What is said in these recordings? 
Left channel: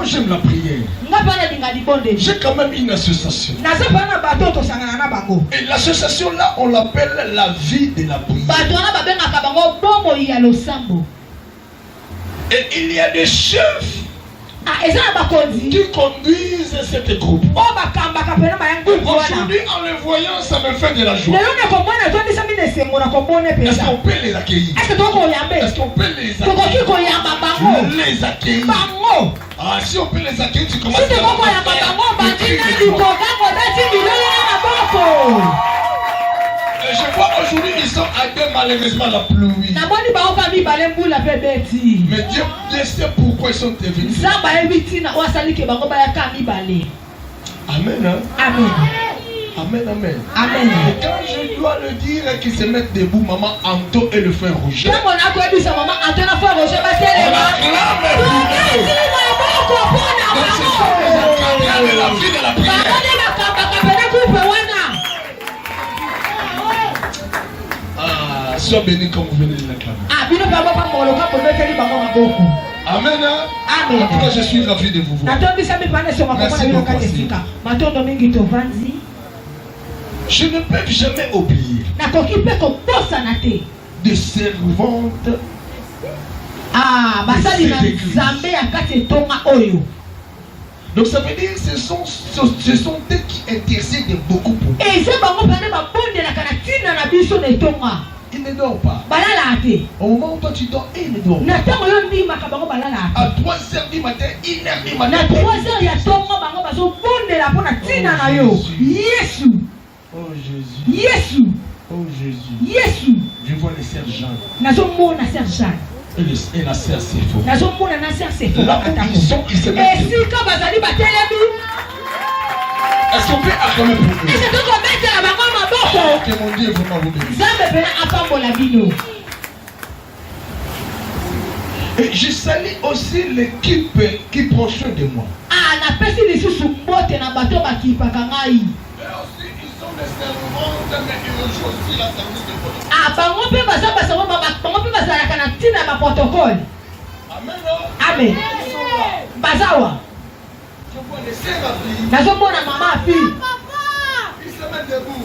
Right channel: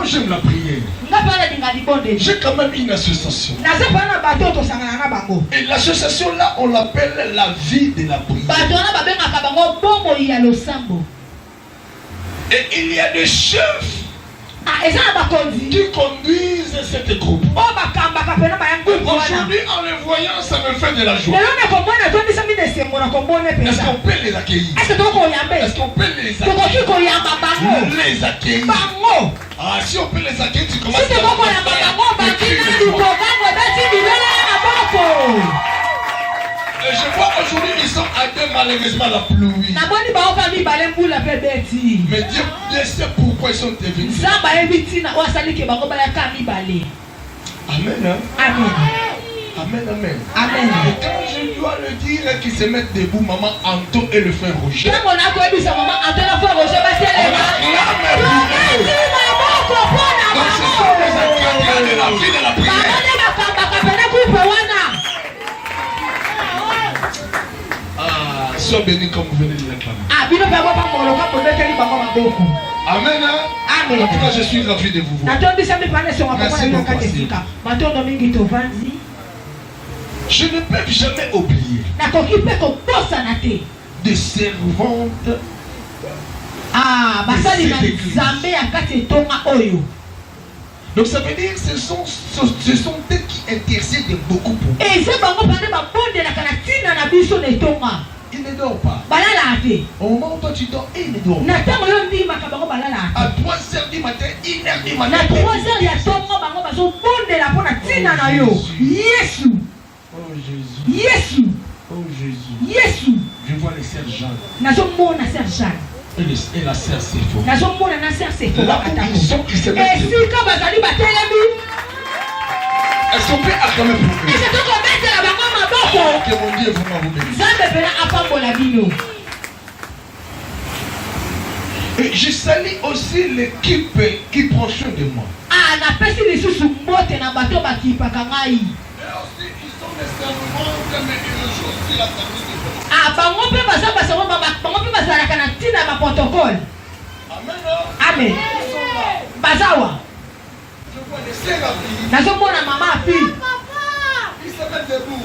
Moi j'aime la prière. J'ai quand même une association. Et l'association là, on l'appelle la vie de la prière. Et il y a des chefs qui conduisent cette groupe. Aujourd'hui, en les voyant, ça me fait de la joie. Est-ce qu'on peut les accueillir? Est-ce qu'on peut les accueillir? Ah, si on peut les accueillir, tu commences à et je vois aujourd'hui, ils sont à deux, malheureusement, la pluie. Mais Dieu sait pourquoi ils sont devenus. Amen. Hein? Amen. Amen, amen. Amen. Et quand je dois le dire qu'ils se mettent debout, maman Anto et le frère Roger. Sois béni comme vous venez de l'acclamer. Amen. Hein? Amen. En tout cas, je suis ravi de vous voir. Merci beaucoup. Je ne peux jamais oublier des servantes. Donc ça veut dire que ce sont eux qui intercèdent beaucoup pour vous. Il ne dort pas. Au moment où toi tu dors, il ne dort pas. À 3h du matin, 1h du matin. Oh Jésus. Oh Jésus. Je vois les sergents. Et la sœur Sépho. Là où ils sont, ils se mettent. Est-ce qu'on peut acclamer pour eux? Que mon Dieu vraiment vous bénisse. Et je salue aussi l'équipe qui prend soin de moi. Et aussi, ils sont des servantes, mais ils jouent aussi la service de protocole. Amen. Amen. Je vois les sœurs à vie. Ils se mettent debout.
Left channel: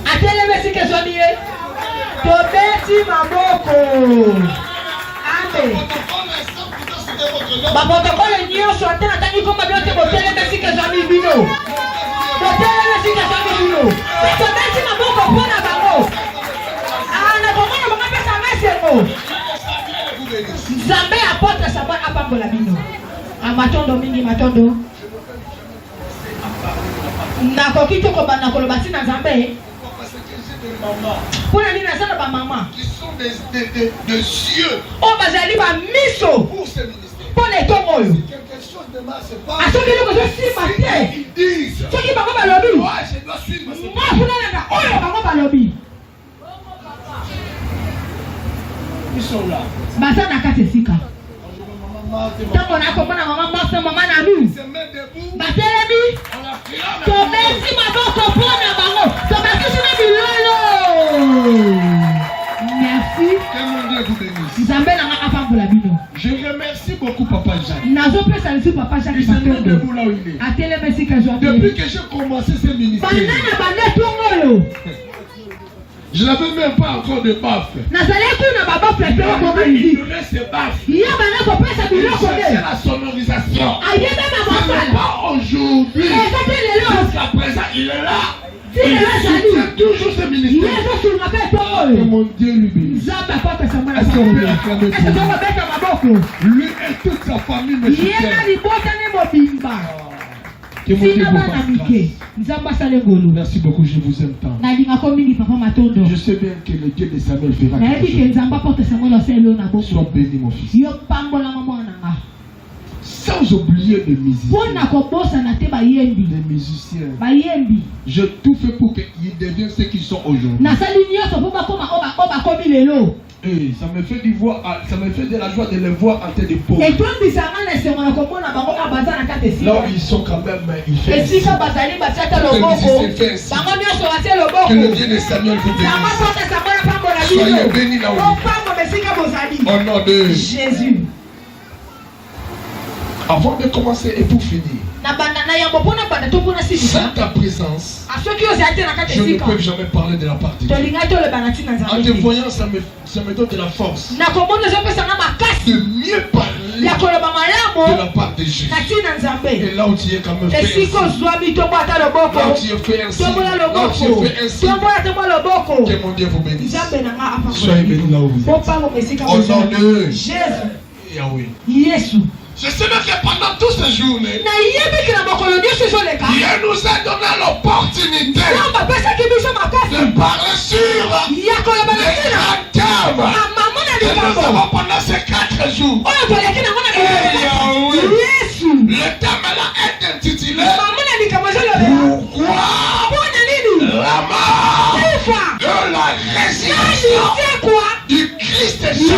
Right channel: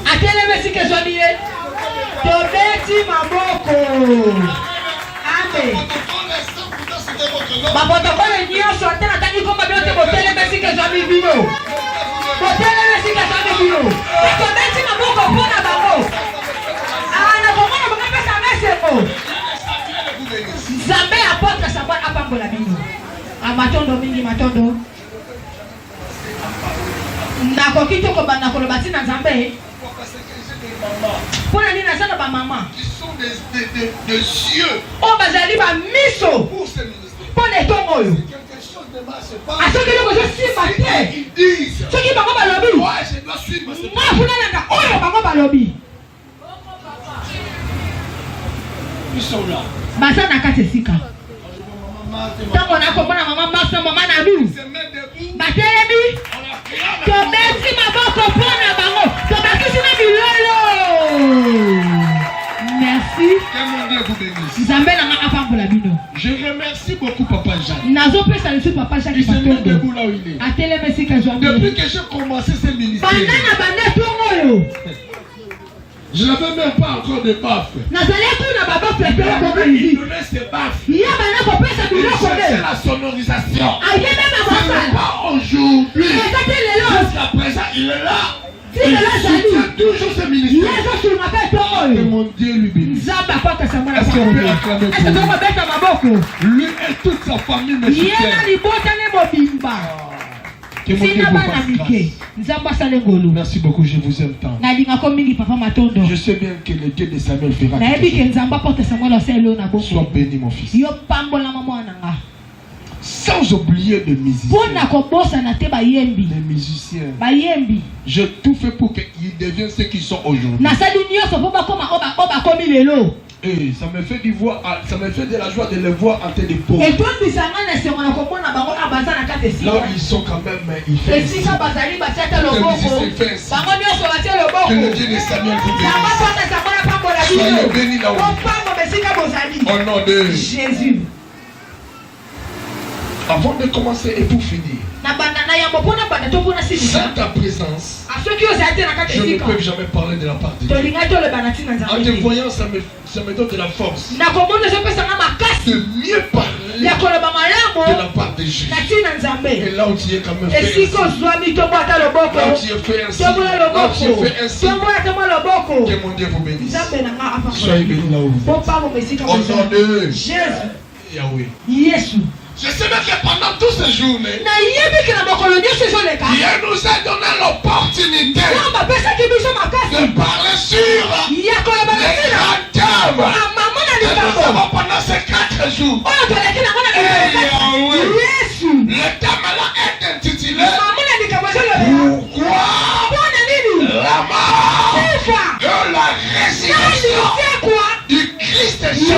Qui sont des cieux pour ce ministère. Quelque chose de mal se passe. Ils disent je dois suivre ce ils sont là. Merci. Que mon Dieu vous bénisse. Je remercie beaucoup Papa Jacques. Il se met debout là où il est. Depuis que j'ai commencé ce ministère, je n'avais même pas encore de baffe. Il donnait ses baffes. Il cherchait la sonorisation. Ce n'est pas aujourd'hui. Jusqu'à présent, il est là. Il soutient toujours ce ministère. Que mon Dieu lui bénisse. Est-ce qu'on peut acclamer pour lui? Lui et toute sa famille me soutiennent. Que mon Dieu vous fasse grâce. Merci beaucoup, je vous aime tant. Je sais bien que le Dieu de Samuel fera quelque chose. Sois béni mon fils. Sans oublier les musiciens. J'ai tout fait pour qu'ils deviennent ce qu'ils sont aujourd'hui. Et ça me fait de la joie de les voir en train de poser. Là où ils sont quand même, ils font ici. Que le Dieu de Samuel vous bénisse. Soyez bénis là où. Au nom de Jésus. Avant de commencer et pour finir, sans ta présence, je ne peux jamais parler de la part de Dieu. En te voyant, ça me donne de la force de mieux parler de la part de Jésus. Et là où tu es quand même fait ainsi, là où tu es fait ainsi, que mon Dieu vous bénisse. Soyez bénis là où vous êtes. Au nom de Yahweh. Je sais que pendant toutes ces journées, Dieu nous a donné l'opportunité de parler sur les grands thèmes que nous avons pendant ces 4 jours. Le thème là est intitulé Pourquoi la mort de la résurrection du Christ Jésus.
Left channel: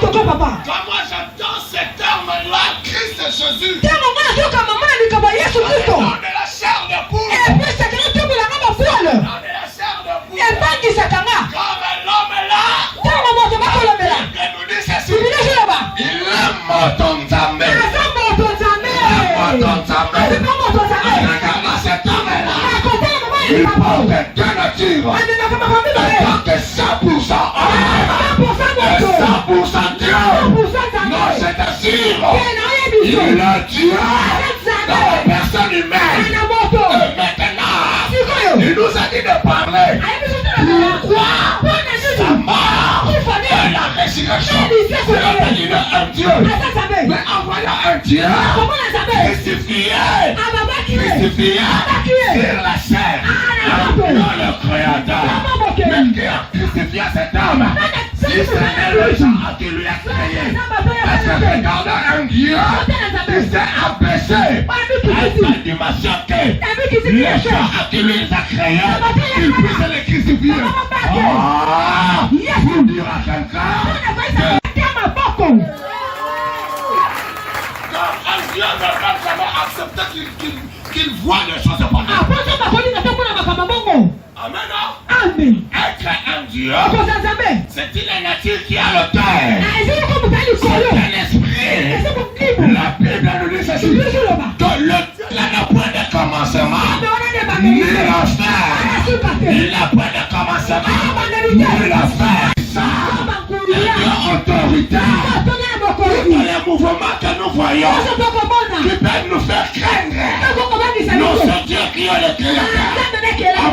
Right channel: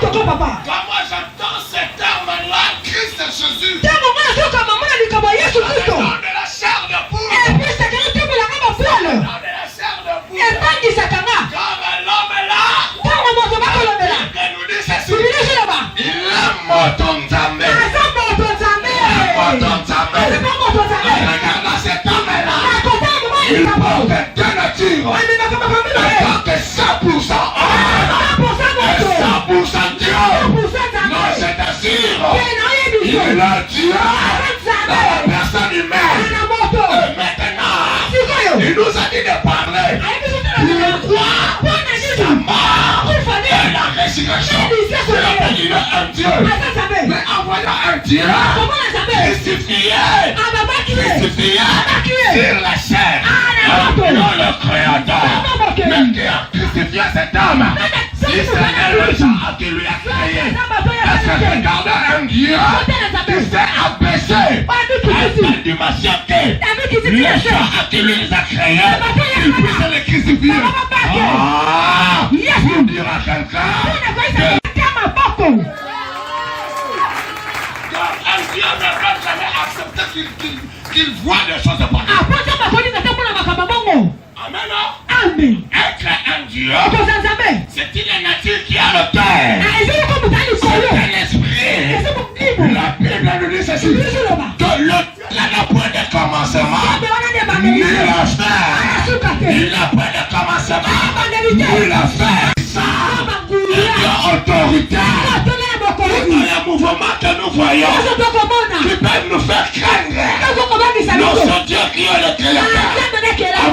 Quand moi j'entends ce terme-là, Christ Jésus, de la chair de poule, de la chair de poule, comme l'homme là, il nous dit ceci, il aime ton Zambé, regarde cet homme-là, il porte deux natures, tant que 100% homme, 100% Dieu. Non, c'est assis. Il est là, Dieu, dans la personne humaine. Et maintenant, il nous a dit de parler. Pourquoi sa mort et la résurrection? C'est un Dieu. Mais en voyant un Dieu crucifié sur la chair, le créateur, mais qui a crucifié cet homme. Si c'est le genre qui lui a créé, parce que regarde un Dieu qui s'est abaissé afin de m'acheter le genre qui lui a créé, qu'il puisse le crucifier. Pour dire à quelqu'un que un Dieu ne va jamais accepter qu'il voit des choses pour lui. Amen. Être un Dieu, c'est une nature qui a le cœur, c'est un esprit. La Bible nous dit ceci, que le n'a point de commencement, ni la fin. Il n'a point de commencement, ni la fin. Ça, c'est autoritaire. Les mouvements que nous voyons, qui peuvent nous faire craindre, notre Dieu qui est le créateur,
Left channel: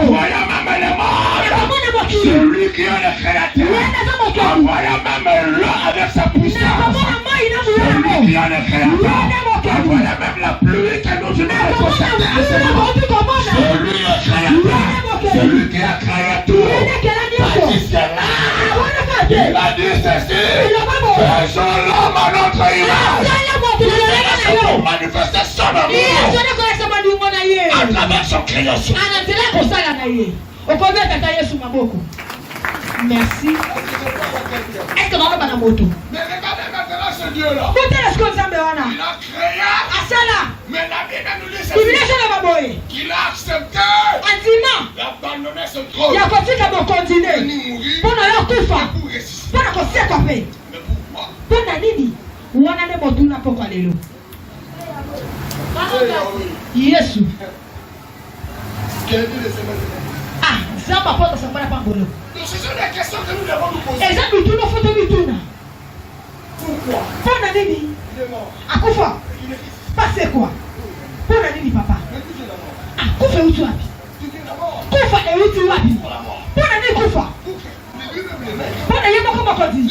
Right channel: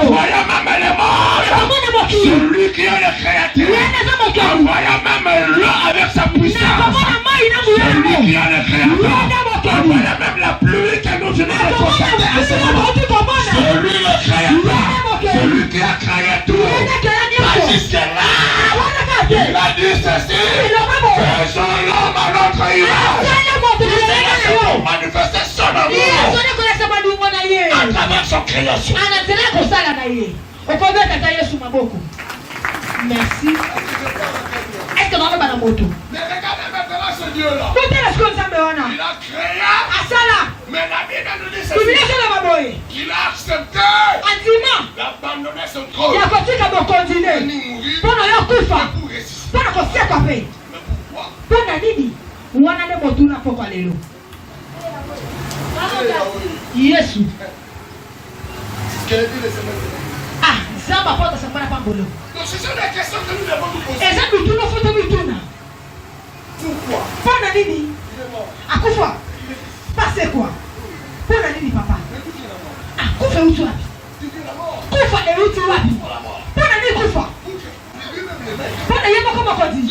envoyant même les morts, celui qui est le créateur, envoyant même l'eau avec sa puissance, celui qui est le créateur, envoyant même la pluie que nous venons de constater à ce moment, celui le créateur, celui qui a créé tout, pas jusque-là, il a dit ceci, faisons l'homme à notre image, pour manifester son amour à travers son création. Merci. Est-ce que nous avons moto? Mais regardez maintenant ce Dieu-là. Il a créé. Mais la Bible nous dit qu'il a accepté d'abandonner son trône. Il a continué. Pour ressusciter. Mais pourquoi? Yesu. Quel est le Seigneur? Ah, ça va pas dans ce qu'on a pas volé. Donc ce sont des questions que nous devons nous poser. Pourquoi? Pona nini? Il est mort. Akufa. Passé quoi? Pona nini papa? Akufa utu wapi? Kufa e utu wapi? Pona nini kufa? Pona yema kama kodi.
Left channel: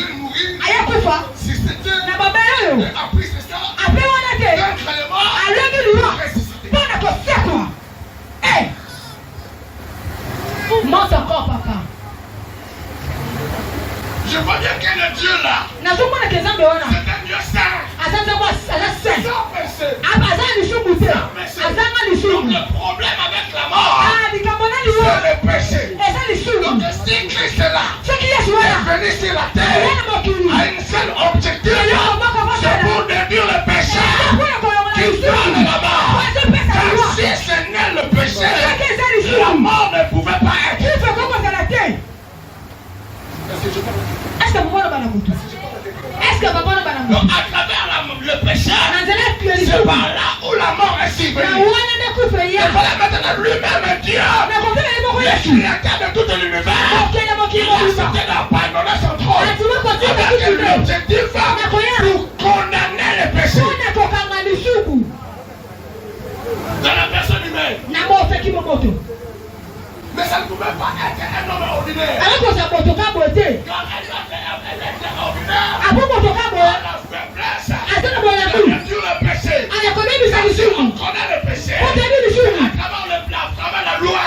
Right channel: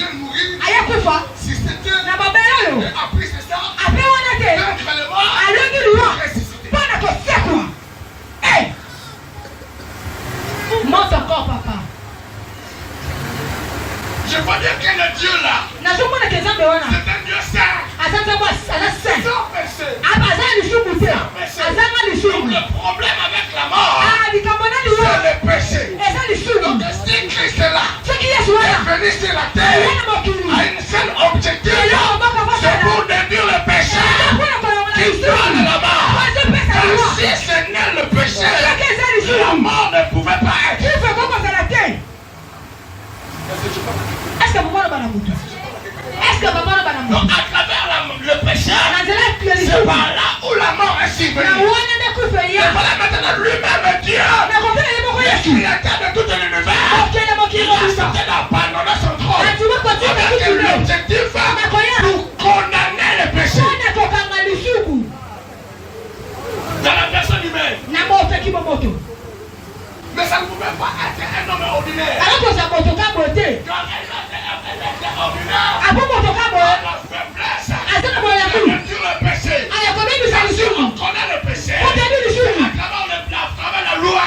Aya kufa. Na baba yao. Après wana ke. Alebi luwa. Pona kosia quoi? Eh. Monte encore papa. Je vois bien que le Dieu là, c'est un Dieu saint. Sans péché. Donc le problème avec la mort, c'est le péché. Donc si Christ est là, est venu sur la terre, a une seule objectif, c'est pour détruire le péché qui donne la mort. Car si ce n'est le péché, la mort ne pouvait pas être. Est-ce que vous voyez le Donc à travers le péché, c'est par là où la mort est survenue. Et voilà maintenant lui-même Dieu, le créateur de tout l'univers, il a accepté d'abandonner son trône avec l'objectif pour condamner le péché dans la personne humaine. Mais ça ne pouvait pas être un homme ordinaire. Quand elle était ordinaire, la faiblesse, la nature, le péché. On connaît le péché à travers la loi.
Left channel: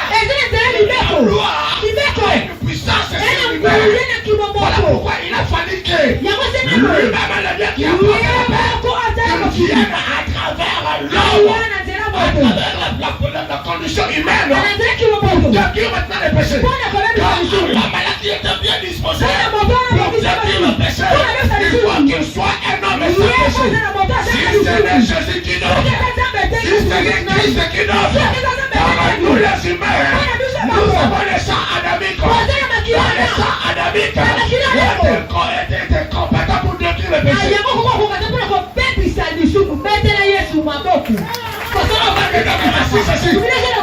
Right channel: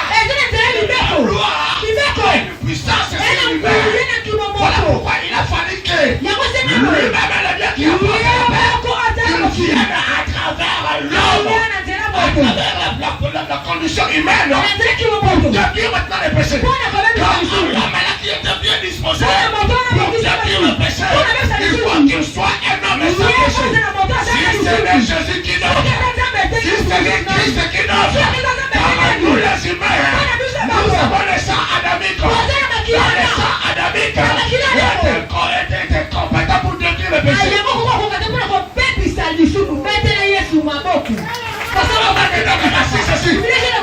La loi a une puissance sur l'univers. Voilà pourquoi il a fallu que lui-même le Dieu qui a porté qu'il vienne à travers l'homme, à travers la condition humaine, pour détruire maintenant le péché. Car l'homme qui était bien disposé pour détruire le péché, il faut qu'il soit un homme sans péché. Si c'est de Jésus qui donne, si c'est de Christ qui donne, car nous les humains, nous avons le sang adamique. Le sang adamique était compétent pour détruire le péché.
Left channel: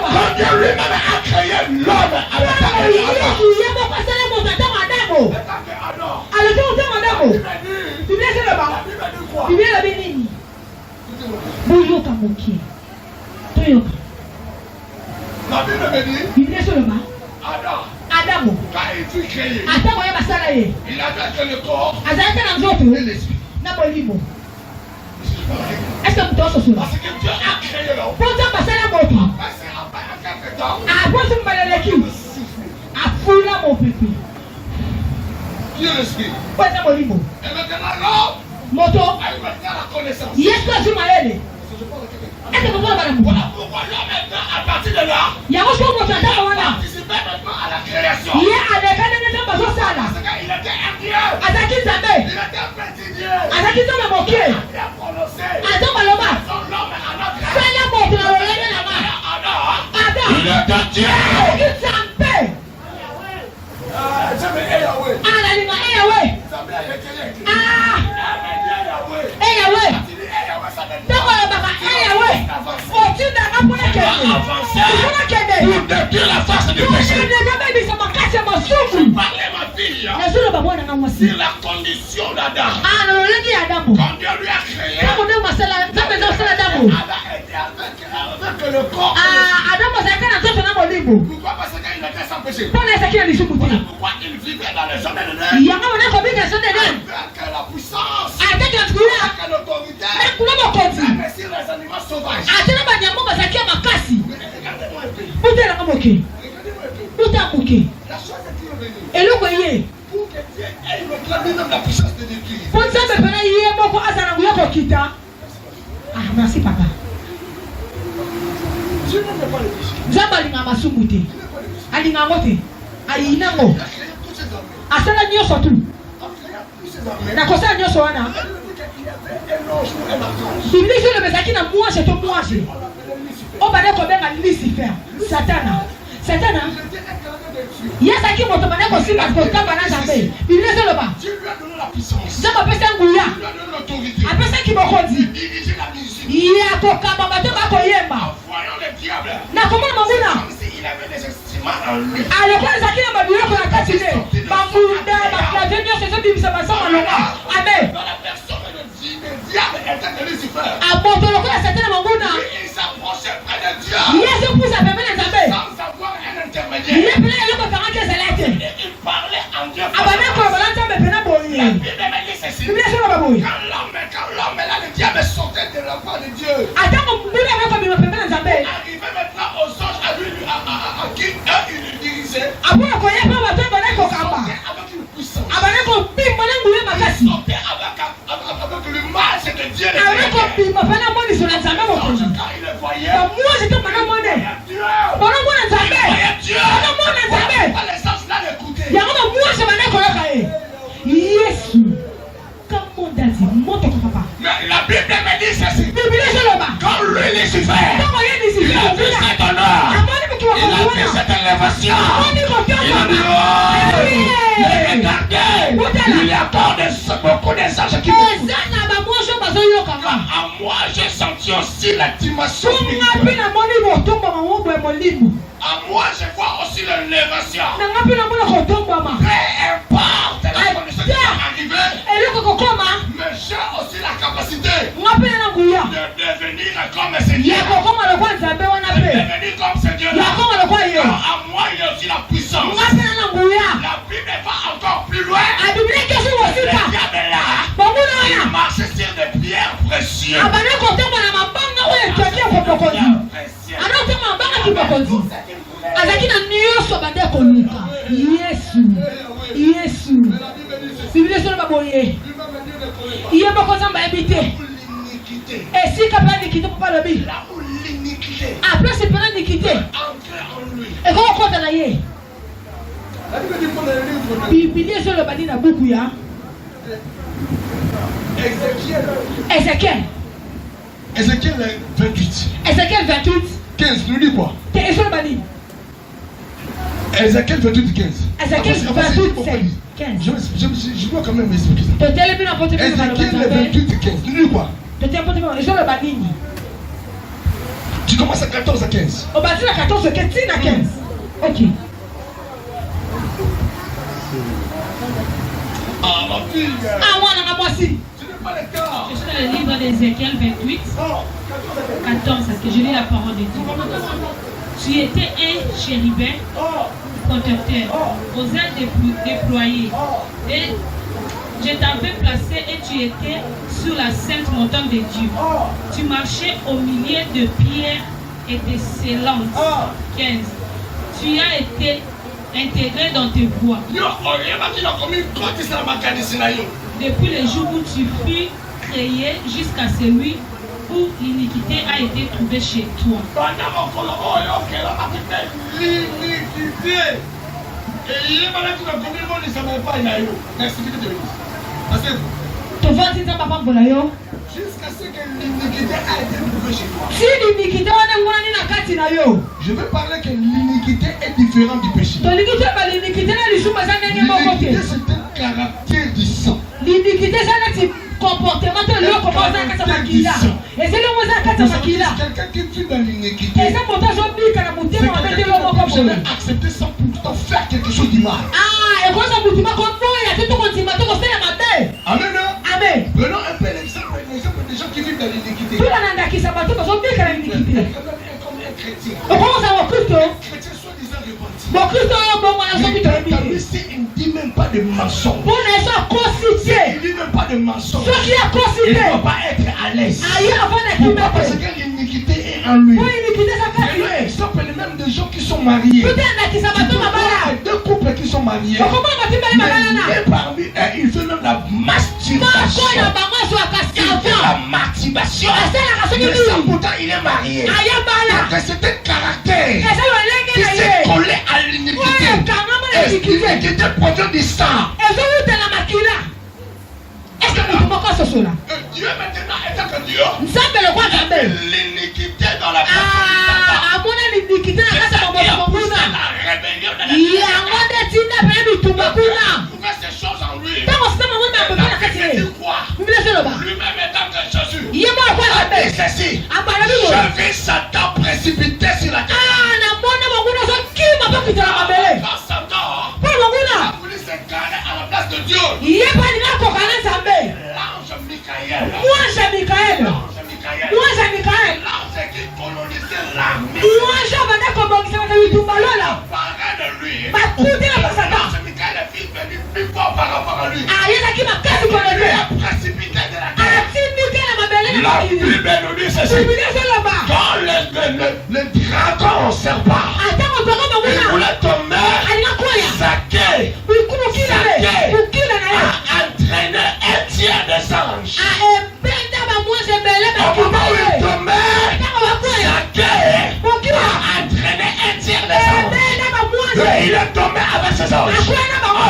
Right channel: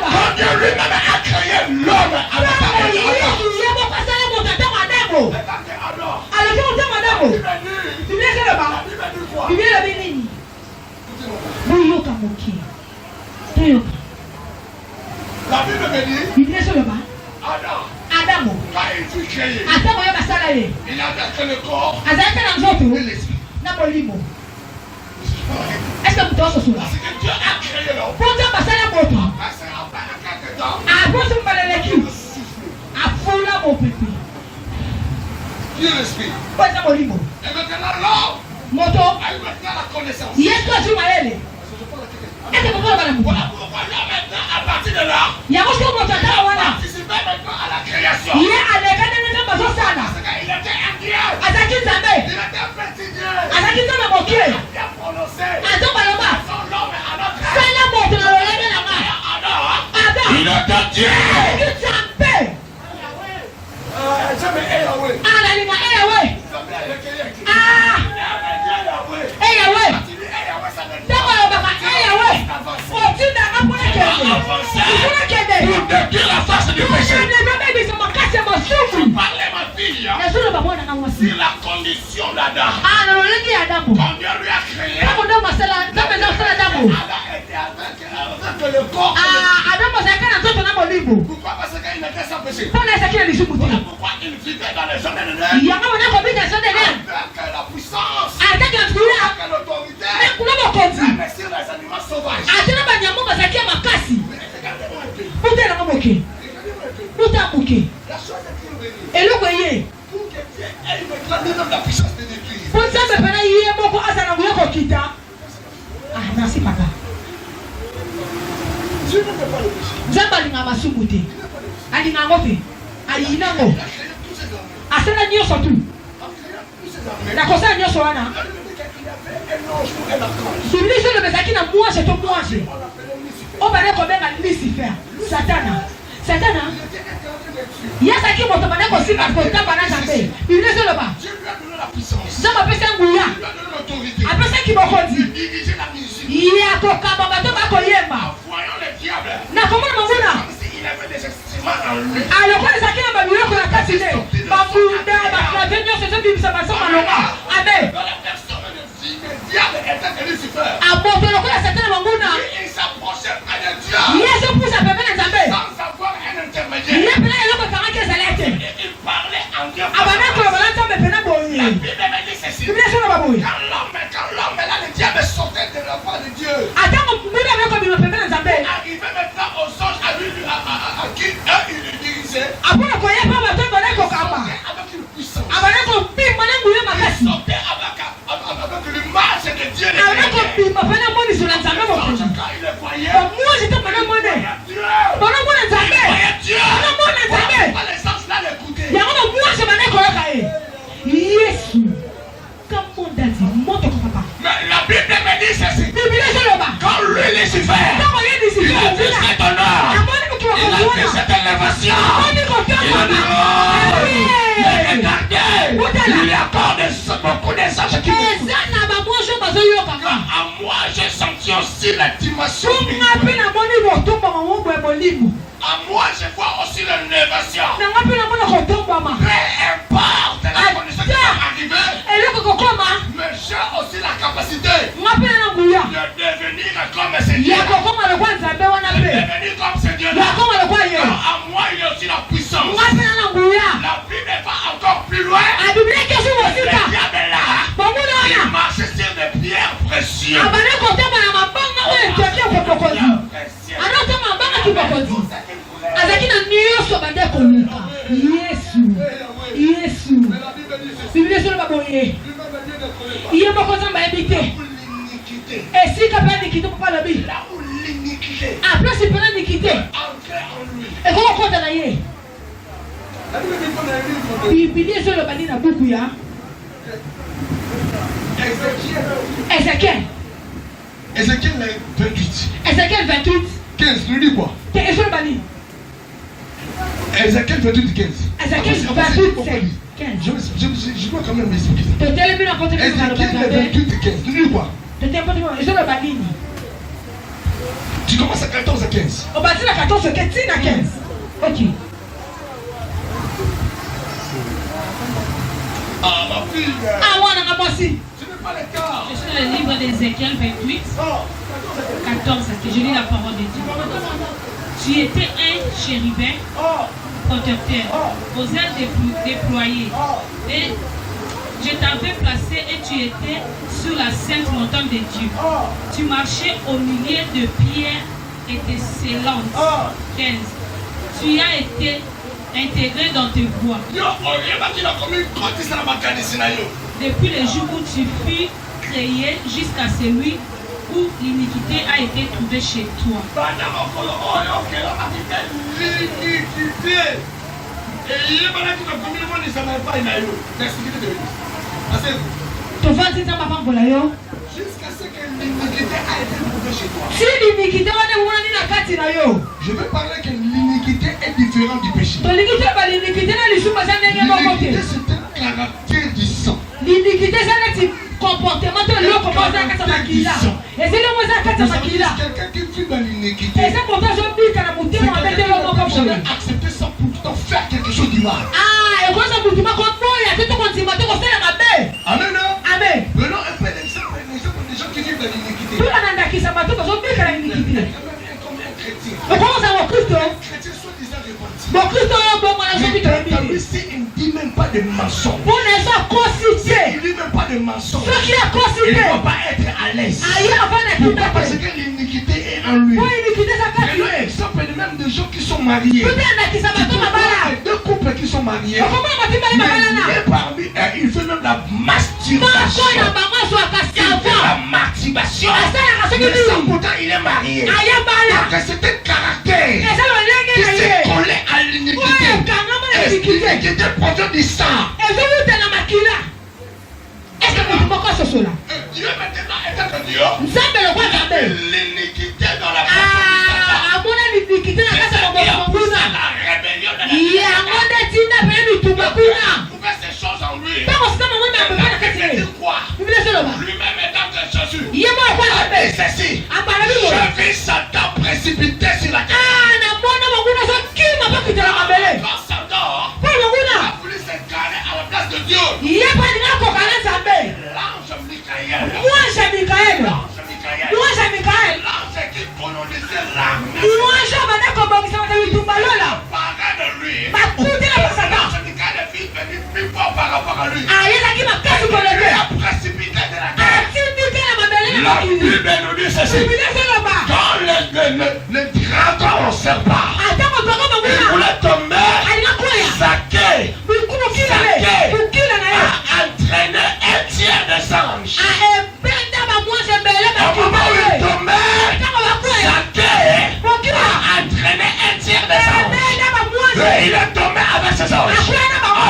Quand Dieu lui-même a créé l'homme à la la Bible me dit, Adam, quand il fut créé, il avait que le corps et l'esprit. Est-ce que vous Parce que Dieu a créé l'homme. Dieu est l'esprit. Et maintenant l'homme a eu maintenant la connaissance. Voilà pourquoi là maintenant, à partir de là, il a participé maintenant à la création. Parce qu'il était un Dieu. Il était petit Dieu. Il a prononcé son l'homme à notre âge. Il est un Dieu. Depuis la face du péché, parlais ma fille sur la condition d'Adam. Quand Dieu lui a créé, elle a été avec le corps. Pourquoi? Parce qu'il était sans péché. Voilà pourquoi il vivait dans les hommes de l'air. Avec la puissance, avec l'autorité, même sur les animaux sauvages. La chose est qu'il veut pour que Dieu ait lui-même la puissance de l'église. Merci papa. Dieu n'aime pas le péché. Il n'a pas le péché. Satana. Il y a ça qui m'a demandé aussi la faute quand on a jamais. Il ne sait pas. Dieu lui a donné la puissance. Ça m'appelle ça Ngouya. Dieu lui a donné l'autorité. Après ça qui m'a dit. Diriger la musique. Il y a ton camarade de Bakoyema. En voyant le diable. Na comment mon gars? Comme s'il avait des instruments en lui. Alors quand ça qui m'a mis pour la casser. Mafuda, la venue c'est ça qui ça va ça malheur. Amen. Dans la personne de diable était Lucifer. A porter le quoi Satan mon gars. Il s'approchait près de Dieu. Il y a ce pour ça peut les amis. Sans avoir un intermédiaire. Il est plein de gens qui il parlait en Dieu. Ah bah d'accord, voilà toi mais pena boyer. La Bible me dit ceci. Il est sur la boyer. Quand l'homme là, le diable sortait de la voix de Dieu. Attends, mon bout là comme il me fait les amis. Arrivé maintenant aux anges à lui à qui il le dirigeait. Après quoi il pas matin dans le kamba. Avec une puissance. Ah bah d'accord, puis maintenant boule ma casse. Sortait avec le marche de Dieu. Ah d'accord, puis ma femme moi sur la table mon projet. Quand il le voyait. Moi j'étais pas moi né. Pendant moi les amis. Dieu. Pendant moi les amis. Les anges là l'écoutaient. Il y a un moi je m'en ai collé. Yesu. Comment dit monte ton papa. Mais la Bible me dit ceci. Bible c'est le bas. Quand lui Lucifer. Comment il dit Il a fait cet honneur. Il a fait cette élévation. Il a dit oh. Mais regardez. Il y a encore beaucoup de anges qui moi, j'ai senti aussi la dimension spirituelle. À moi, je vois aussi l'élévation. Peu importe la condition qui va arriver, mais j'ai aussi la capacité de devenir comme ce Dieu. De devenir comme ce Dieu. À moi, il y a aussi la puissance. La Bible va encore plus loin. Le diable est là. Il marche sur des pierres précieuses. Ézéchiel 28. Ézéchiel 28. 15, tu dis quoi? Ézéchiel 28, 15. Ézéchiel 28, 15. Je dois quand même m'expliquer. Ézéchiel 28, 15. Tu dis quoi? Tu commences à 14 à 15. On va dire à 14 à 15. Ok. Ah, ma fille. Ah, moi, moi aussi. Ce n'est pas le cas. Je suis dans le livre d'Ézéchiel 28, 14, que je lis la parole de Dieu. Tu étais un chérubin protecteur, aux ailes déployées. Et je t'avais placé et tu étais sur la sainte montagne de Dieu. Tu marchais au milieu de pierres étincelantes. 15. Tu as été intégré dans tes voies. Depuis le jour où tu fus créé jusqu'à celui où l'iniquité a été trouvée chez toi. Jusqu'à ce que l'iniquité a été trouvée chez toi. Je veux parler que l'iniquité est différente du péché. L'iniquité, c'est un caractère du sang. L'iniquité, c'est un comportement de l'homme comme ça. Et c'est le mot ça. Quelqu'un qui vit dans l'iniquité, et c'est pour ça que je dis que la boutique m'a fait de l'homme comme ça. Accepter ça pour faire quelque chose du mal. Ah, et moi, ça vous dit pas comme toi, il y a tout le monde qui m'a dit que c'est ma belle. Amen. Amen. Prenons un peu l'exemple des gens qui vivent dans l'iniquité. Tout le monde qui s'est battu, parce qu'on dit que l'iniquité. Comme un chrétien. On commence à voir Christ. Chrétien soi-disant repenti. Bon, Christ, bon, moi, je suis il ne dit même pas de mensonge. Pour les gens constitués. Il ne dit même pas de mensonge. Ceux qui ont constitué. Il ne va pas être à l'aise. Pourquoi? Parce que l'iniquité est en lui. Prenons l'exemple même de gens qui sont mariés. Deux couples qui sont mariés. Mais parmi eux, il fait même la masturbation. La masturbation. Mais sans pourtant il est marié. Donc c'est un caractère qui s'est collé à l'iniquité. Et l'iniquité produit du sang. Dieu maintenant est que Dieu. L'iniquité dans la personne du Satan. La rébellion de la trouver ces choses en lui. Lui-même étant que Jésus. Et ceci. Je vais Satan précipiter sur la terre. Quand Satan a voulu s'incarner à la place de Dieu. L'ange Michael. L'ange qui colonisait l'armée. Parlait de lui. L'ange Michael est venu plus fort par rapport à lui. Il a précipité de la terre. La Bible nous dit ceci. Quand le dragon au serpent, il voulait tomber, Zaché a entraîné un tiers des anges. Au moment où il tombait, Zaché a entraîné un tiers des anges. Et il est tombé avec ses anges.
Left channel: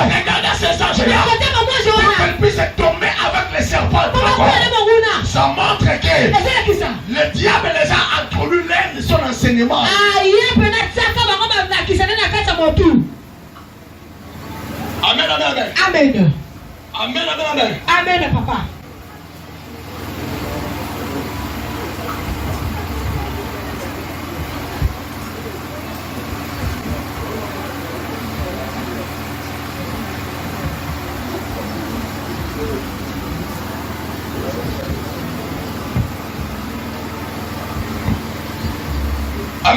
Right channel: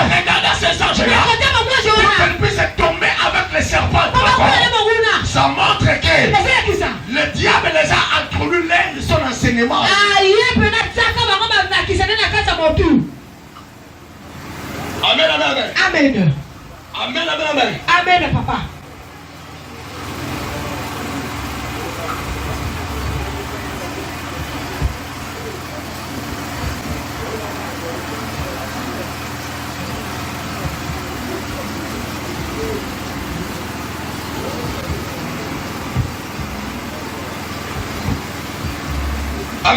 Regardez ces anges-là. Pour qu'elle puisse tomber avec les serpents. Ça montre que le diable les a introduits de son enseignement. Amen, amen, amen. Amen. Amen, amen, amen. Amen, papa.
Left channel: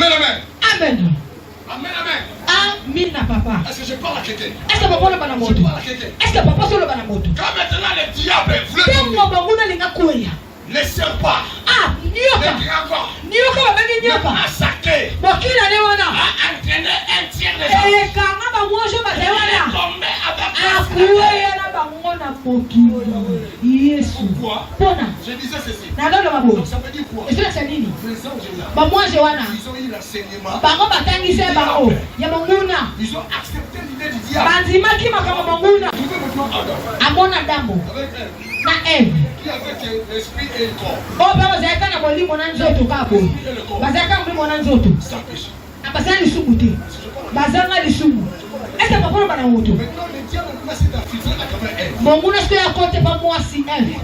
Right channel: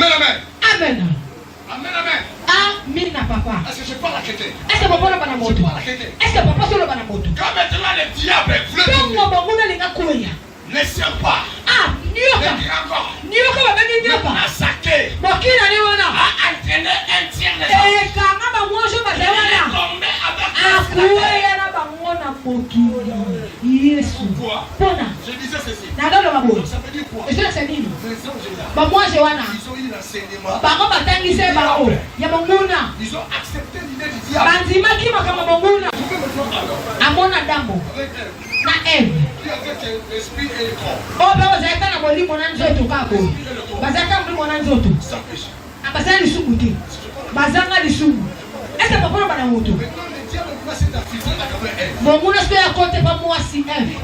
Amen, amen. Amen. Amen, amen. Amina, papa. Est-ce que je parle à quelqu'un? Est-ce que papa est moto? Je parle à quelqu'un. Est-ce que papa est moto? Quand maintenant le diable veut tomber, ne sert pas. Nyoka. Le dragon. Nyoka baba ni nyoka. Massacré. Bokila leo na. A entraîné un tiers des gens. Kanga ba mwanjo ba Il est dela. tombé avec Akuya na ba ngona mokili. Yesu. Pourquoi? Pona. Je disais ceci. Na ndo mabo. Donc ça veut dire quoi? Et c'est nini? Les anges là. Ba mwanjo wana. Ils ont eu l'enseignement. Bango batangise bango. Ya monguna. Ils ont accepté l'idée du diable. Banzima ki makama monguna. Vous pouvez maintenant alors. Amona dambo. Avec elle. Na Eve. Qui avait l'esprit et le corps. Oh ba bazaka na molimo na nzoto kako. Bazaka molimo na nzoto. Sans péché. Abasana lisumu te. Bazanga lisumu. Est-ce que papa bana moto? Maintenant le diable doit s'identifier à travers elle. Monguna se ya kote pa mwasi Eve.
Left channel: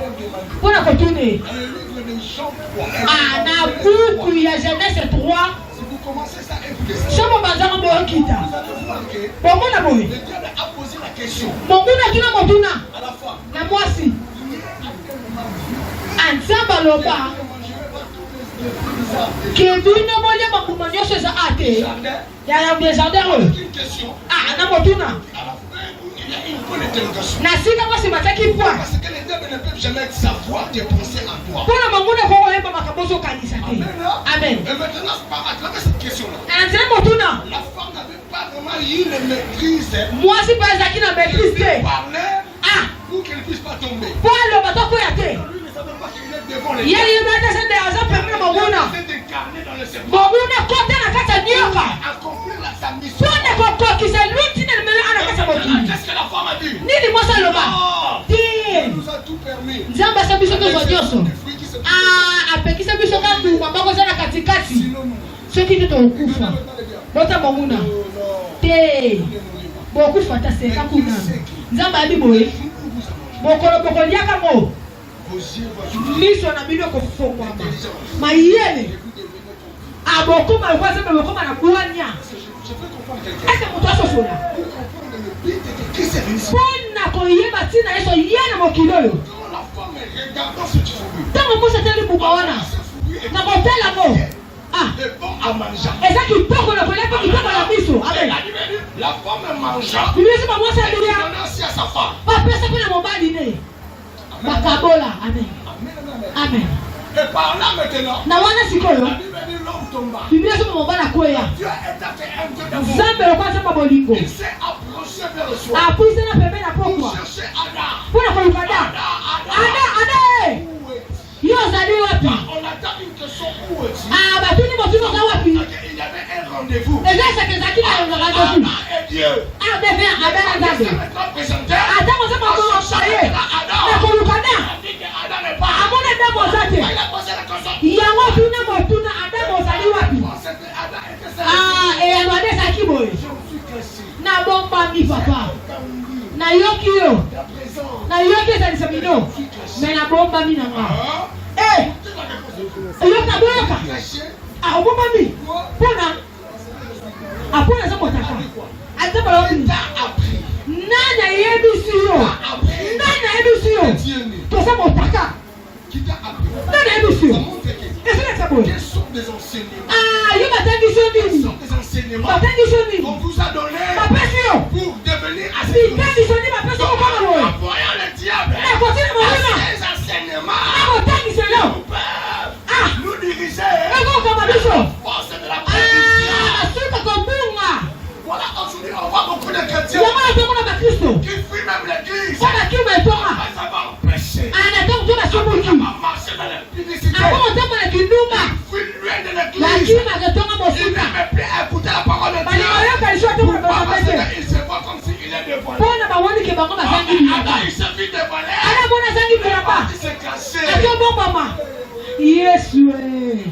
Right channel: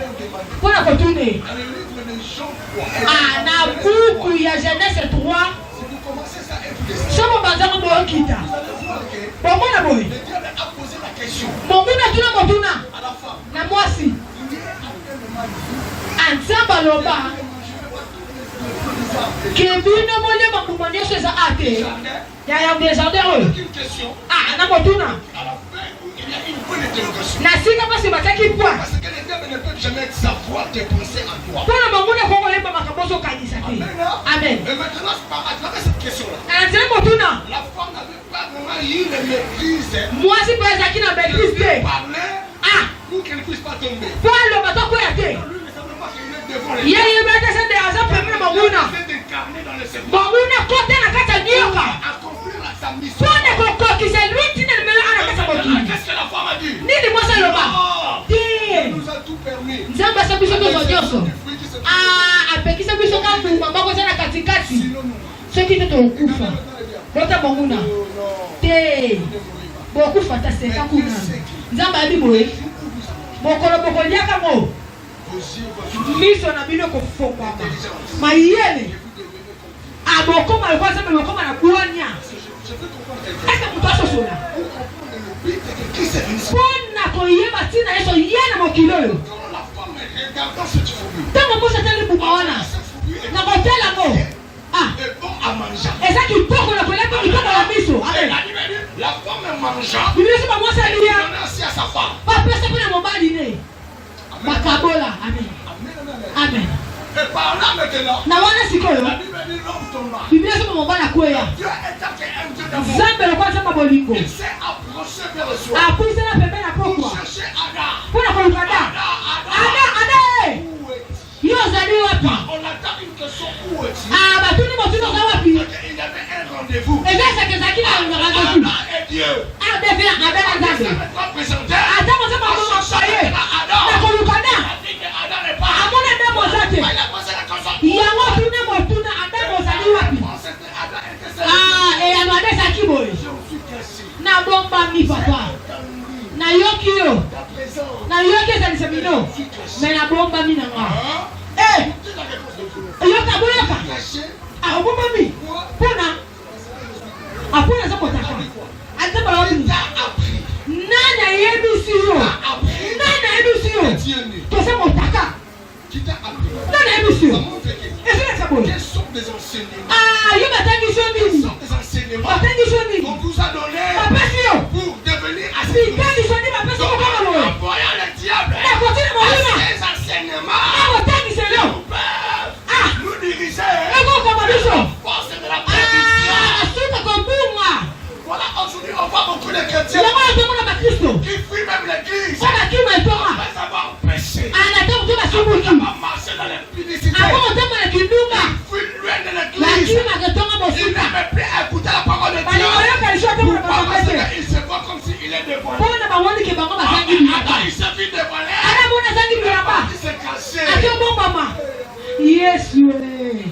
Pona kotune. Dans le livre de Jean 3. Na buku ya Genèse 3. Si vous commencez ça et vous descendez, Somo bazanga bo kita. vous allez voir que Bomona boy. le diable a posé la question Monguna tuna motuna. à la femme. Na mwasi. Qui est actuellement Anzamba loba. Kebino moye makuma nyonso eza ate. Ya descendre we. une question. Na motuna. À la fin, il y a une bonne interrogation. Na sika basi bataki point. Parce que le diable ne peut jamais savoir tes pensées en toi. Pona monguna ko oyeba makabozo kanisa te. Amen. Et maintenant, à travers cette question-là, Anzela motuna. la femme n'avait pas vraiment eu le maîtrise Mwasi pa ezaki na maîtrise de te. parler pour qu'elle ne puisse pas tomber. Po aloba tokoya te. Lui ne savait pas qu'il est devant les Ye yebete se de aza pembeni monguna. Il s'est incarné dans le serpent. Monguna kote na kati ya nyoka. Accomplir sa mission. Pone kokokisa lui tina limelo ana kati ya motuni. Qu'est-ce que la femme a dit? Nini mwasi aloba? Non, Te. il nous a tout permis. Nzambe asa biso nyonso nyonso. Des fruits qui se trouvent. Apekisa biso ka mbuma moko eza na katikati. Sinon, nous. Soki te tokufa. Non, non, non, Bota monguna. non, non. Te. Ne mourrez pas. Bokufa ta seka kuna. Nzambe abi boye. Mokolo bokoliaka mo. Vos yeux voient Miso na bino kofongwama. l'intelligence. Mayele. Et vous devez me comprendre. Abokoma kwa sababu bokoma na kuanya. Je peux comprendre quelqu'un. Ese mutu asosola. Pour comprendre le but de Christ est venu. Pona koyeba tina yeso yana mokili oyo. Quand la femme est regardant cette fourrure, Ntango mosi atali mbuma wana. cette fourrure Na kotala mo. est bon à manger. Eza kitoko na kolia po kitoko na miso. Amen. La femme mangeant, Biblia sema mwasi il alia. donnait aussi à sa femme. Bapesa mpe na mobali ne. Bakabola. Amen. Amen, amen. Amen. Et par là maintenant, Na wana la sikoyo. Bible dit l'homme tomba. Biblia sema mobali akwea. Dieu est un Dieu d'amour. Nzambe lokwa sema bolingo. Il s'est approché vers le soir Apwisela pembeni na pour pokwa. chercher Ada. Mpona kolukada. Ada. Ada. Où est-il? Yo ozali wapi? On attend une question. Où est-il? Batuni motuni oza wapi? Il y avait un rendez-vous. Eza eseke ezalaki na rendez-vous. Ada et Dieu. Adeve abela Il nzambe. s'est maintenant présenté. Ata moza makomokaye. Na kolukada. Il a dit que Ada n'est pas. Amona ndambo oza te. Il a posé la question. Yango tuna motuna adambo ozali wapi? C'était Ada était celle. Eyano ade ezalaki boye. Je me suis caché. Nabombami papa. Dans lui. Nayoki yo. Ta présence. Nayoki ezalisa bino. Me nabombami na nga. C'est la réponse de Dieu. Eyoka boyoka. Caché. Obombami. Quoi? Mpona. Apona eza motaka. Azabala wapi? T'as appris. Nani ayebisi yo? Nani ayebisi yo? Dieu né. Toza motaka. Qui t'a appris? Nani ayebisi Ça yo? montre que Ezelesa boye. quels sont des enseignements? Yo batangisi yo Quels nini? sont des enseignements Batangisi yo qu'on nini? vous a donnés Bapesi yo. pour devenir assez Bitangisi yo nini bapesi yo kama boye? en voyant le diable Na kotina molima. ces enseignements Na kotangisi yo. nous peuvent nous diriger Ekokoma biso. force de la prédiction. Asuka kobungwa. Voilà, aujourd'hui on voit beaucoup de chrétiens Yango atomona bakristo. qui fuient même l'église Kwa bakima etonga. après avoir péché, Anataka kutoka après subuki. avoir marché dans l'impudicité. Ako kutoka na kindunga. Il fuit loin de l'église. Bakima ketonga Il bosuka. n'aime plus écouter la parole de Dieu. Balikoyoka lisho te kuna Pourquoi? Parce bakomete. qu'il se voit comme s'il est dévoilé. Mpona bawoni ke bango bazangi Adam, bilamba. il se vit dévoilé. Ana bona zangi bilamba. Il s'est caché. Ati obombama. Yesu e.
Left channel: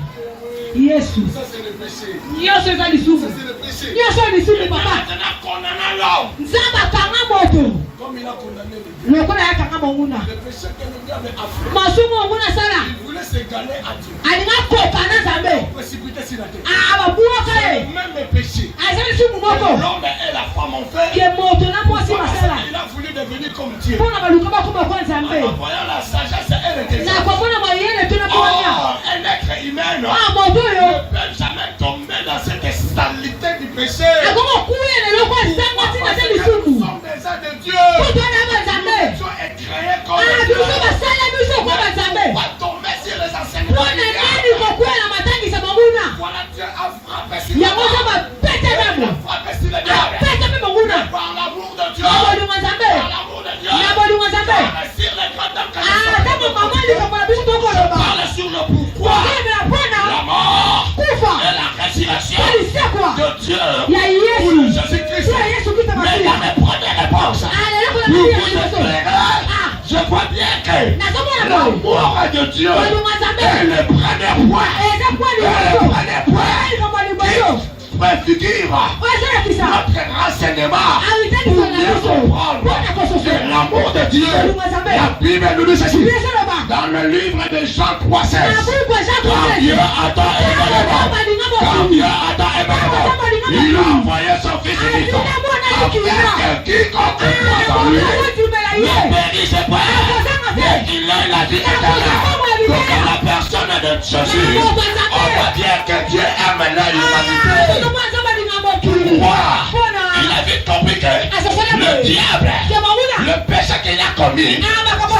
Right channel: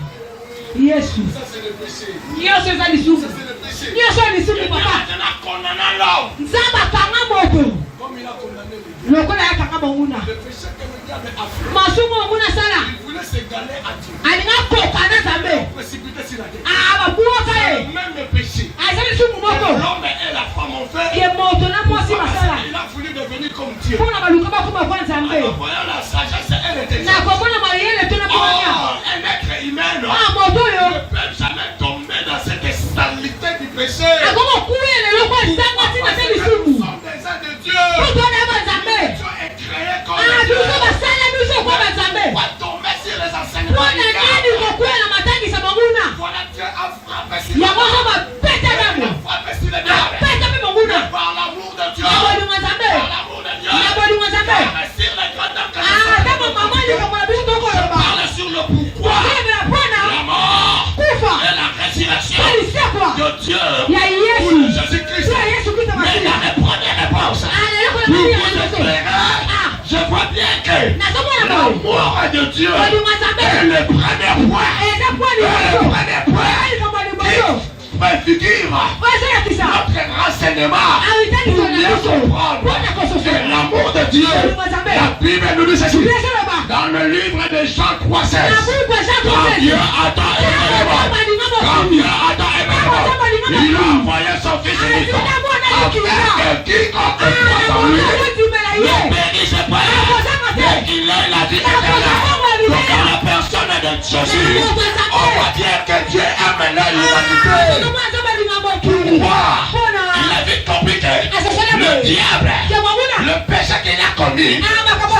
Yesu. Ça, c'est le péché. Nyonso eza Ça, lisumu. c'est le péché. Nyonso ya lisumu Et papa. maintenant, condamnant l'homme. Nzambe akanga moto. Comme il a condamné les dieux. Lokola yakanga monguna. Le péché que le diable a fait. Masumu monguna sala. Il voulait s'égaler à Dieu. Alinga koka na Nzambe. Précipiter sur la terre. Babuaka C'est ye. le même péché. Eza lisumu Que moko. l'homme et la femme ont fait. Ke moto na mwasi masala. Il a voulu devenir comme Dieu. Mpona baluka bakoma kwa Nzambe. En voyant la sagesse et l'intelligence. Na komona mayele to na konya. Oh, un être humain Moto yo. ne peut jamais tomber dans Je parle sur le pourquoi la mort et la résurrection de Dieu pour Jésus-Christ. Mais dans les premières réponses, vous vous éclairez. Je vois bien que l'amour de Dieu est le premier point. Le premier point qui préfigure notre renseignement pour mieux comprendre que l'amour de Dieu. La Bible nous dit ceci dans le livre de Jean 3,16. Quand Dieu a tant aimé le monde, il a envoyé son Fils unique afin que quiconque croit en lui ne périsse pas, mais qu'il ait la vie éternelle. Donc dans la personne de Jésus, on voit bien que Dieu aime l'humanité. Pourquoi? Il a vite compris que le diable, le péché qu'il a commis,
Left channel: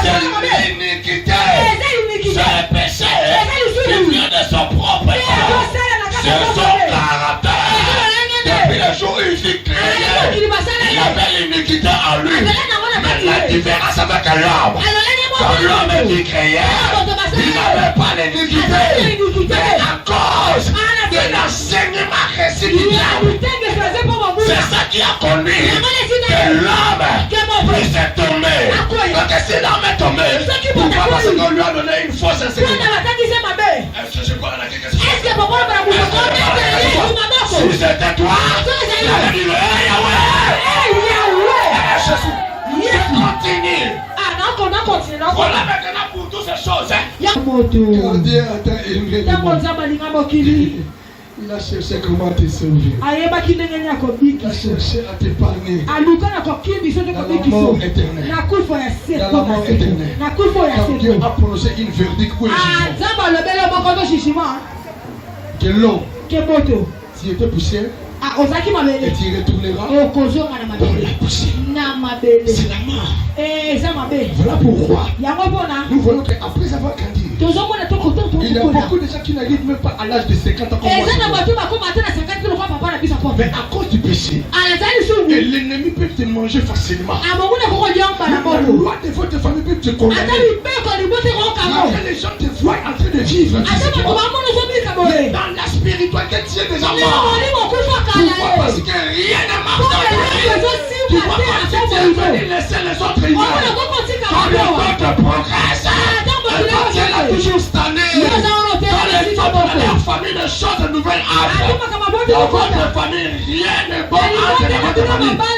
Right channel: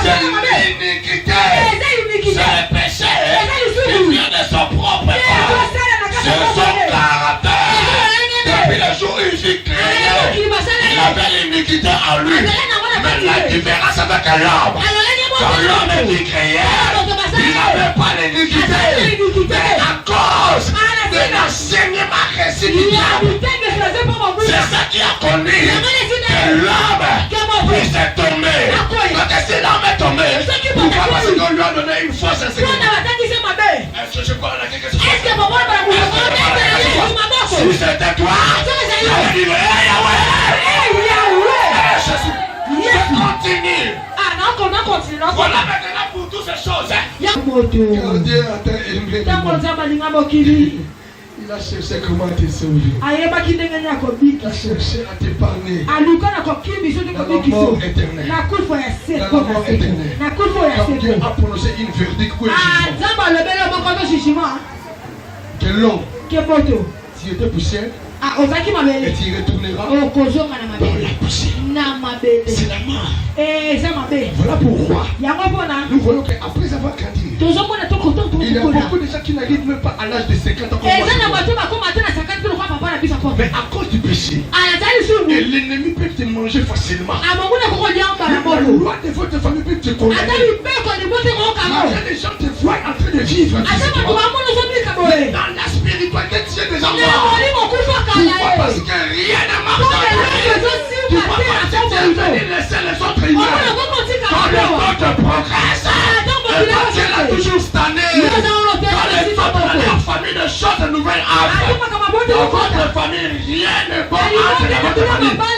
c'est l'iniquité, c'est le péché qui vient de son propre corps, c'est son caractère. Depuis le jour où il fut créé, il avait l'iniquité en lui. Mais la différence avec l'homme, quand l'homme était créé, il n'avait pas l'iniquité. Mais à cause de l'enseignement reçu du diable, c'est ça qui a conduit que l'homme puisse être tombé. Donc si l'homme est tombé, pourquoi? Parce qu'on lui a donné une fausse enseignement. Est-ce que je parle à quelque chose? Si c'était toi, j'aurais dit continue. Voilà maintenant pour toutes ces choses. Il a cherché comment te sauver. Il a cherché à te parler. Dans la mort éternelle. Dans la mort éternelle. Quand Dieu a prononcé une verdict pour le jugement, que l'homme, s'il était poussé, et tu retourneras dans la poussière. C'est la mort. Voilà pourquoi nous voyons qu'après avoir grandi, il y a beaucoup de gens qui n'arrivent même pas à l'âge de 50 ans. Mais à cause du péché, et l'ennemi peut te manger facilement. La loi de votre famille peut te condamner. Les gens te voient en train de vivre. Mais dans la spiritualité, tu es déjà mort. Pourquoi? Parce que rien ne marche dans ta vie. Tu ne vas pas laisser les autres vivre. Quand le temps te progresse, elle a toujours stagné. Quand les femmes de leur famille de choses nouvelles entrent, dans votre famille, rien ne peut entrer dans votre famille. Pourquoi?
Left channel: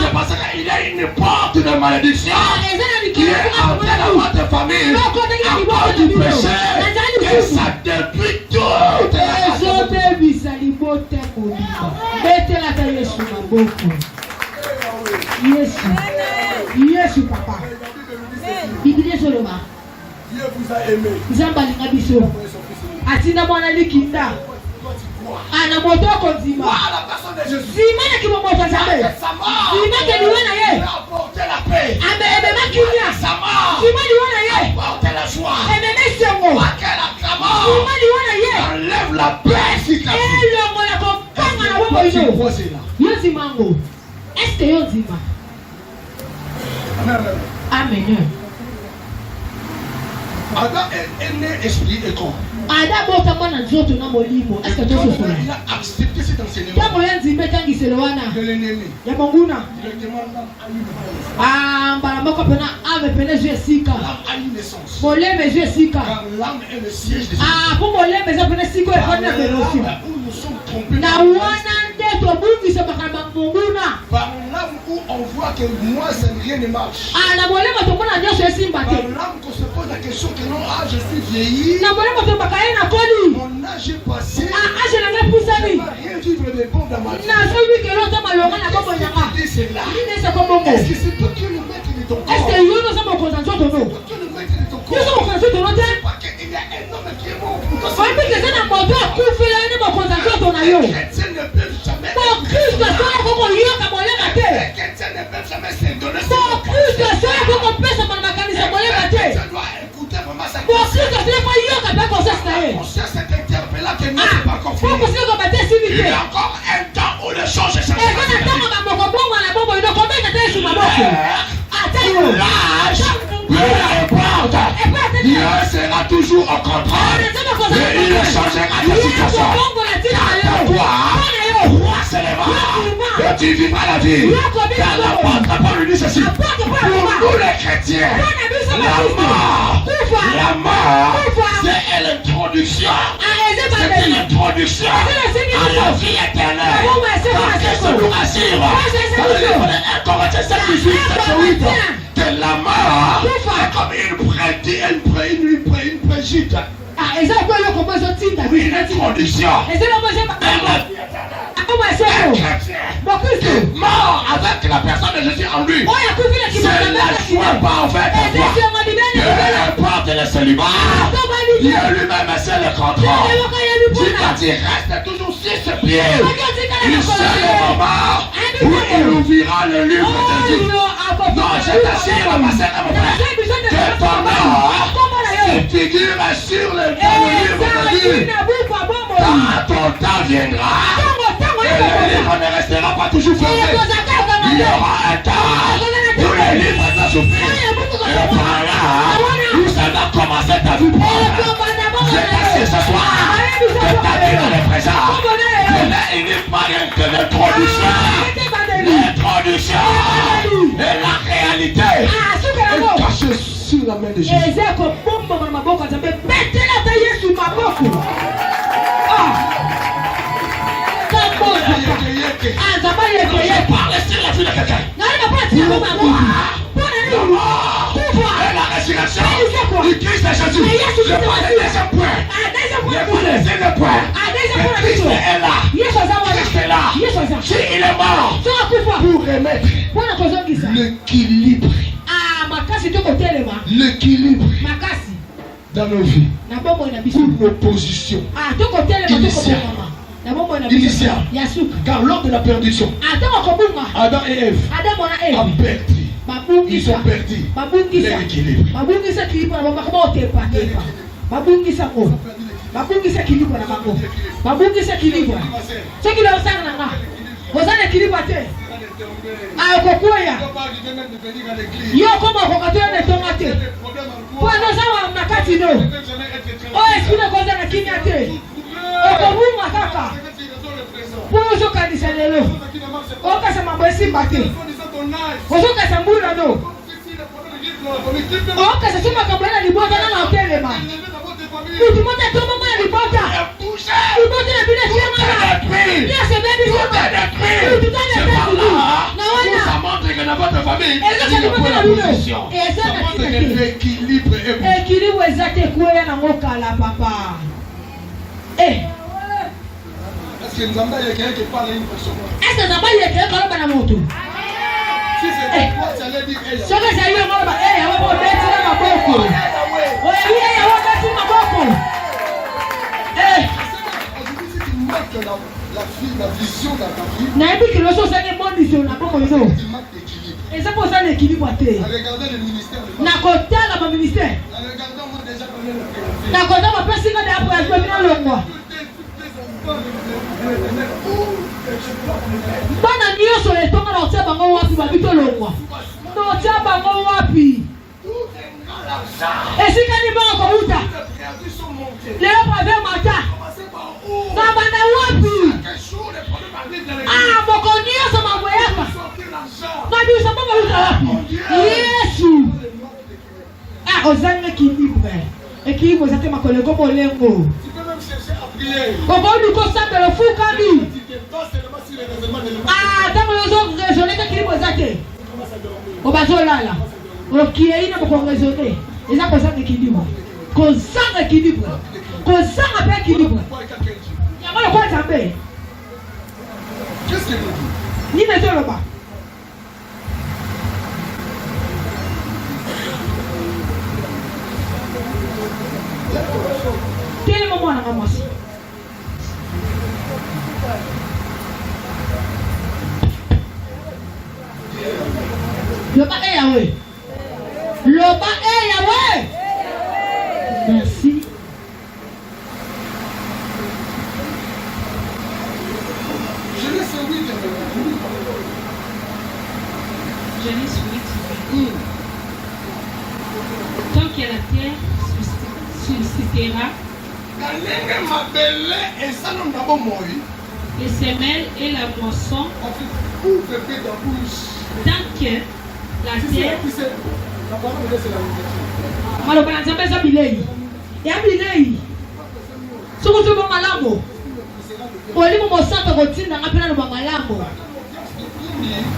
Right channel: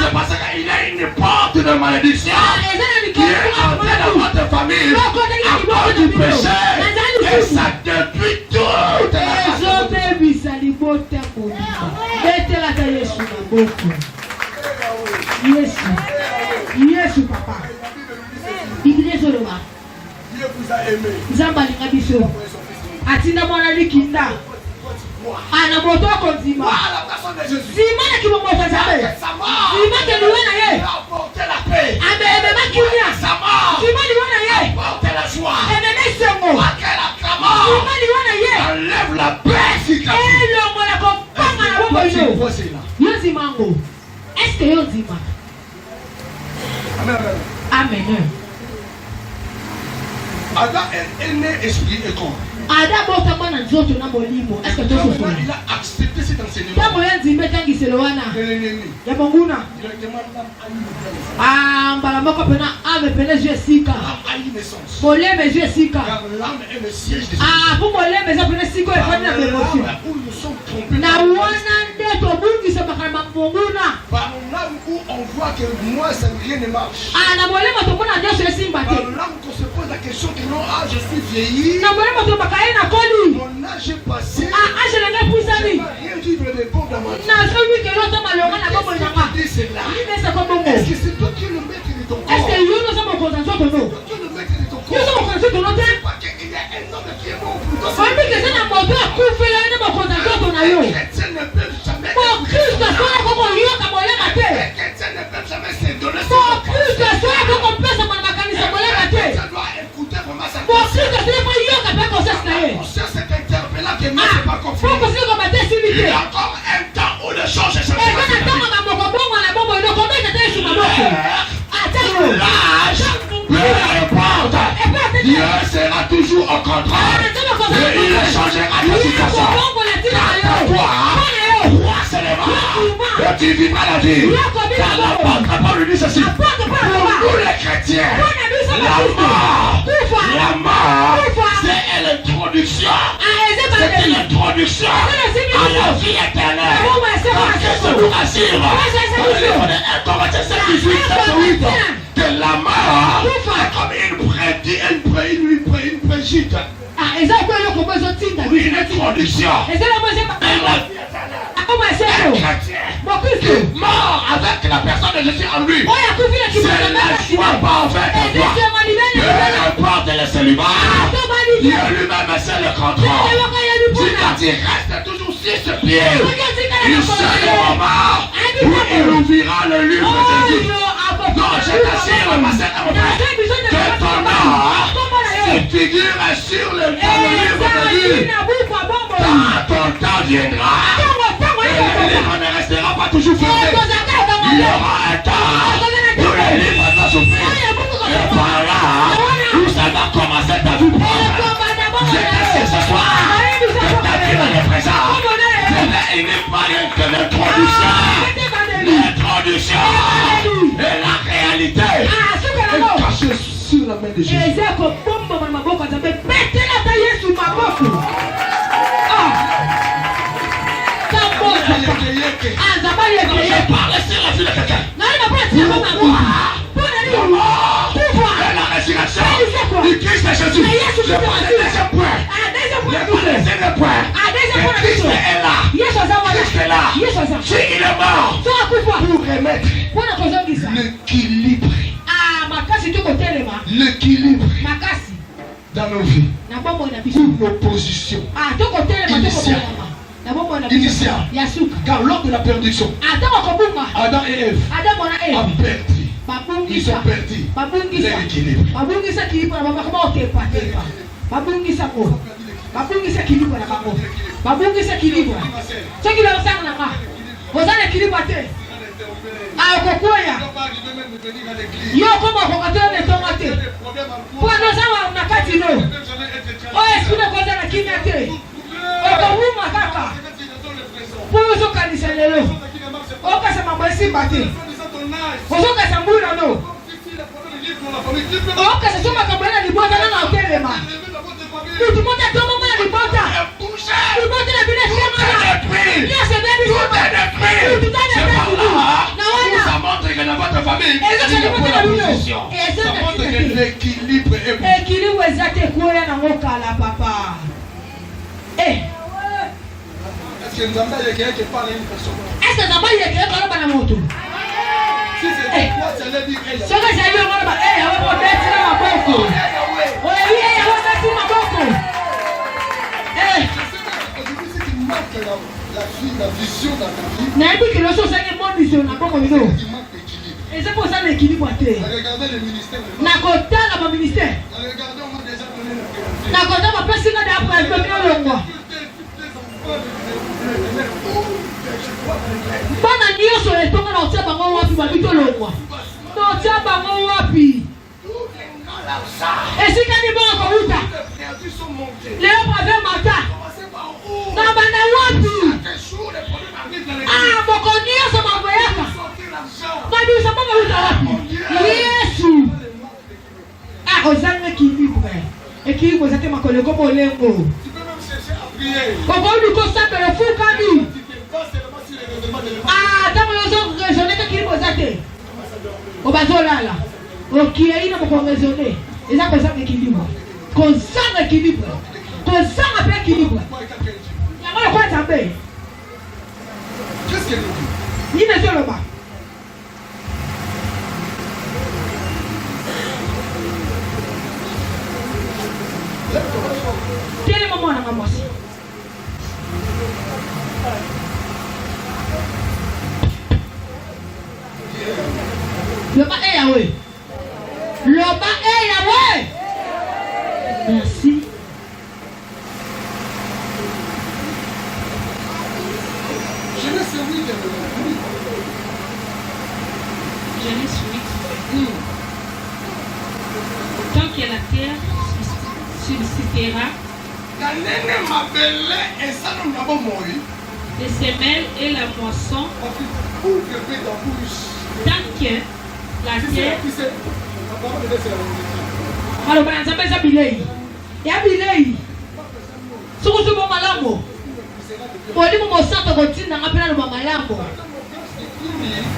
C'est parce qu'il y a une porte de malédiction qui est entrée dans votre famille à cause du péché. Et ça détruit toute la Yesu papa. Biblia soloba. Dieu vous a aimé. Nzamba lingabiso. Atinda mwana likinda. Ana moto konzima. La personne de Jésus. Simana kimomota zabe. Simana liwana ye. Apporter la paix. Ebe makimia. Simana liwana ye. Apporter la joie. Ebe sengo. Simana liwana ye. Enlève la paix. Elo mwana kopanga na bobo yo. Yozi mango. Est-ce que yozi ma? Amen. Adam est né esprit et corps. Adam botama na nzoto na molimo. Est-ce que tu sais? Il a accepté cet enseignement. Tango yanzimbe tangi selowana. De l'ennemi. Ya monguna. Directement l'âme Mbala moko pena ame pene Jessica. a une naissance. Moleme Jessica. Car l'âme est le siège de pour moleme za pene siko e fanya na émotion. où nous sommes trompés. Na wana ndeto bungi se bakama monguna. Par l'âme où on voit que moi ça rien ne marche. Na moleme to pona ndeso esimba Par te. l'âme qu'on se pose la question que non, je suis vieilli. Na moleme to bakaye na koli. Mon âge est passé. Je la ga pusani. Je ne rien vivre de bon dans ma vie. Na so wi ke lo to malonga na bobo nyanga. C'est là. Est-ce que c'est toi qui es le maître de ton corps? Est-ce que yo no sa mo konsanso to no? Tu es le maître de ton corps. Yo so mo konsanso to no te. Il y a un homme qui est mort pour toi. Fa bi ke na mo to ku fi la ni mo konsanso to na yo. Chrétien ne peut jamais. Pour Christ so ko ko yo ka mo le na te. Chrétien ne peut jamais se donner. Pour Christ so ko ko pesa mo na kanisa mo le na te. Ça doit écouter vraiment sa Pour Christ so ko yo ka ba conscience na ye. conscience est interpellée que non, c'est pas confiant. Pour Christ ko ba te Il civilité. y a encore un temps où les choses changent. Et quand on a mo ko bongo na bobo no ko be ka te su ma boko. porte, Dieu sera toujours au contrôle. Et il changera ta situation. Car toi, roi s'élèvera. Et tu vivras la vie. Car l'apôtre Paul lui dit ceci. Pour nous les chrétiens, la mort, c'est l'introduction. C'est l'introduction à la vie éternelle. Car qu'est-ce que nous assure dans les 1 Corinthiens 7:18, que la mort est comme une préjite. Une introduction. Mort avec la personne de Jésus en lui. C'est la joie parfaite en toi. Peu importe le célibat, Dieu lui-même c'est le contrôle. Si tu restes toujours 6 pieds, il sera mort où il ouvrira le livre de Dieu. Non, je t'assure, ma sœur, mon frère, que ton nom se figure sur le livre de Dieu. Quand ton temps viendra, le livre ne restera pas toujours fermé. Il y aura un temps où le livre va s'ouvrir. Et par là, où ça va commencer ta vie propre. Je t'assure ce soir que ta vie dans le présent, il n'est pas rien que l'introduction. L'introduction et la réalité est cachée sur la main de Jésus. Je parle sur la vie de quelqu'un. La résurrection du Christ est Jésus. Je parle de deuxième point. Le point. Le Christ est là. Christ est là. Si il est mort pour remettre l'équilibre. L'équilibre dans nos vies. Pour nos positions initiales. Car lors de la perdition, Adam et Ève ont perdu. Ils ont perdu leur équilibre. Ça montre que dans votre famille, il y a pas la position. Ça montre que l'équilibre est bon. Est-ce que nous avons quelqu'un qui parle à une personne? Est-ce que nous avons quelqu'un qui parle à une personne? Si c'est toi, tu allais dire elle. La vision dans ta vie. Il manque d'équilibre. Regardez le ministère. Regardez, on m'a déjà donné le président. Équilibre, ça te m'a collé comme Olengo. Tu peux même chercher à prier. Comment nous consacre le fou quand lui? Ah, dans les autres raisonner d'équilibre, ça te. Au bateau là. Ok, il n'a pas raisonné. Et ça, consacre l'équilibre. Consacre l'équilibre. Consacre l'équilibre. Il y a pas le quoi de saper. Qu'est-ce que nous dit? Il n'est pas là-bas. Quel moment on a commencé? Le bas est Yahweh. Le bas est Yahweh. Merci. Genèse 8. Genèse 8. Tant que la terre suscitera les semelles et la moisson, tant que la terre. Alors, ben, ça fait bilei. Et à bilei. Si vous avez un malambo, vous allez vous montrer dans votre routine, dans le malambo.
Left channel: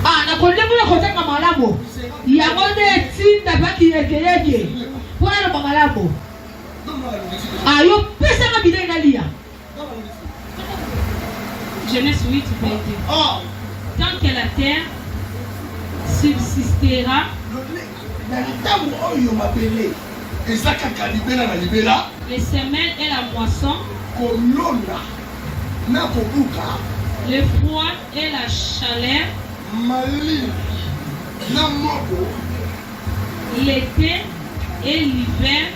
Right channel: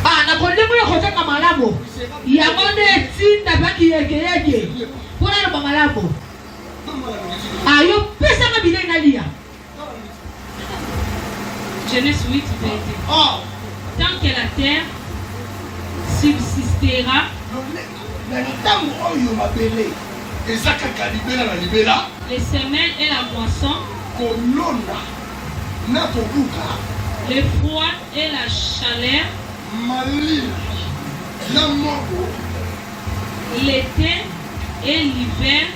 Ah, na kolemo ya kotaka malambo. Ya ngone tinda baki yeke. Pour le malambo. Ah, yo pesa na bilei na lia. Genèse 8, verset. Tant que la terre subsistera, les semelles et la moisson, le froid et la chaleur, l'été et l'hiver,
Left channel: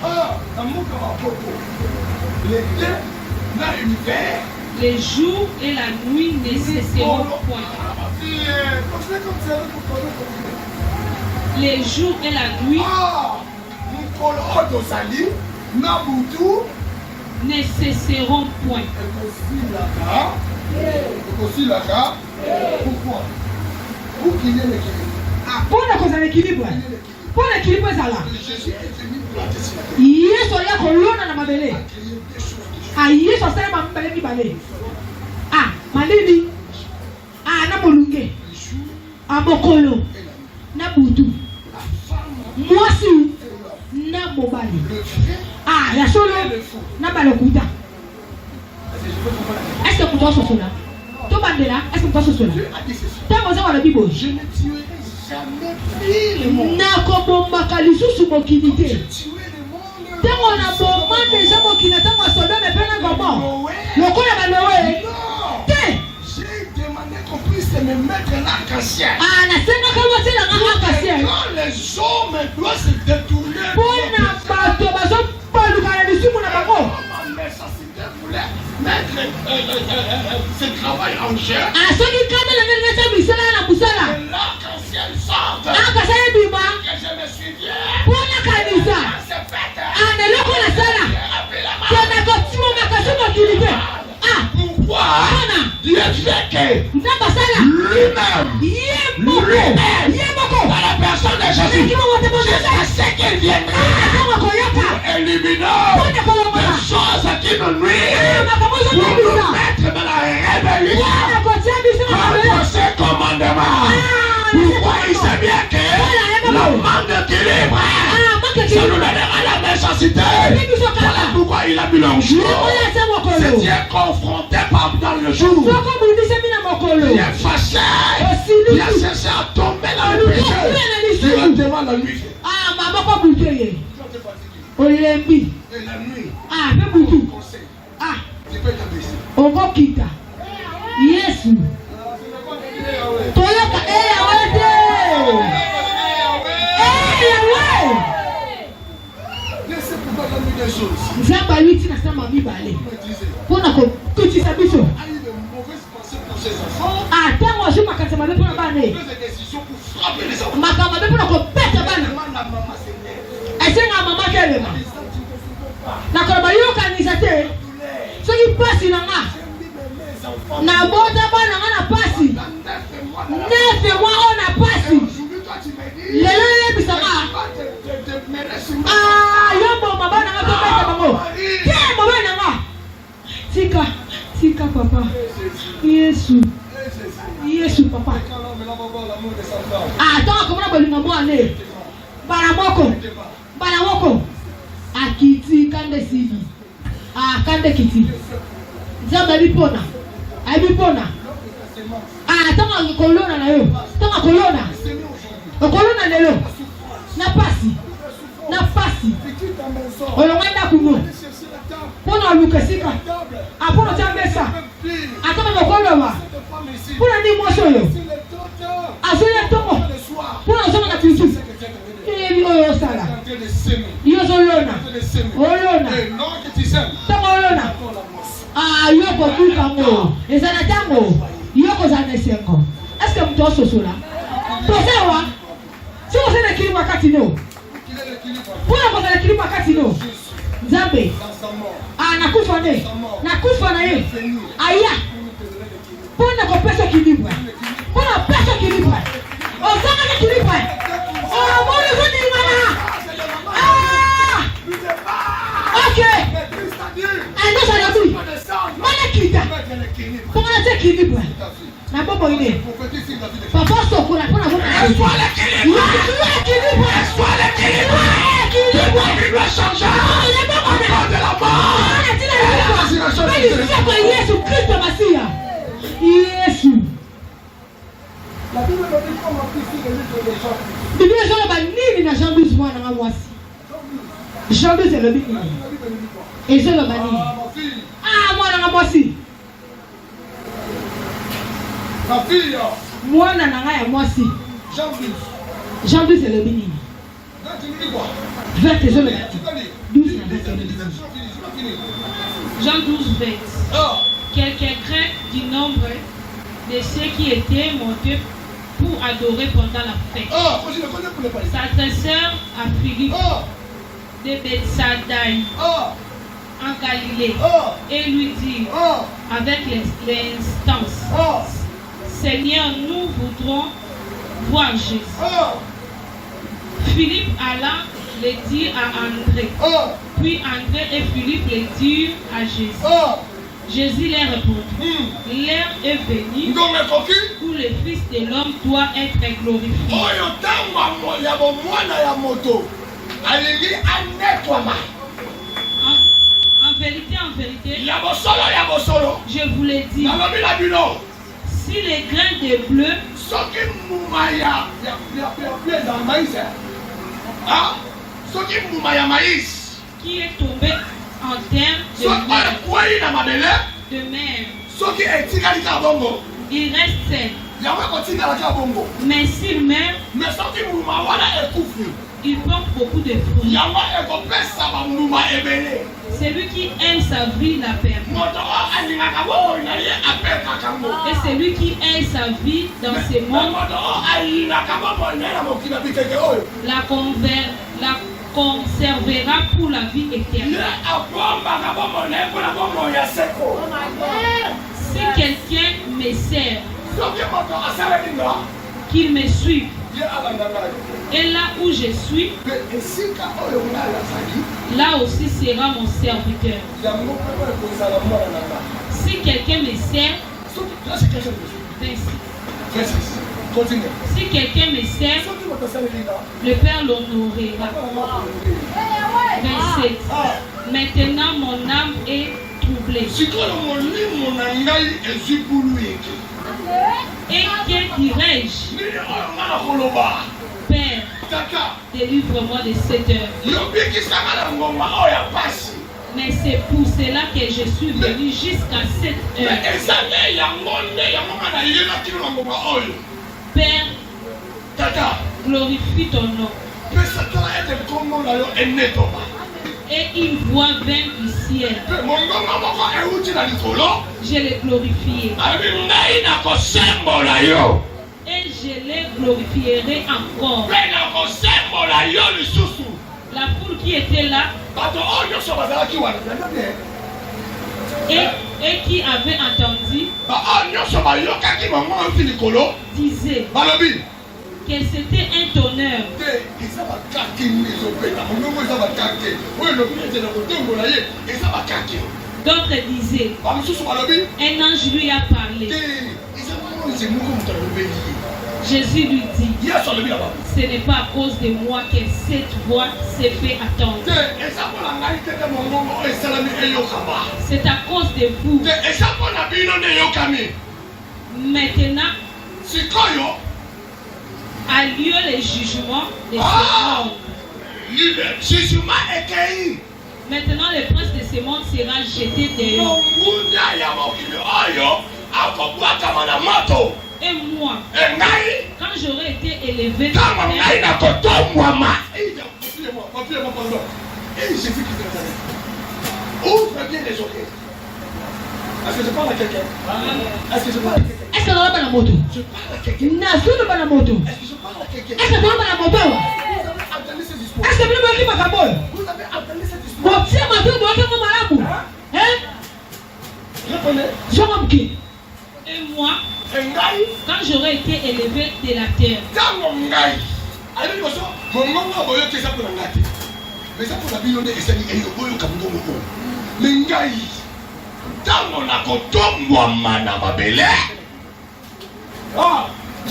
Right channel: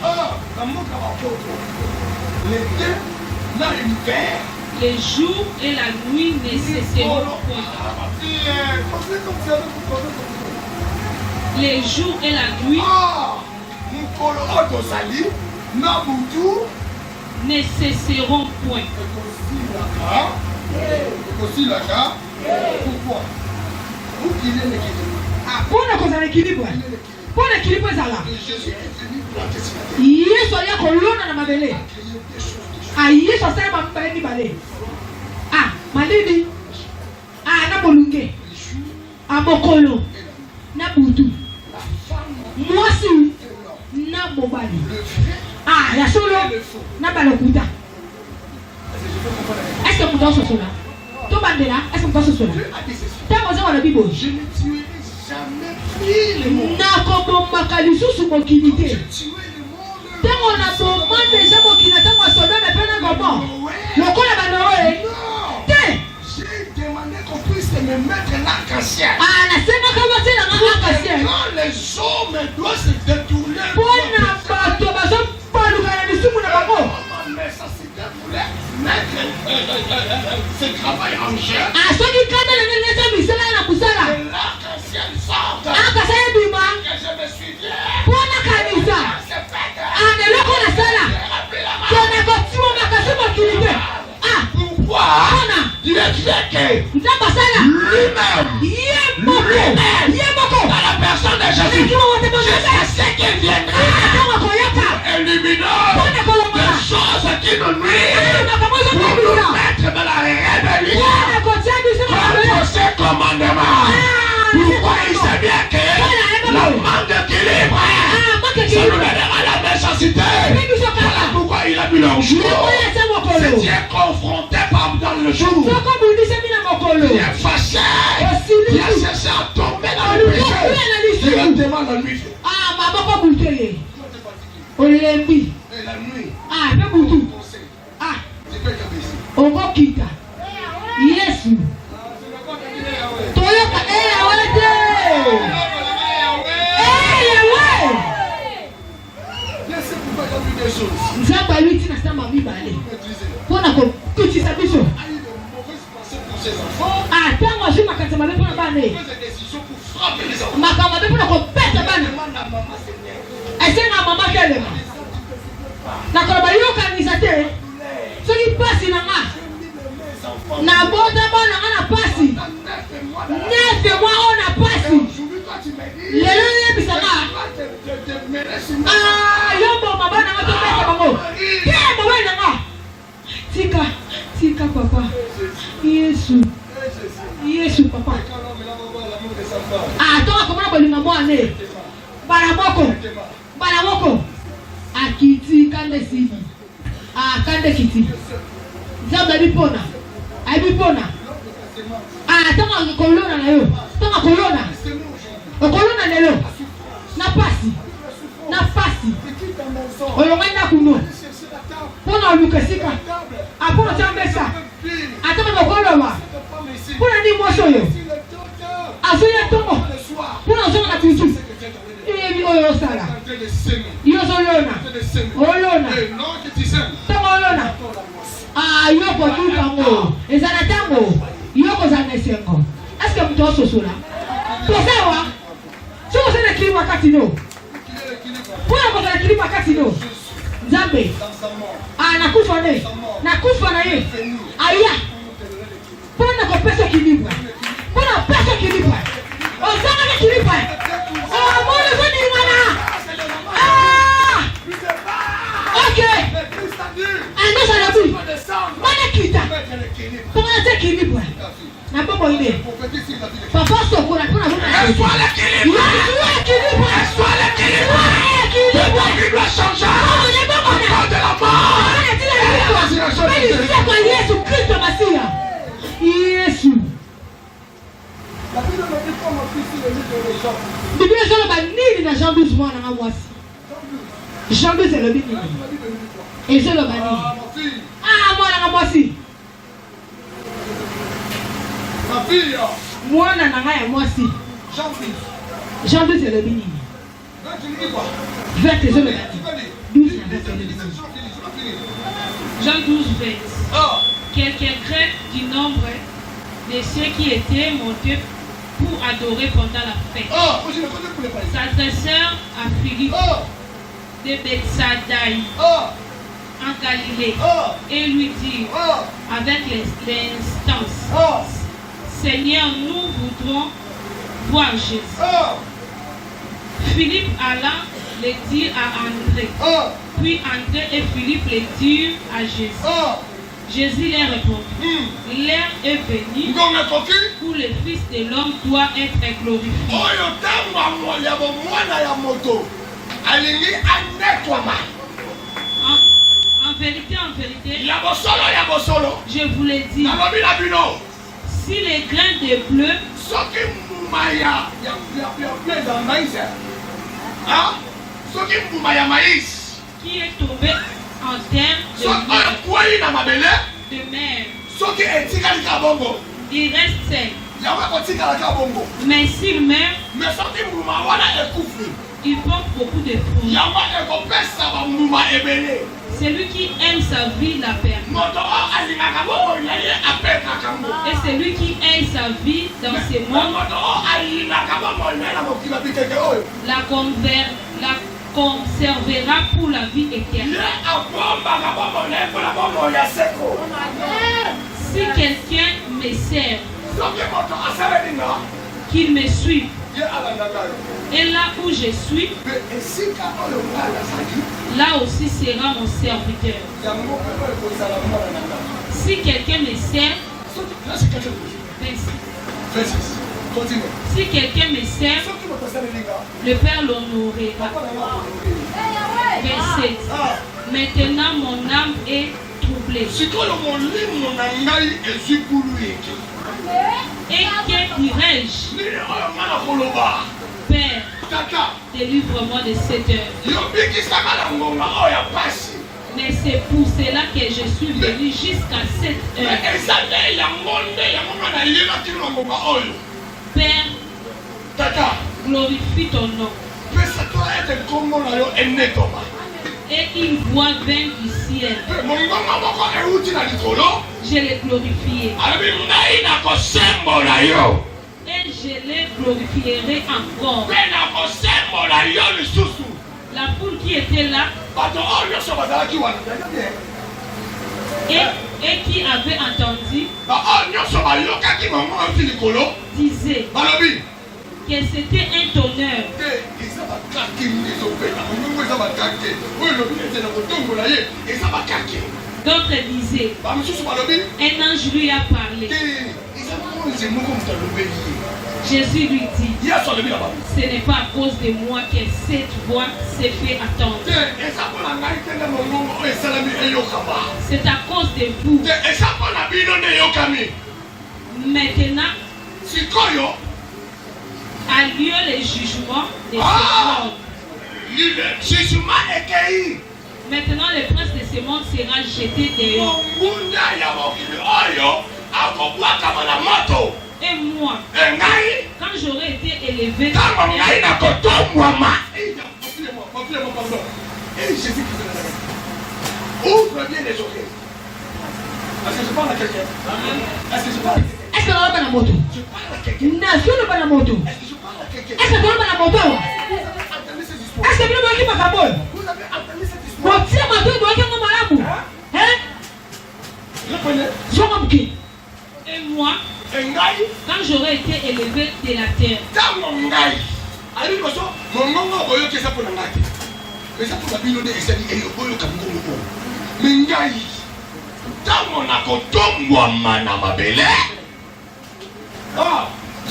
les jours et la nuit ne cesseront point. Les jours et la nuit ne cesseront point. Pourquoi? Vous qui l'équilibre. Ah, pour l'équilibre. Pour l'équilibre, ça là. Jésus est venu planter sur la terre. Yesu ya kolona na mabele. Ah, Yesu asema mabele ni bale. Ah, malini. Ah, na bolunge. Ah, mokolo. Na butu. Mwasi. Na mobali. Ah, ya solo. Na balokuta. Est-ce que vous avez ce cela? Tout bandela, est-ce que vous avez ce cela? Tant vous avez la Bible. Je ne tuerai jamais plus le monde. Na komomaka lisusu mokili te. Je tuerai le monde. Tant on a bomba déjà mokili tant on se donne peine comment? Lokola baloé. Te. J'ai demandé qu'on puisse me mettre l'arc-en-ciel. Ah, na sema kama c'est la arc-en-ciel. Quand les hommes doivent se détourner. Bona bato bazo paluka lisusu na bango. Mais ça se déroulait. Mettre ce travail en chair. Ah, ce qui cadre le neza misala na kusala. Et l'arc-en-ciel sort. Ah, ka saya bima. Que je me suis bien. Bona kanisa. C'est fait. Ah, ne loko na sala. Kona kotimo makasu mokili te. Ah, pourquoi? Bona. Dieu fait que Nzamba sala. lui-même. Dans la personne de Jésus. Je sais qu'il viendra. Éliminer les choses qui nous nuisent. Pour nous mettre dans la rébellion contre ses commandements. Pourquoi il sait bien que le manque d'équilibre, ça nous donnera la nécessité. Voilà pourquoi il a mis leur jour. C'est Dieu confronté dans le jour. Il est fâché. Il a cherché à tomber dans le péché. Directement la nuit. Ah, maman pas bouteille. Olembi. Et la nuit. Ah, pas bouteille. Ah, Tu peux t'abaisser. Ogokita. Yesu. Toyoka awete. Laissez pour faire des choses. Nzamba lui tina sama mibale. Pona ko kutisa biso. A eu de mauvaises pensées pour ses enfants. Ah, tango azu makata mabe pona bane. Des décisions pour frapper les enfants. Makama mabe pona ko peta bana. Demande à maman Seigneur. Esenga mama kelema. Et ça, tu te fais pas. Na ko ba yo kanisa te. So ki pasi na nga. Je mis mes enfants. Na bota bana nga na pasi. Nefe mwa ona pasi. Aujourd'hui, toi, tu me dis. Lelo yebisa nga. Te mener sur ma Ah, yombo mabana nga to peta bango. Ke mabana nga. Tika papa. Yesu. Yesu papa. Ah, tonga komona bolinga mwane. Bala moko. Akiti kande sidi. Ah, kande kiti. Zamba bipona. Ai bipona. Ah, tonga kolona na yo. Tonga kolona. Kolona lelo. Na pasi. Olonganda kuno. Pona lukasika. Apona chambesa. Atama kokoloma. Pona ni moso yo. Asoya tongo. Pona osoma na tutu. Ebi oyo sala. Yo solona. Olona. Tongo olona. Ah, yoko tukango. Ezana tango. Yoko zane sengo. Est-ce que mtu ososola? Posewa. Si vous êtes équilibre wakati no. Pona vous êtes di makati no. Nzambe. Ah nakufa ne. Nakufa na ye. Aya. Pona ko pesa kilipa. Pona pesa kilipa. Ozanga ni kilipa. Oh mwana zoni mwana. Okay. Ando sana tu. Mana kita. Pona te kilipa. Na baba ile. Papa sokura pona baba. Eswale kilipa. Eswale kilipa. Il doit changer. De la mort. Yesu Kristo Masia. Yesu. La Bible me dit comment fixer le livre de Jean. Biblia sala ba nini na Jean 12 mwana nga mwasi. Jean 12 c'est le Bible. Et c'est le bani. Ah mwana nga mwasi. Ma fille. Mwana na nga ya mwasi. Jean 12. Jean 12 c'est le Bible. 20 c'est le Bible. 12 Jean 12, 20. Quelques Grecs du nombre de ceux qui étaient montés pour adorer pendant la fête s'adressèrent à Philippe de Bethsaïda en Galilée et lui dirent avec l'instance: Seigneur, nous voudrons voir Jésus. Philippe alla le dire à André. Puis André et Philippe le dirent à Jésus. Jésus leur répondit: L'heure est venue où le Fils de l'homme doit être glorifié. En vérité, je vous le dis, si les grains de bleu qui est tombé en terre de mer, il reste sec. Mais s'il meurt, il porte beaucoup de fruits. Celui qui aime sa vie la perd. Et celui qui aime sa vie dans ce monde la conservera pour la vie éternelle. Si quelqu'un me sert, qu'il me suive. Et là où je suis, là aussi sera mon serviteur. Si quelqu'un me sert, si quelqu'un me sert, le Père l'honorera. 27. Maintenant mon âme est troublée. Et que dirais-je? Père, délivre-moi de cette heure. Mais c'est pour cela que je suis venu jusqu'à cette heure. Père, glorifie ton nom. Et une voix vint du ciel. Je l'ai glorifié. Et je les glorifierai encore. La foule qui était là et qui avait entendu disait que c'était un tonnerre. D'autres disaient un ange lui a parlé. Jésus lui dit: ce n'est pas à cause de moi que cette voix s'est fait attendre. C'est à cause de vous. Maintenant a lieu le jugement de ce monde. Maintenant le prince de ce monde sera jeté dehors. Et moi, quand j'aurai été élevé, ouvre bien les oreilles. Est-ce que je parle à quelqu'un? Est-ce que je parle à quelqu'un? Est-ce que je parle à moto? Je parle à quelqu'un. Est-ce que je parle à moto? Est-ce que je parle à quelqu'un? Est-ce que je parle à moto? Vous avez entendu ces histoires? Est-ce que je parle à moto? Vous avez j'aurai été élevé de la terre.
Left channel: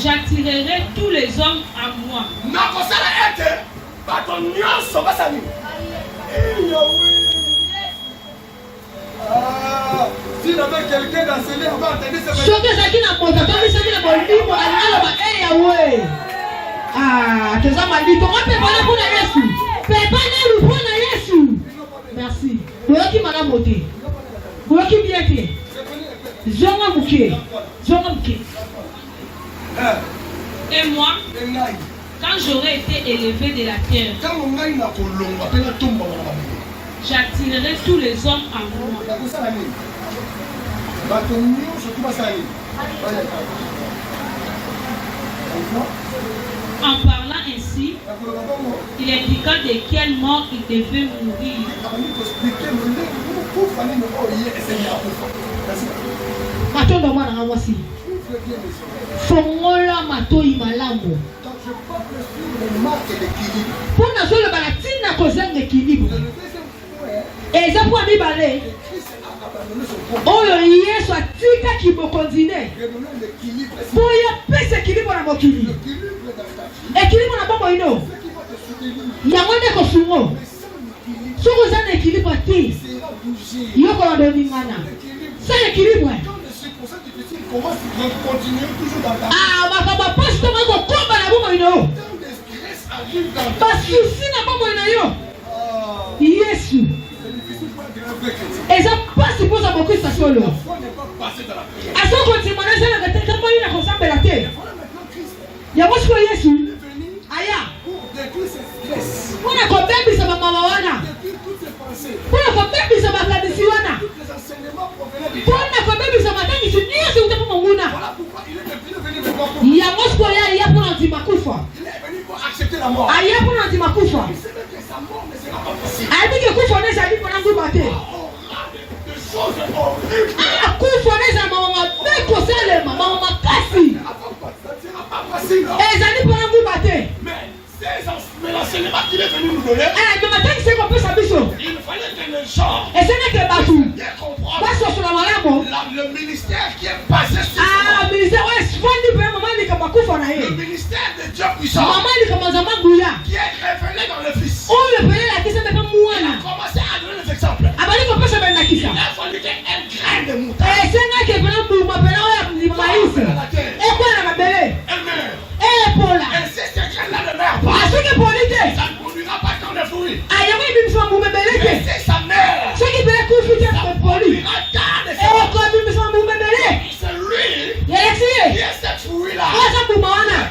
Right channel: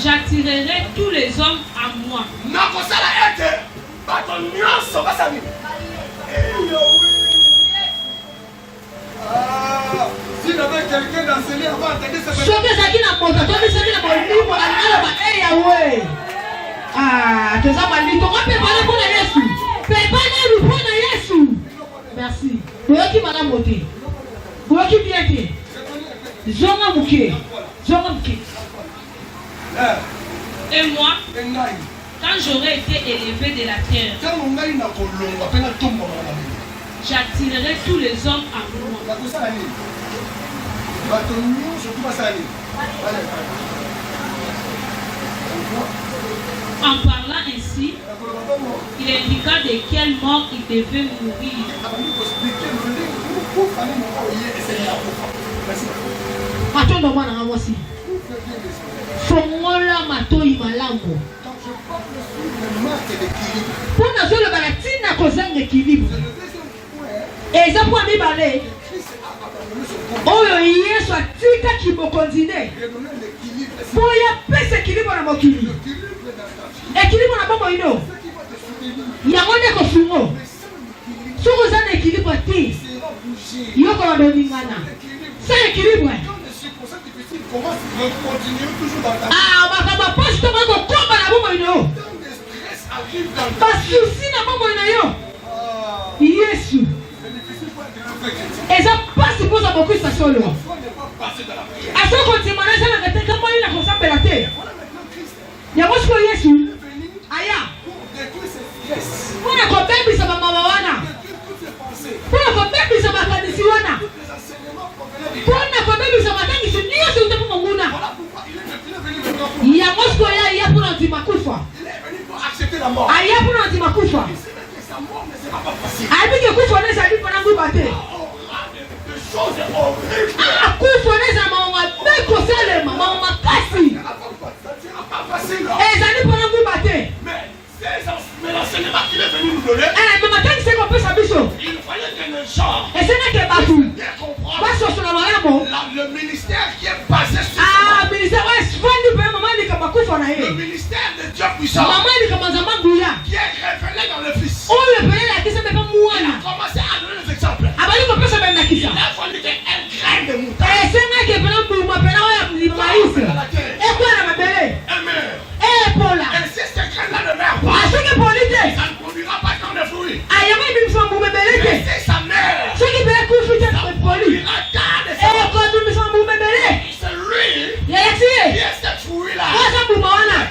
J'attirerai tous les hommes à moi. S'il y avait quelqu'un d'enseigné avant d'entendre ça, merci. Merci, madame Moté. Merci bien. Zonga Mouké. Et moi, quand j'aurai été élevé de la terre, j'attirerai tous les hommes à moi. En parlant ainsi, il indiqua de quelle mort il devait mourir. Fongola matoi malamu. Pour nous le baratina causer l'équilibre. Et ça pour mibale. Oh Yesu atika kibokonzine. Pour ya pesa équilibre na mokili. Équilibre na bombo ino. Yango de ko sungo. Sungo za na équilibre ti. Yoko na domingana. C'est équilibre. Comment continuer toujours dans ta vie? Ma papa, je te mets au combat là, vous voyez. Quand le stress arrive dans ta vie. Parce que si n'a pas moyen. Yesu. C'est difficile pour un grand chrétien. Et ça passe pour ça beaucoup ça solo. Pourquoi ne pas passer dans la prière? À ce qu'on te demande, ça va être comment il a consommé la terre. Voilà maintenant Christ. Il y a moi ce que Yesu. Aya. Pour détruire ce stress. Pour la compagnie ça va maman. Détruire toutes ces pensées. Pour la compagnie ça va faire des siwana. Tous les enseignements provenant du pour la compagnie ça va faire des siwana. Voilà pourquoi il est venu maintenant pour. Il y a moi ce qu'il y a pour l'antimakufa. Il est venu pour accepter la mort. Il y a pour l'antimakufa. Il sait que sa mort ne sera pas possible. Il dit que kufa ne s'habille pas dans le bâté. Des choses horribles. Kufa ne s'habille pas dans le bâté. Ça ne sera pas facile. Et ça dit pas dans le bâté. Mais l'enseignement qu'il est venu nous donner. Mais maintenant il sait qu'on peut s'habiller. Il fallait que les gens. Et ce n'est que Batou. Le ministère qui est basé sur le ministère le ministère de Dieu puissant qui est révélé dans le Fils. Il a commencé à donner des exemples. Il a fallu qu'un grain de moutarde elle meurt. Et si ce grain-là ne meurt pas, ça ne produira pas tant de fruits. Mais si ça meurt, ça produira tant de fruits. C'est lui qui est cette fruit-là,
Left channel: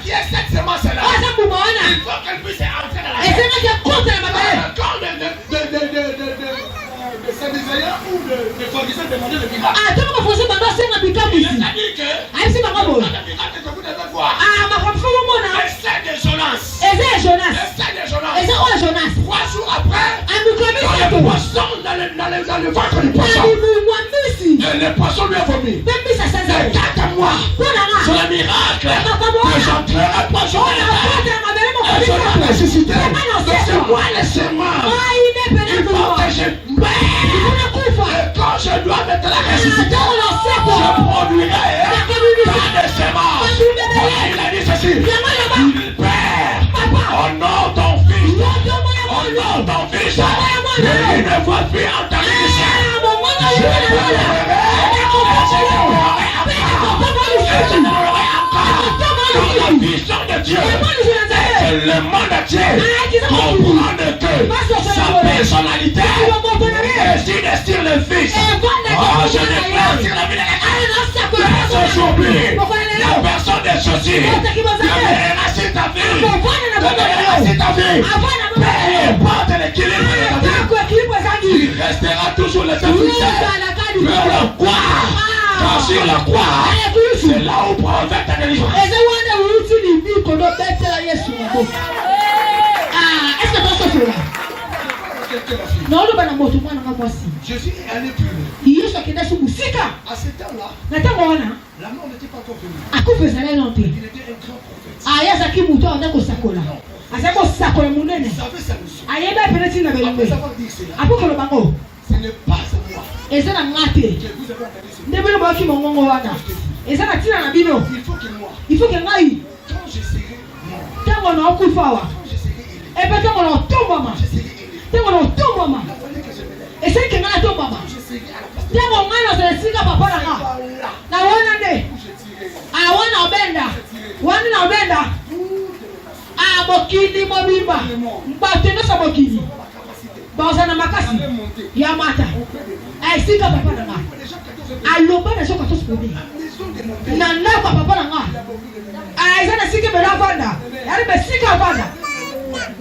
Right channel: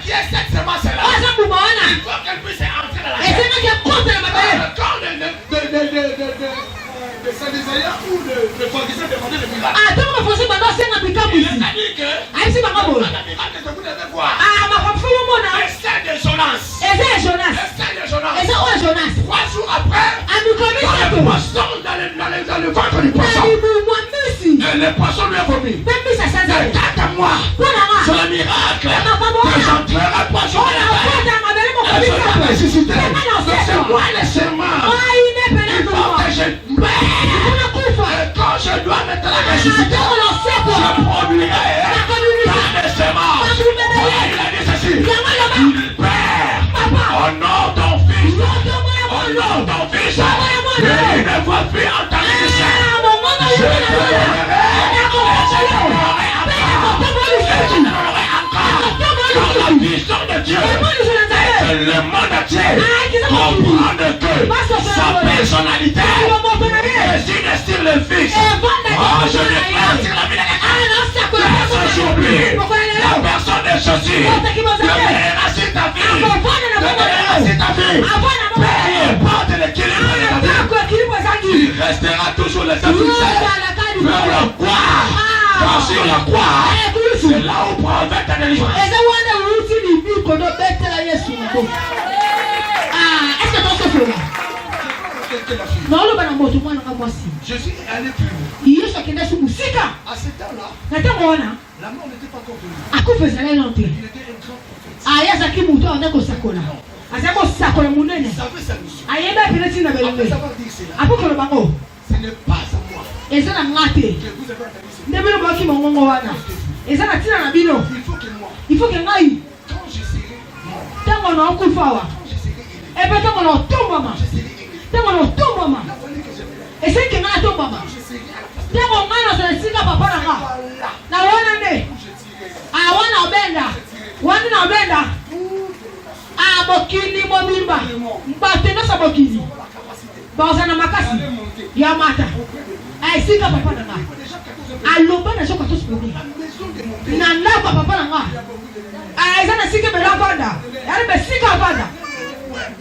qui est cette semence-là. Il faut qu'elle puisse entrer dans la terre. Quand les Sadducéens ou les pharisiens demandaient le miracle, il a dit que le miracle que vous devez voir, c'est de Jonas. Le de Jonas. 3 jours après, dans le poisson, dans le ventre du poisson, le poisson lui a vomi. Regarde moi sur le miracle que j'entrerai poisson et je vais ressusciter. C'est moi le serment. Il faut que je meurs. Et quand je dois maintenant ressusciter, je produirai par le serment. Il a dit ceci. Il perd au nom d'un fils. Au nom d'un fils. Et une fois fait entendre le ciel. Je pleurerai. La vision de Dieu, c'est le monde entier comprendre que sa personnalité estime le Fils. Oh, je déclare sur la vie de personne j'oublie la personne de ceci. C'est ta vie. C'est ta vie. Peu importe l'équilibre de la vie, il restera toujours le même fixé vers le croix. Car sur la croix, c'est là où prend ta délivrance. Est-ce que tu as fait là? Non, le banamo tout moi n'a pas si. Jésus est allé plus loin. Il est sorti de sous musika. À ce temps-là, la mort n'était pas encore venue. À quoi faisait l'entrée? Il était un grand prophète. Ah, ya zaki muto on ko sakola. Azako sakola munene. Il savait sa mission. Ayeba penati na belongo. Après avoir dit cela, Apo ko bango. ce n'est pas à moi. Eza na ngate. Que vous avez entendu ce Ndebe lo baki mongongo wana. Eza na tina na bino. Il faut que moi, Il faut que ngai quand je serai mort, tango na okufa wa. quand je serai élevé, E pe tango na tomba ma. je serai élevé. Tango na tomba ma. Il a fallu que je me lève. E se ke na tomba ma. Quand je serai à la place de Tango ngana za sika papa na nga. voilà Na wana ne. où je tirerai Ah wana obenda. Wana na obenda. toutes les nations. Ah bokili bobimba. Mbato no sa bokili. La capacité Baza na makasi. d'aller monter Ya mata. auprès de vous. Ai sika papa na nga. Déjà, quelqu'un Aloba na soka to spende. a besoin de monter. Na ndako papa na nga. Il y a beaucoup de monde. Ah eza na sika bela vanda. Yari be sika vanda.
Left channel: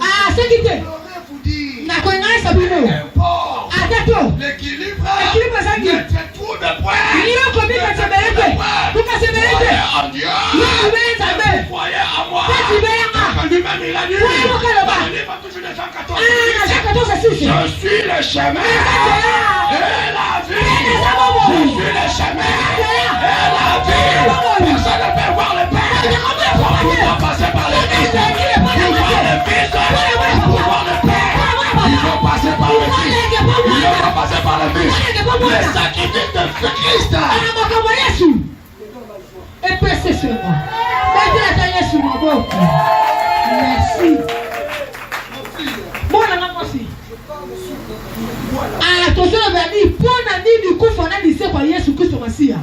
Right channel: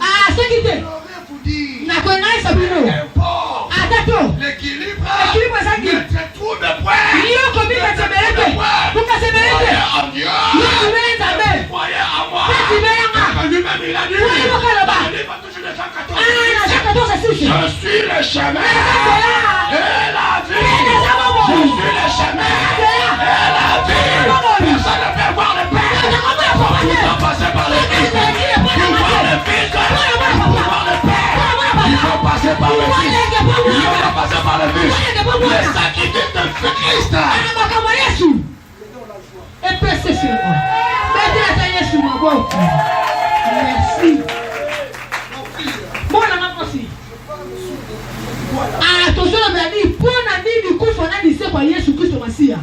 Ah sekite. J'aurais vous dire, Na ko ngai sabino. n'importe Atato. l'équilibre L'équilibre, ça dit. entre tout de points. Iyo ko bi ka sebelete. Kuka sebelete. En Dieu. Yo kubenza be. Croyez en moi. Peti be yanga. Quand lui même il a dit, Ouais, il faut qu'elle le bat. il va toujours le 114. Ah na shaka to sa sisi. Je suis le chemin et la vie. Je suis le chemin et la vie. Personne ne peut voir le Père. Tout va passer par le Fils. Pour voir le Fils, pour voir le Père. Il faut passer par le Fils. Il faut passer par le Fils. Les sacrifices de Christ. Ana makambo Yesu. Epese sema. Beti na Yesu maboko. Merci. Bona makosi. Ah, tosona badi pona nini kufa na dise kwa Yesu Kristo Masia.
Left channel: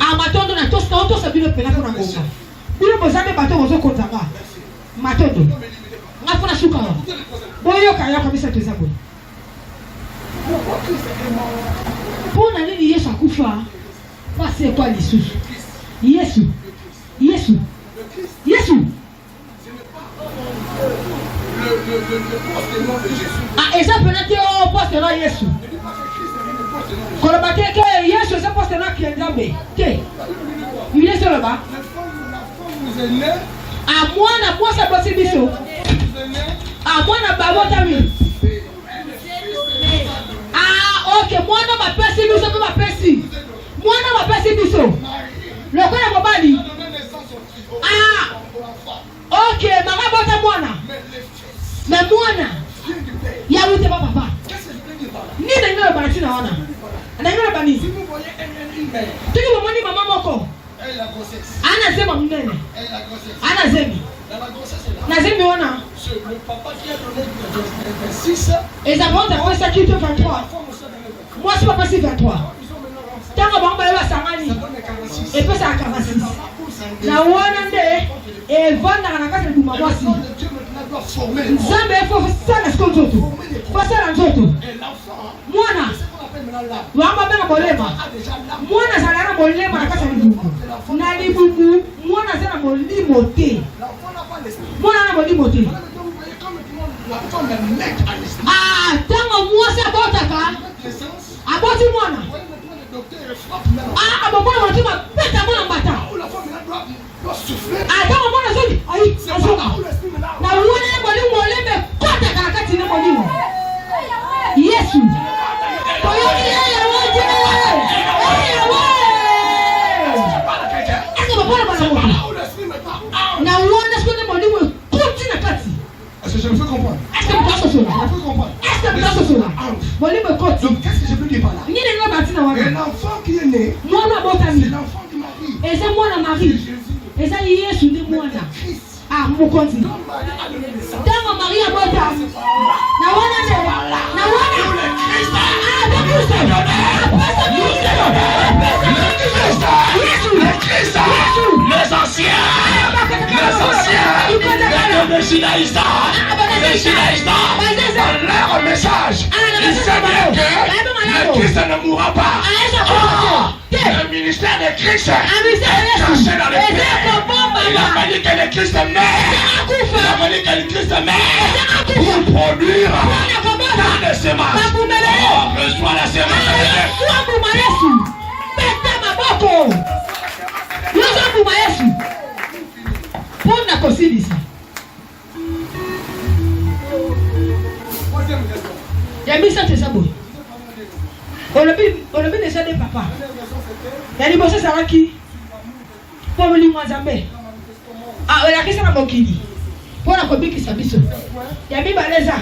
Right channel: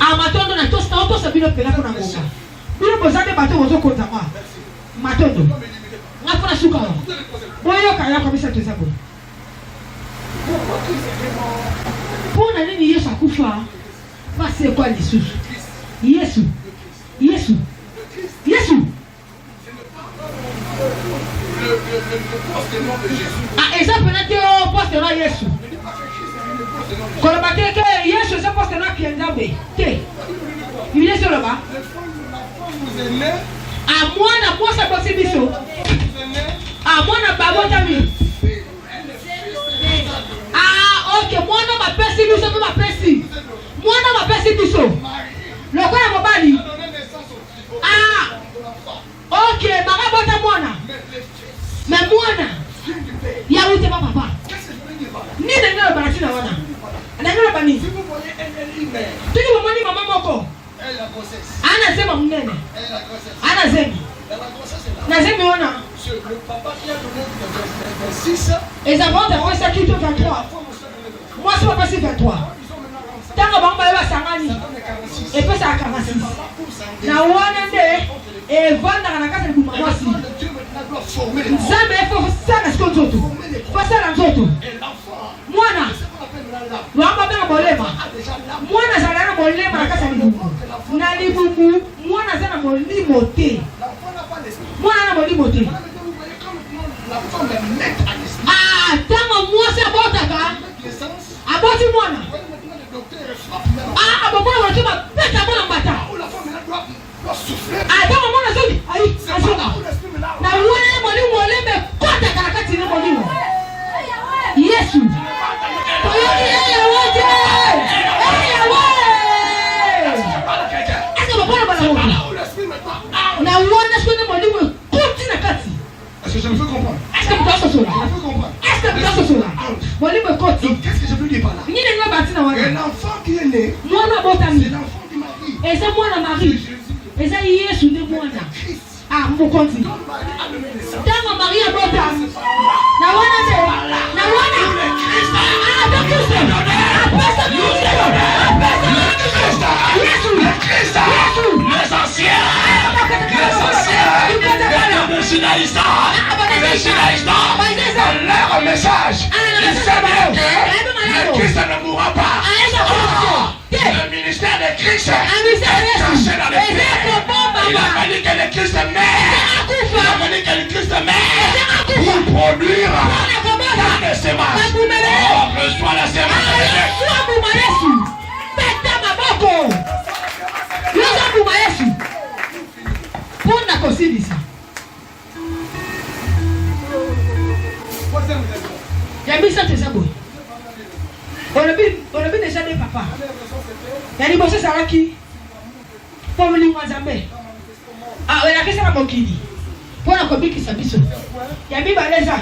Ah, matondo na tosta auto sabino pena kuna ngoka. Bila bozane bato bozo konza ma. Matondo. Ngafuna suka wa. Boyo kaya kabisa tuza boyo. Pona nini Yesu akufa? Basi kwa lisusu. Yesu. Yesu. Yesu. Ah, eza penati o poste na Yesu. Kono bateke Yesu eza poste na kienzabe. Te. Il est sur le bas. À moi na poste bosi biso. À moi na babota mi. Ah, OK, moi na ba pesi biso ko ba pesi. Moi na ba pesi biso. Le ko na mobali. Ah. OK, maga bota mwana. Mais mwana. Ya wote ba papa. Ni nengelo banati na wana. Nengelo bani. Si vous voyez elle, Tiki moni mama moko. elle la grossesse. Ana sema munene. Elle la grossesse. Ana zemi. Dans la grossesse est là. Na zemi ona. Le papa qui a donné le 26, Et avant d'avoir ça qui te 23. la femme aussi a donné le 23. Moi c'est pas passé 23. Ils ont maintenant rendu Tanga bamba ba sangani. ça donne 46. Et puis ça a 46. Papa coule ça. Na wana nde e vanda na kasa kuma mwasi. Le Dieu maintenant doit former les enfants. Nzambe fo sana skozoto. Fo sana nzoto. Et l'enfant, Mwana c'est ce qu'on appelle maintenant l'âme, wamba bena bolema. a déjà l'âme. Mwana zala na bolema na kasa libubu. Na libubu mwana zala molimo te. L'enfant n'a pas l'esprit. Mwana na molimo te. Voilà, maintenant, vous voyez quand maintenant la femme est nette à l'esprit. Ah, tanga mwasi abotaka. Naissance, Aboti mwana. vous voyez maintenant le docteur frappe maintenant. Ah, abokona motuma peta mwana mbata. Où la femme maintenant doit souffler. Ah, tanga mwana zoki. Ai, C'est pas là azoka. où l'esprit maintenant. Na mwana na molimo olembe kota karakati ni molimo. Yesu. Toyoki yeye wote. Yeye wote. Aka bapana bana C'est pas wote. là où l'esprit maintenant. Na wana sone molimo koti na kati. Est-ce que je me fais comprendre? Est-ce que mtaso Je sona? me fais comprendre. Est-ce que mtaso sona? Molimo koti. Donc, qu'est-ce que je veux dire par là? Ngine ngo batina wana. Un enfant qui est né, Mwana c'est botami. l'enfant du mari. Eza mwana C'est Marie. Jésus. Eza Yesu ndi mwana. Christ. Ah, mokonzi. Quand Marie a donné naissance, Tango Maria botami. Na wana ne. Na wana. Christ. Ah, de Kristo. Apesa Kristo. Yesu. Christ. Les anciens. Les Sinaïsta. Les Sinaïsta. Dans leur message, ils savaient que le Christ ne mourra pas. Le ministère de Christ est caché dans les pierres. Il a fallu que le Christ meure. Il a fallu que le Christ meure pour produire tant de semences. Oh, reçois la semence de Dieu. Pona kosilisa. Troisième Yami ça te sabo. On le dit déjà des papas. Yali bosse ça là qui? Pour lui moi zambe. Ah, on a qu'est-ce qu'on a bokini? Pour la copie qui s'habille. Yami baleza.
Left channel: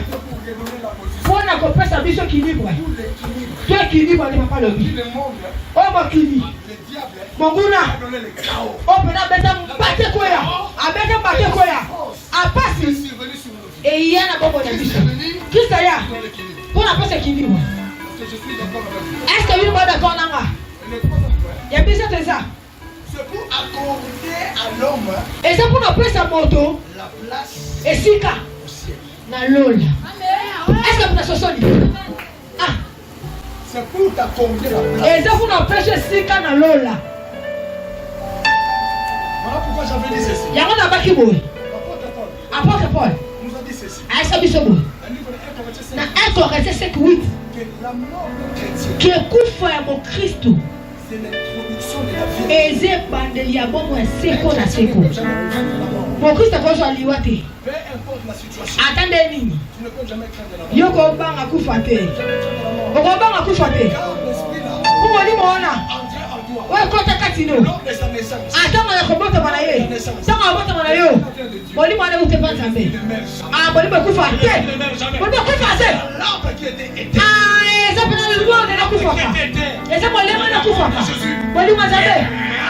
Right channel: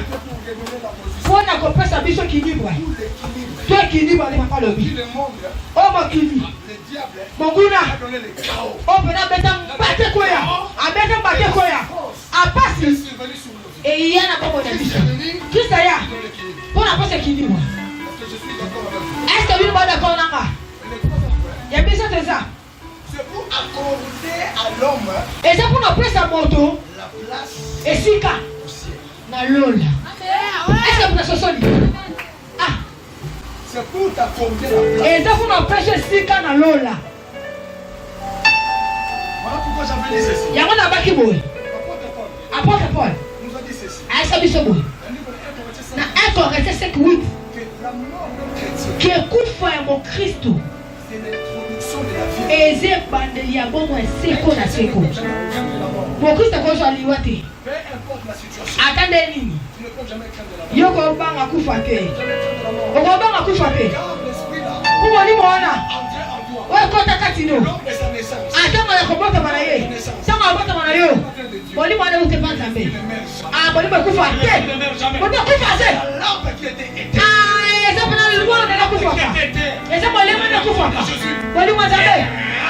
Pour la copie s'habille qui libre. Toi qui libre ne va pas le vivre. Oh bokini. Monguna. Oh pena beta bate koya. Abeta bate koya. Apasi. Et il y a un peu de vie. Qui ça y a? Pour la poste équilibre. Est-ce que vous êtes d'accord là? Il y a besoin de ça. C'est pour accorder à l'homme. Et c'est pour appeler sa moto. La place. Et si ka. Na lola. Est-ce que vous êtes solide? Ah. C'est pour t'accorder la place. Et c'est pour empêcher si ka na lola. Voilà pourquoi j'avais dit ceci. Il y a un abaki boy. Apôtre Paul. Nous a dit ceci. Ah, ça dit ça boy. Na 1 Corinthiens 5:8. Que la mort de chrétien. Qui écoute foi mon Christ. C'est l'introduction de la vie. Et c'est bandeli ya bon ouais seko na seko. Mon Christ est quoi liwate. Peu importe la situation. Attendez nini. Tu ne peux jamais craindre la mort. Yoko banga kufa te. Jamais craindre la mort. Oko banga kufa te. Car l'esprit là. Pour ni mona. Entré en toi. Ouais kota katino. Lors de sa naissance. Atanga ya kobota bana ye. Tanga bota bana yo. Boli mwana ute pa zambe. Ah boli ba kufa te. Boli kufa te. La lampe qui était éteinte. Ah eza pena le monde na kufa. Eza boli mwana kufa. Boli mwana zambe.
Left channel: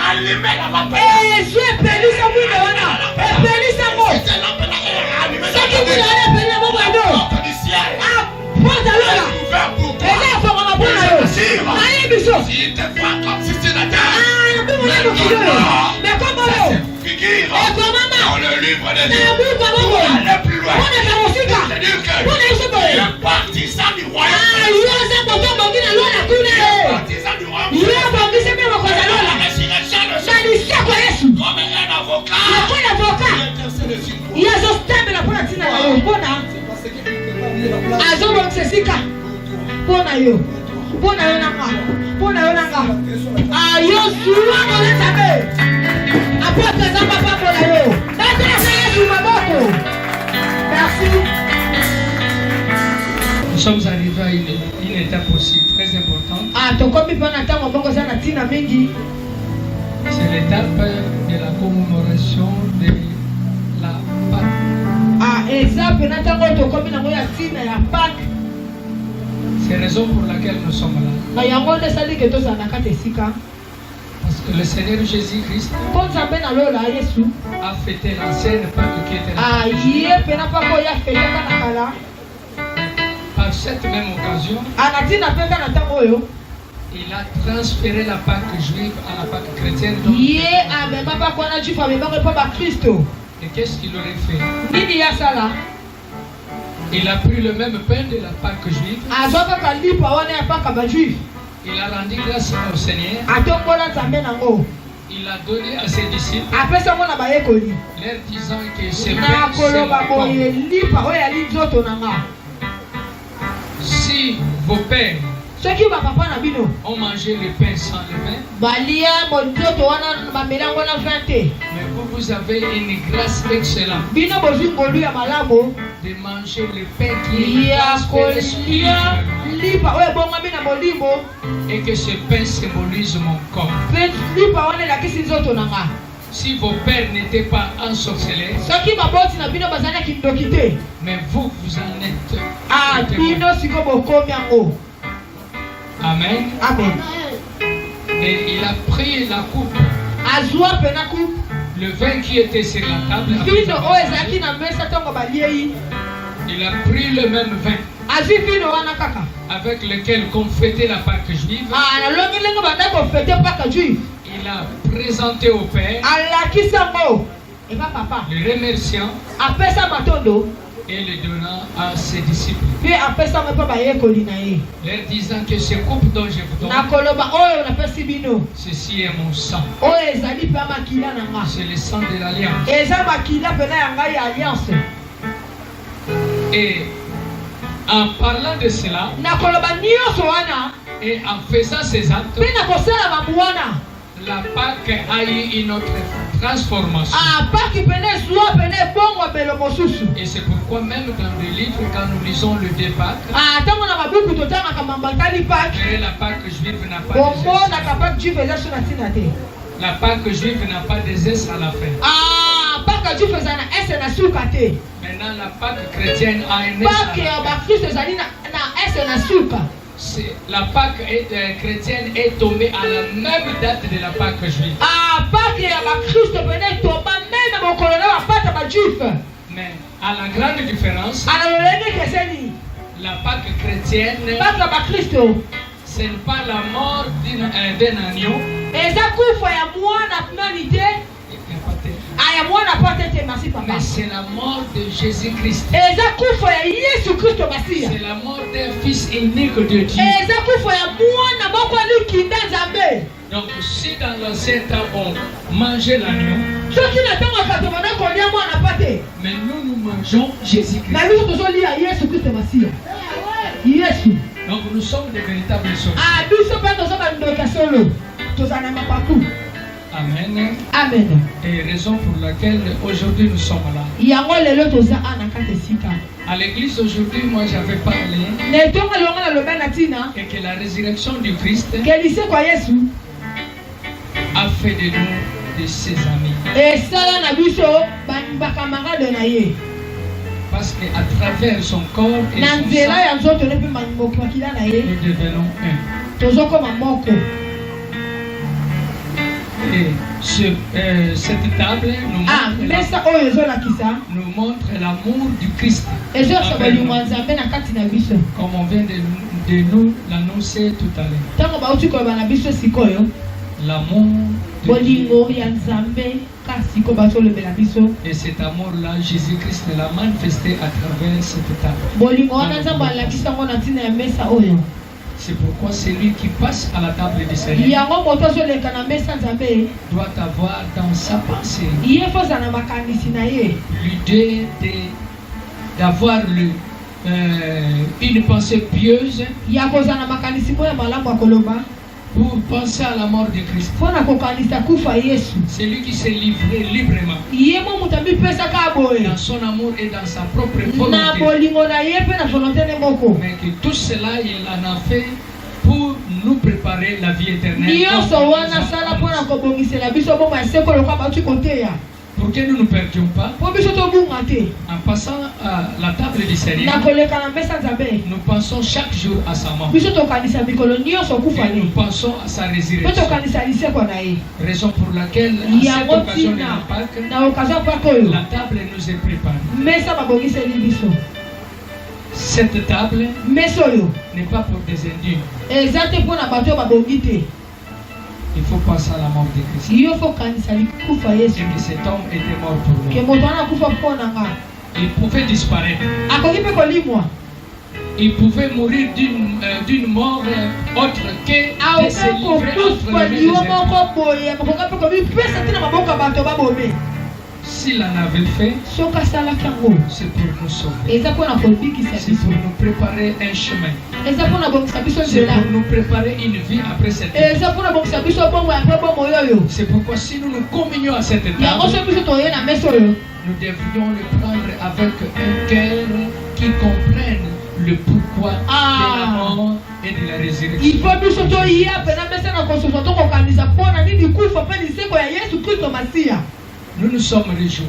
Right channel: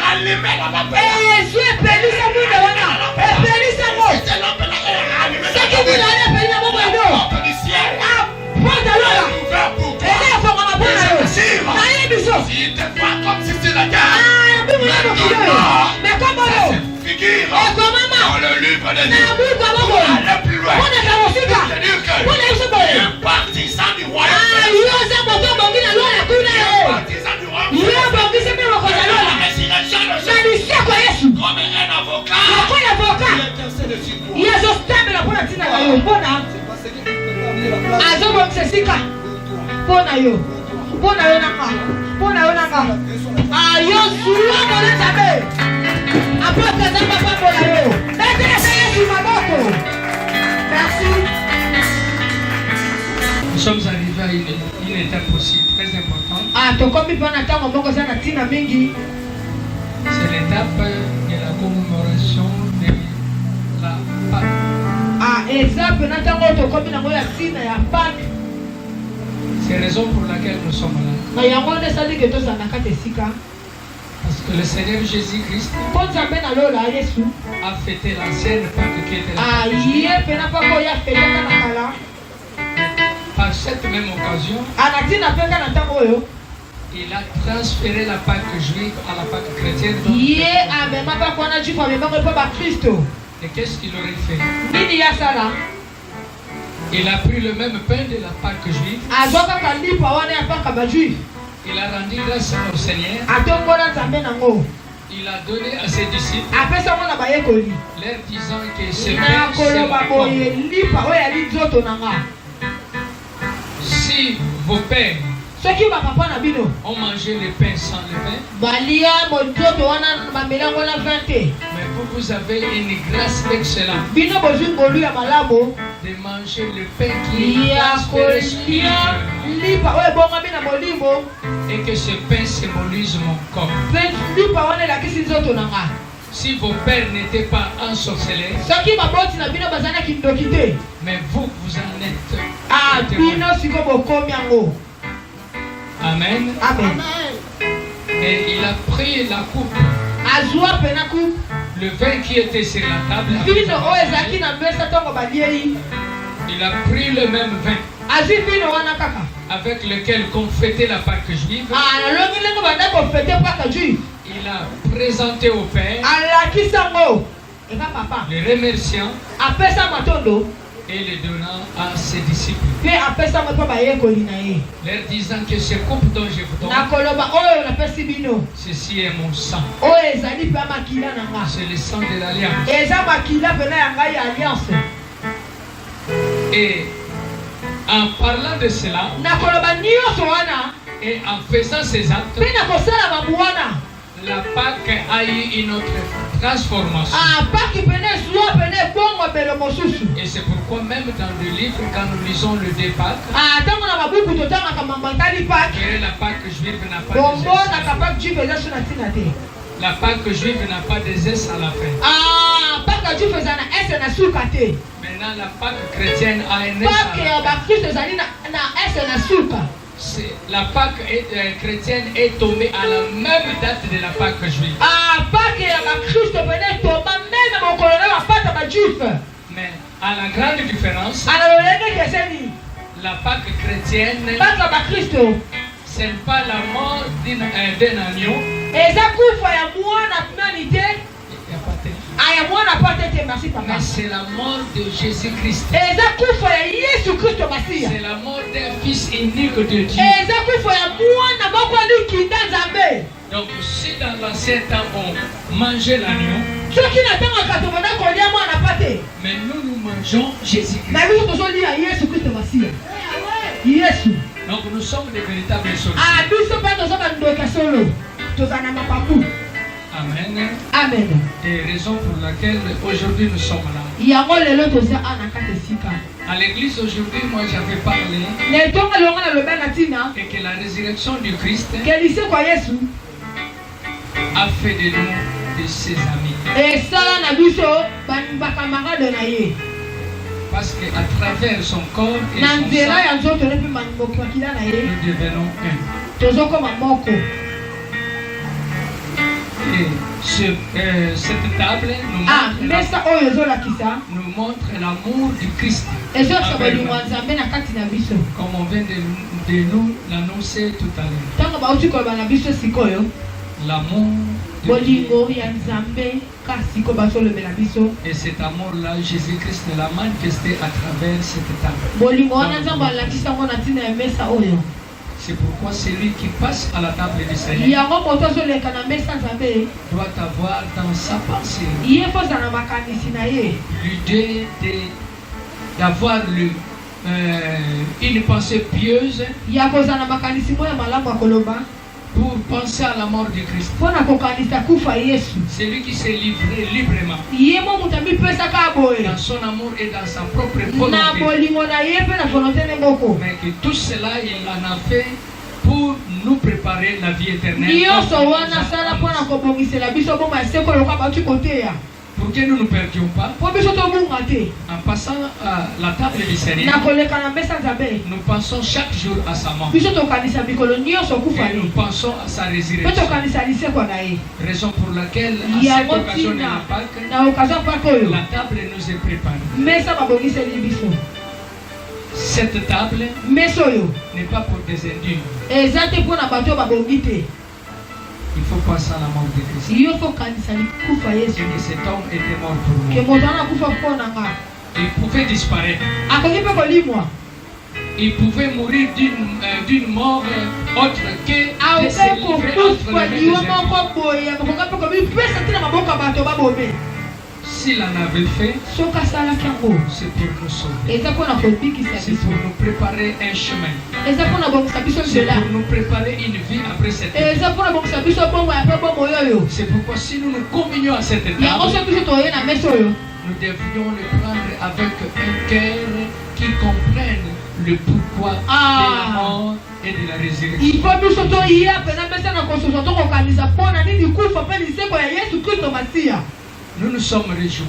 Allumez la lampe. Eh je peli sa mwana wana. Eh peli sa mo. Cette lampe là est allumée. Ça qui dit la peli na mo ndo. Du ciel. Ah porte alors. Ouvert pour toi. Eza fa mama bona yo. Na ye biso. Il te voit comme si c'était la terre. Ah bi mwana do kido. Mais comment Figure. et comment Dans le livre des na bu comment allez plus loin. on est dans le fika. C'est-à-dire que On est sur boy. un partisan du royaume. Ah yo za boto bangina lo na kuna. Partisan du royaume. Yo bangisa me ko za lo. La résurrection de Na ni sako Yesu. comme un avocat. Na kuna avoka. Ya zo stambe na pona tina yo. Bona. Parce qu'il ne peut pas venir la place Azo bo sesika. Bona yo. Bona yo na ma. Bona yo na ma. Ah yo suwa mo na sabe. Apôtre ça papa bona yo. Mettez ça Yesu maboko. Merci. Nous sommes arrivés à une étape aussi très importante. Ah, tokomi pana tango moko sana tina mingi. C'est l'étape de la commémoration de la Pâque. Ah, exemple na tango tokomi na moya tina ya Pâques. C'est la raison pour laquelle nous sommes là. Na yango nde sali ke to sana kate sika. Parce que le Seigneur Jésus-Christ Po nzambe na lola Yesu. a fêté l'ancienne Pâque qui était Ah, la ye pena pa ko ya fete kana kala. Par cette même occasion, Ana tina peka na tango yo. il a transféré la Pâque juive à la Pâque chrétienne. Ye amema pa ko na jifa mema ko pa ba Kristo. Et qu'est-ce qu'il aurait fait? Nini ya sala? Il a pris le même pain de la Pâque juive. Azoka kalipa wana ya pa ka ba juif. Il a rendu grâce au Seigneur. Atombola nzambe nango. Il a donné à ses disciples, Apesa mwana ba yekoli. leur disant que ce Na pain, c'est koloba mon corps. boye lipa oyo ali nzoto nanga. Si vos pères Soki ba papa na bino ont mangé le pain sans le vin, balia bonzoto wana bamela wana vante. mais vous avez une grâce excellente Bino bozwi ngolu ya malamu de manger le pain qui est ya transféré kolia spirituellement. lipa oyo ebongami na molimo Et que ce pain symbolise mon corps. mpe lipa wana elakisi nzoto nanga. Si vos pères n'étaient pas ensorcelés, Soki baboti na bino bazalaki ndoki te. mais vous en êtes. Ah, témoins. bino siko bokomi yango. Amen. Amen. Et il a pris la coupe, Azwa pena ku le vin qui était sur la table. bino oyo ezalaki na mesa ntongo baliei. Il a pris le même vin Azwi bino wana kaka. avec lequel on fêtait la Pâque juive. Ah, nalongi ndenge banda kofete mpaka juif. Il a présenté au Père, Alakisi yango. Eka papa. le remerciant Apesa matondo. et le donnant à ses disciples, Mpe apesa ngo mpe bayekoli na ye. leur disant que ce coupe dont je vous donne, Nakoloba oyo napesi bino. ceci est mon sang. Oyo ezali mpe makila na nga. C'est le sang de l'Alliance. Eza makila pena ya ngai ya alliance. Et en parlant de cela, Nakoloba nyonso wana. et en faisant ces actes, Mpe nakosala mabu wana. la Pâque a eu une autre transformation. Ah, paki pene ezwa pene ebongo belo mosusu. Et c'est pourquoi même dans le livre, quand nous lisons le débat, Ah, ntango na célébrer la Pâque juive n'a pas Bon, de moi, geste. la Pâque juive est sur la tinate. La Pâque juive n'a pas de zeste à la fin. Ah, Pâque juive est na est na sukate. Maintenant, la Pâque chrétienne a un zeste Pâque à ya la ba fin. Christ ezali na est na suka. La Pâque chrétienne est tombée à la même date de la Pâque juive. Ah, Pâque ya ba Christ bene tomba même na mokolo na Pâque ba juif. Mais à la grande différence, Alors le keseni. la Pâque chrétienne, Pâque ba Christ. ce n'est pas la mort d'un agneau. Eza kufa ya mwana humanité. Aya mwana pate te merci papa. Mais c'est la mort de Jésus-Christ. Eza kufa ya Yesu Kristo basia. C'est la mort d'un fils unique de Dieu. Eza kufa ya mwana moko likinda Nzambe. Donc si dans l'ancien temps on mangeait l'agneau, Soki na tango katomana kolia mwana pate. mais nous mangeons Jésus-Christ. Na biso tozolia Yesu Kristo basia. Yesu. Donc nous sommes des véritables sorciers. Ah biso pa tozaba ndoka solo. Tozana mapapu. Amen. Amen. Et raison pour laquelle aujourd'hui nous sommes là. Yango lelo toza ana kate sika. À l'église aujourd'hui, moi j'avais parlé Ne tonga longa na loba na tina. et que la résurrection du Christ Kelise kwa Yesu. a fait de nous de ses amis. Et sala na biso ba camarade na ye. Parce qu'à travers son corps et Na son nzela sang, ya nzoto ne pe makila na ye. nous devenons un. Tozokoma moko. Et sur cette table Ah, mesa oyo ezolakisa. nous montre l'amour du Christ. Ezokisa Avec bolingo ya Nzambe na kati na biso. comme on vient de nous l'annoncer tout à l'heure. Ntango bauti koloba na biso sikoyo. L'amour de Dieu. Bolingo ya Nzambe kasi sikoyo bazolobela biso. Et cet amour-là, Jésus-Christ l'a manifesté à travers cette table. Bolingo wana Nzambe alakisa ngo na ntina ya mesa oyo. C'est pourquoi celui qui passe à la table du Seigneur Yango moto azoleka na mesa Nzambe. doit avoir dans sa pensée Ye foza na makanisi na ye. l'idée d'avoir une pensée pieuse Ya koza na makanisi moya malamu akoloba. pour penser à la mort du Christ. Mpona kokanisa kufa Yesu. Celui qui s'est livré librement Ye mo mutu amipesaka boye. dans son amour et dans sa propre Na volonté. bolingo na ye mpe na volonté ne moko. Mais que tout cela, il en a fait pour nous préparer la vie éternelle. Nyonso wana sala mpona kobongisela biso bongo ya sekolo kwa bauti koteya. Pour que nous ne perdions pas, Po biso tobunga te. en passant à la table du Na Seigneur, koleka na mesa Nzambe. nous pensons chaque jour à sa mort. Biso tokanisa mikolo nyonso kufa Et nous ye. pensons à sa Mpe résurrection. tokanisa liseko na ye. Raison pour laquelle, à cette Yango occasion de tina la Pâque, na okazia mpaka oyo. la table nous est préparée. Mesa babongiseli biso. Cette table Mesa oyo. n'est pas pour des indignes. Eza te mpona bato oyo babongi te. Il faut passer à la mort de Christ. Yo fo kanisa kufa Yesu. Et que cet homme était mort pour Ke nous. moto wana kufa mpona nga. Il pouvait disparaître. Akoki mpe kolimwa. Il pouvait mourir d'une mort autre que de se Aoka livrer kokufa entre les liwo deux ennemis. moko boye. Akoka mpe komipesa te na maboko ya bato babome. S'il en avait fait, Soki asalaki yango. c'est pour nous sauver. Eza mpona kobikisa C'est biso. pour nous préparer un chemin. Eza mpona bongisa biso C'est nzela. pour nous préparer une vie après cette vie. Eza mpona bongisa biso bongo ya mpe bomoi oyo. C'est pourquoi si nous nous communions à cette Yango table, soki biso toye na mesa oyo. nous devrions le prendre avec un cœur qui comprenne le pourquoi de la mort et de la résurrection. Ifo biso toya pena mesa na kososo tokokanisa mpona nini kufa mpe liseko ya Yesu Kristo Masiya. Nous nous sommes réjouis.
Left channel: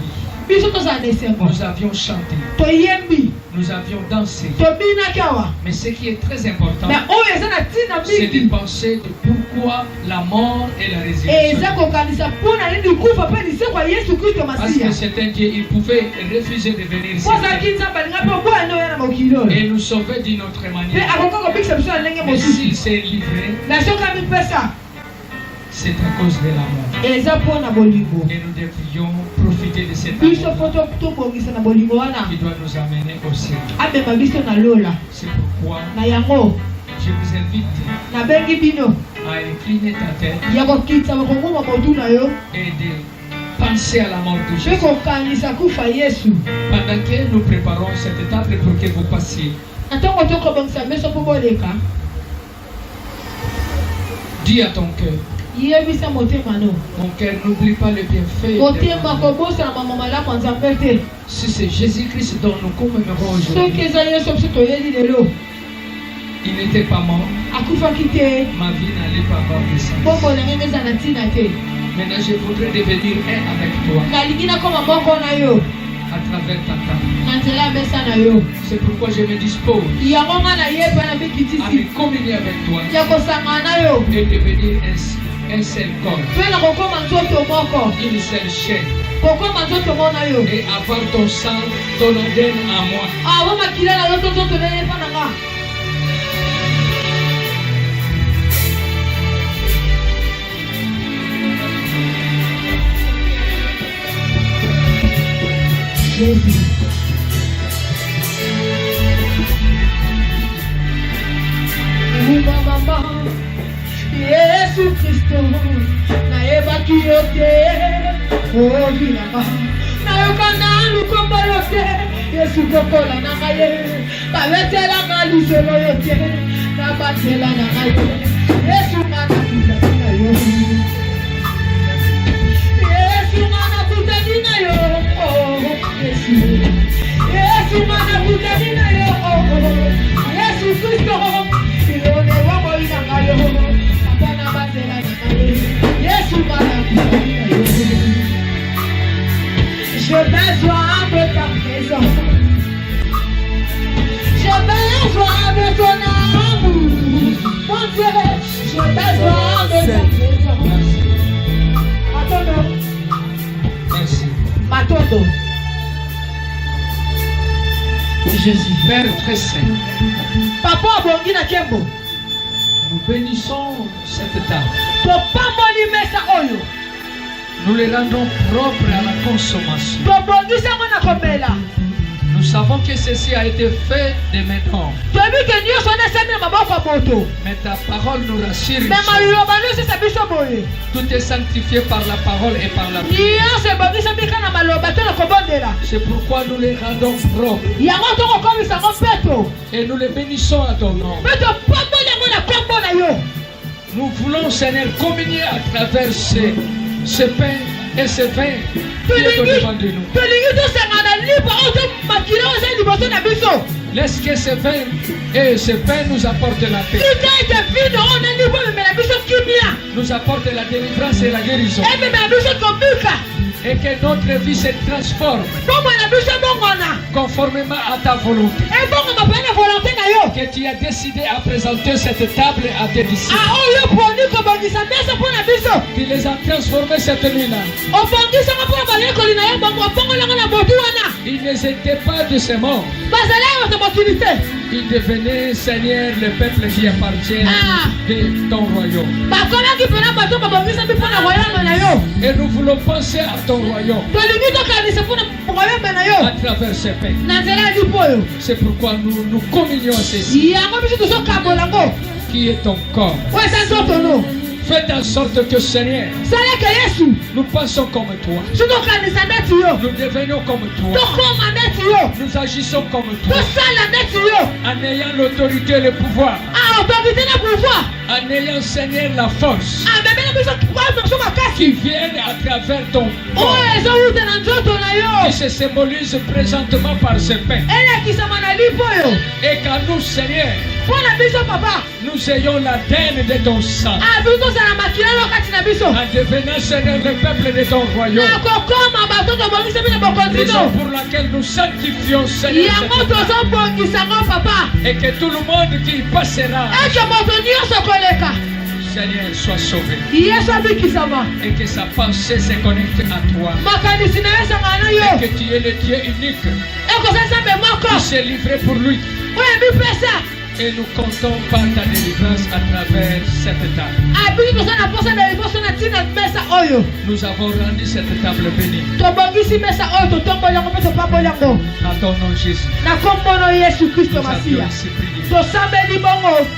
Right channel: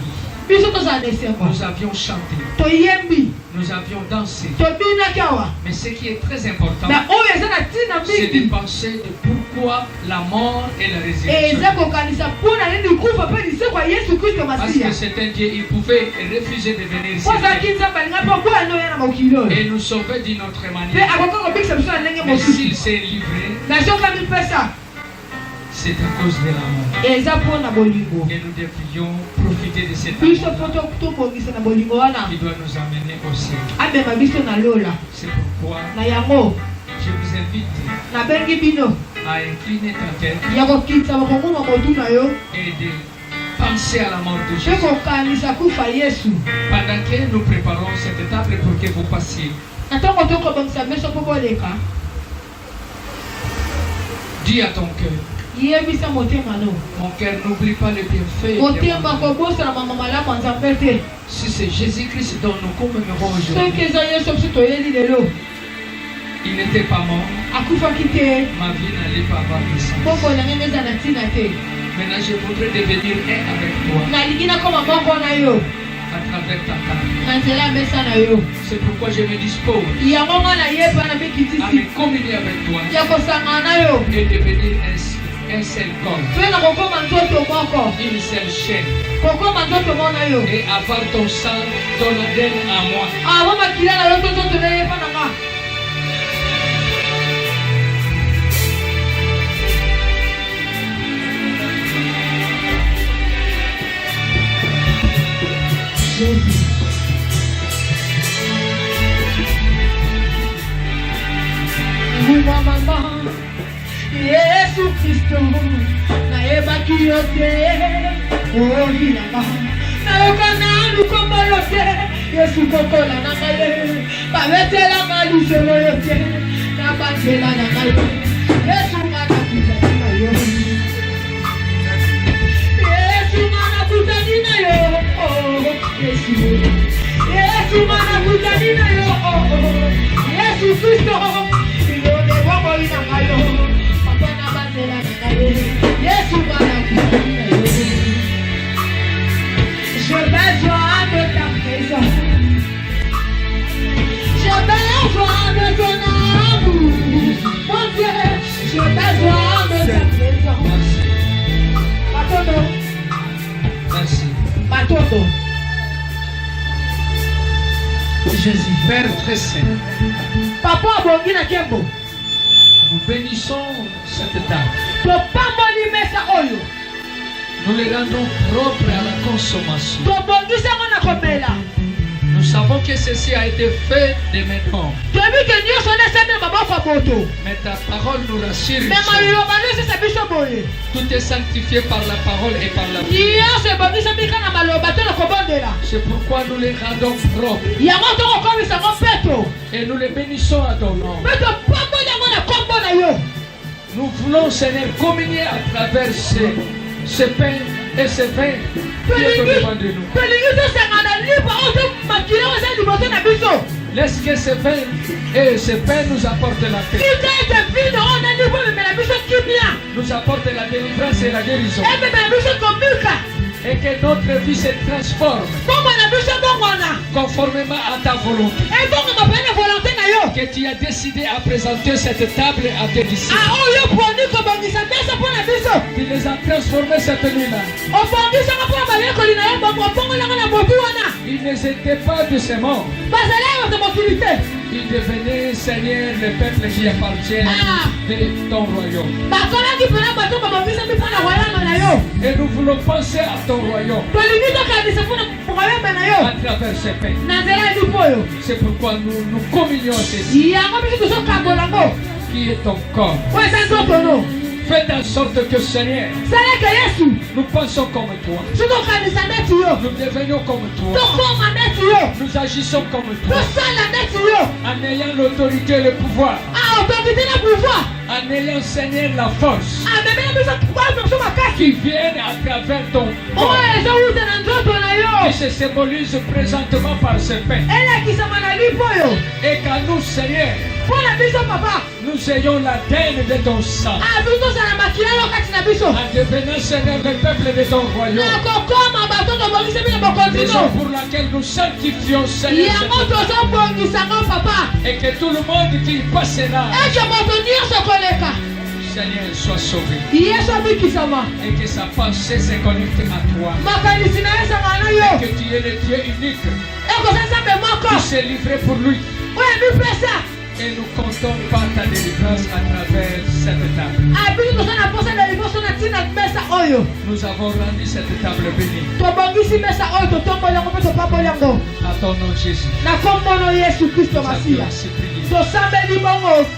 Biso tozala na esengo. Nous avions chanté. Toyembi. Nous avions dansé. Tobinaki awa. Mais ce qui est très important, Mais oyo eza na ntina c'est de mingi. penser de pourquoi la mort et la Eza résurrection. kokanisa mpona nini kufa mpe liseko ya Yesu Kristo Parce Masiya. que c'est un Dieu, il pouvait refuser de venir ici Po azalaki Nzambe alinga mpe boya nde oya na mokili oyo. et nous sauver d'une autre Mpe manière. akoka kobikisa biso na ndenge Mais mosusu. s'il s'est livré, Na soki amipesa c'est à cause de la mort. eza mpona bolingo. Et nous devrions profiter de cet Biso amour mpo tobongisa na bolingo wana. qui doit nous amener au ciel. Amema biso na lola. C'est pourquoi Na yango je vous invite nabengi bino à incliner ta tête ya kokitisa bakonguma motu na yo et de penser à la mort de mpe Jésus. kokanisa kufa Yesu. Pendant que nous préparons cette table pour que vous passiez, Na ntango tokobongisa meso mpo boleka. dis à ton cœur, Yebisa motema no. mon cœur, n'oublie pas les bienfaits. de Motema mon Dieu. kobosana mama malamu ya Nzambe te. Si c'est Jésus-Christ dont nous commémorons Soki aujourd'hui, eza Yesu biso toyeli lelo. Il n'était pas mort. Ma vie n'allait pas avoir de sens. Maintenant, je voudrais devenir un avec toi. À travers ta table. C'est pourquoi je me dispose à me communier avec toi et devenir un seul corps, une seule chaîne, et avoir ton sang, ton ADN à moi. Yesu Kristo na yebaki yote ovilama na yokana lukombo yote Yesu kokola na maye babetela maliselo yote na batela na maye Yesu manakuta na yo Yesu manakuta na yo Yesu manakuta na yo Yesu Kristo j'ai besoin de ta présence. J'ai besoin de ton amour. Mon Dieu, j'ai besoin de ta présence. Matondo. Merci. Matondo. Jésus, Père très saint. Papa abongi na kembo. Nous bénissons cette table. Nous les rendons propres à la consommation. Nous savons que ceci a été fait de maintenant. Mais ta parole nous rassure. Tout est sanctifié par la parole et par la vie. C'est pourquoi nous les rendons propres. Et nous les bénissons à ton nom. Nous voulons, Seigneur, communier à travers ce pain et ce vin qui est au-devant de nous. Laisse que ce vin et ce pain nous apportent la paix. Nous apportent la délivrance et la guérison. Et que notre vie se transforme conformément à ta volonté. Que tu as décidé à présenter cette table à tes disciples. Tu les as transformés cette nuit-là. Ils n'étaient pas de ces morts. Ils devenaient, Seigneur, le peuple qui appartient de ton royaume. Et nous voulons penser à ton royaume à travers ce pain. C'est pourquoi nous nous communions ceci, qui est ton corps. Faites en sorte que, Seigneur, nous pensons comme toi. Nous devenions comme toi. Nous agissons comme toi. En ayant l'autorité et le pouvoir. En ayant, Seigneur, la force qui vient à travers ton corps, qui se symbolise présentement par ce pain. Et qu'à nous, Seigneur, nous ayons l'ADN de ton sang. En devenant, Seigneur, le peuple de ton royaume. Raison pour laquelle nous sanctifions, Seigneur, et que tout le monde qui passera, Seigneur, soit sauvé. Et que sa pensée se connecte à toi. Et que tu es le Dieu unique qui s'est livré pour lui. Et nous comptons par ta délivrance à travers cette table. Nous avons rendu cette table bénie. À ton nom, Jésus. Nous avions ainsi prié.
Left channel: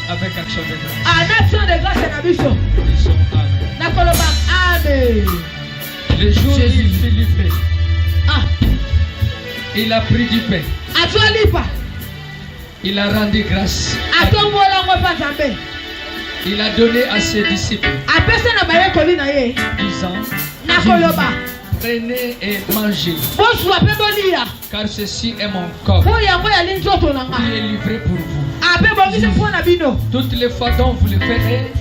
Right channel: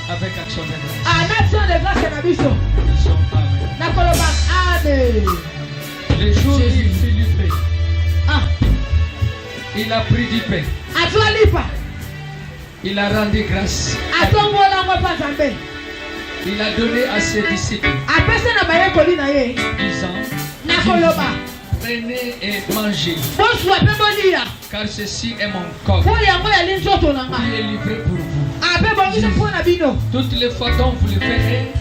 Avec action de grâce. Nous disons Amen. Le jour où il fut livré, il a pris du pain. Il a rendu grâce. Il a donné à ses disciples, disant, prenez et mangez, car ceci est mon corps qui est livré pour vous. Toutes les fois dont vous le ferez,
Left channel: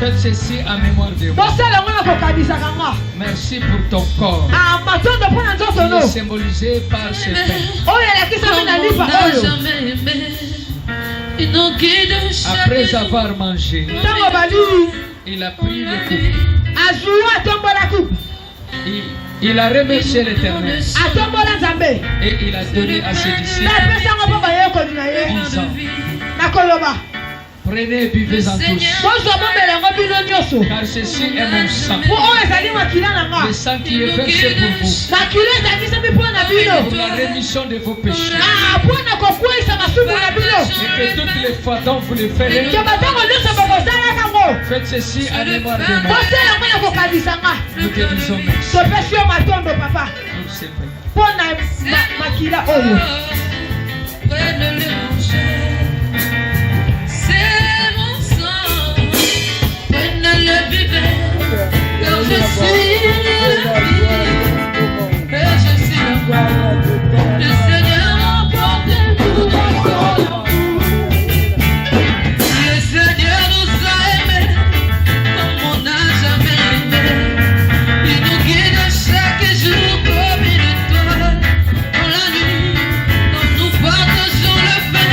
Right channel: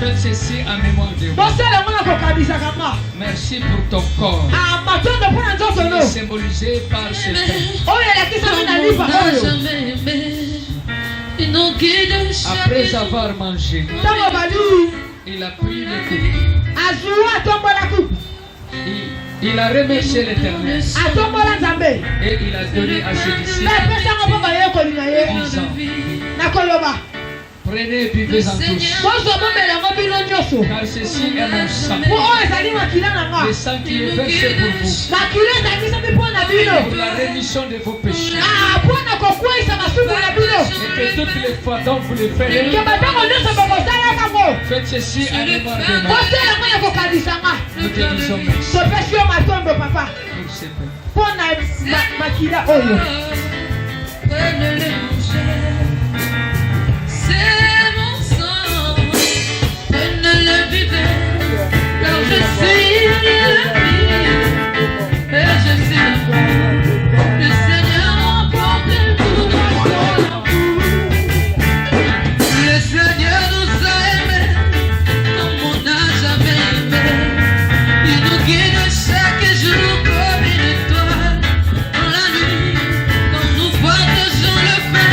faites ceci en mémoire de moi. Merci pour ton corps, qui est symbolisé par ce pain. Après avoir mangé, il a pris le coupe. Il a remercié l'Éternel et il a donné à ses disciples, disant, prenez et buvez-en tous, car ceci est mon sang, le sang qui est versé pour vous, pour la rémission de vos péchés. Et que toutes les fois dont vous le ferez, faites ceci en mémoire de moi. Nous te disons merci. C'est mon sang, prenez-le, buvez, car je suis la vie, et je suis la gloire. Le Seigneur emporte tout dans son amour. Le Seigneur nous a aimés, comme on n'a jamais aimé. Il nous guide chaque jour comme une étoile dans la nuit, quand nous partageons le pain.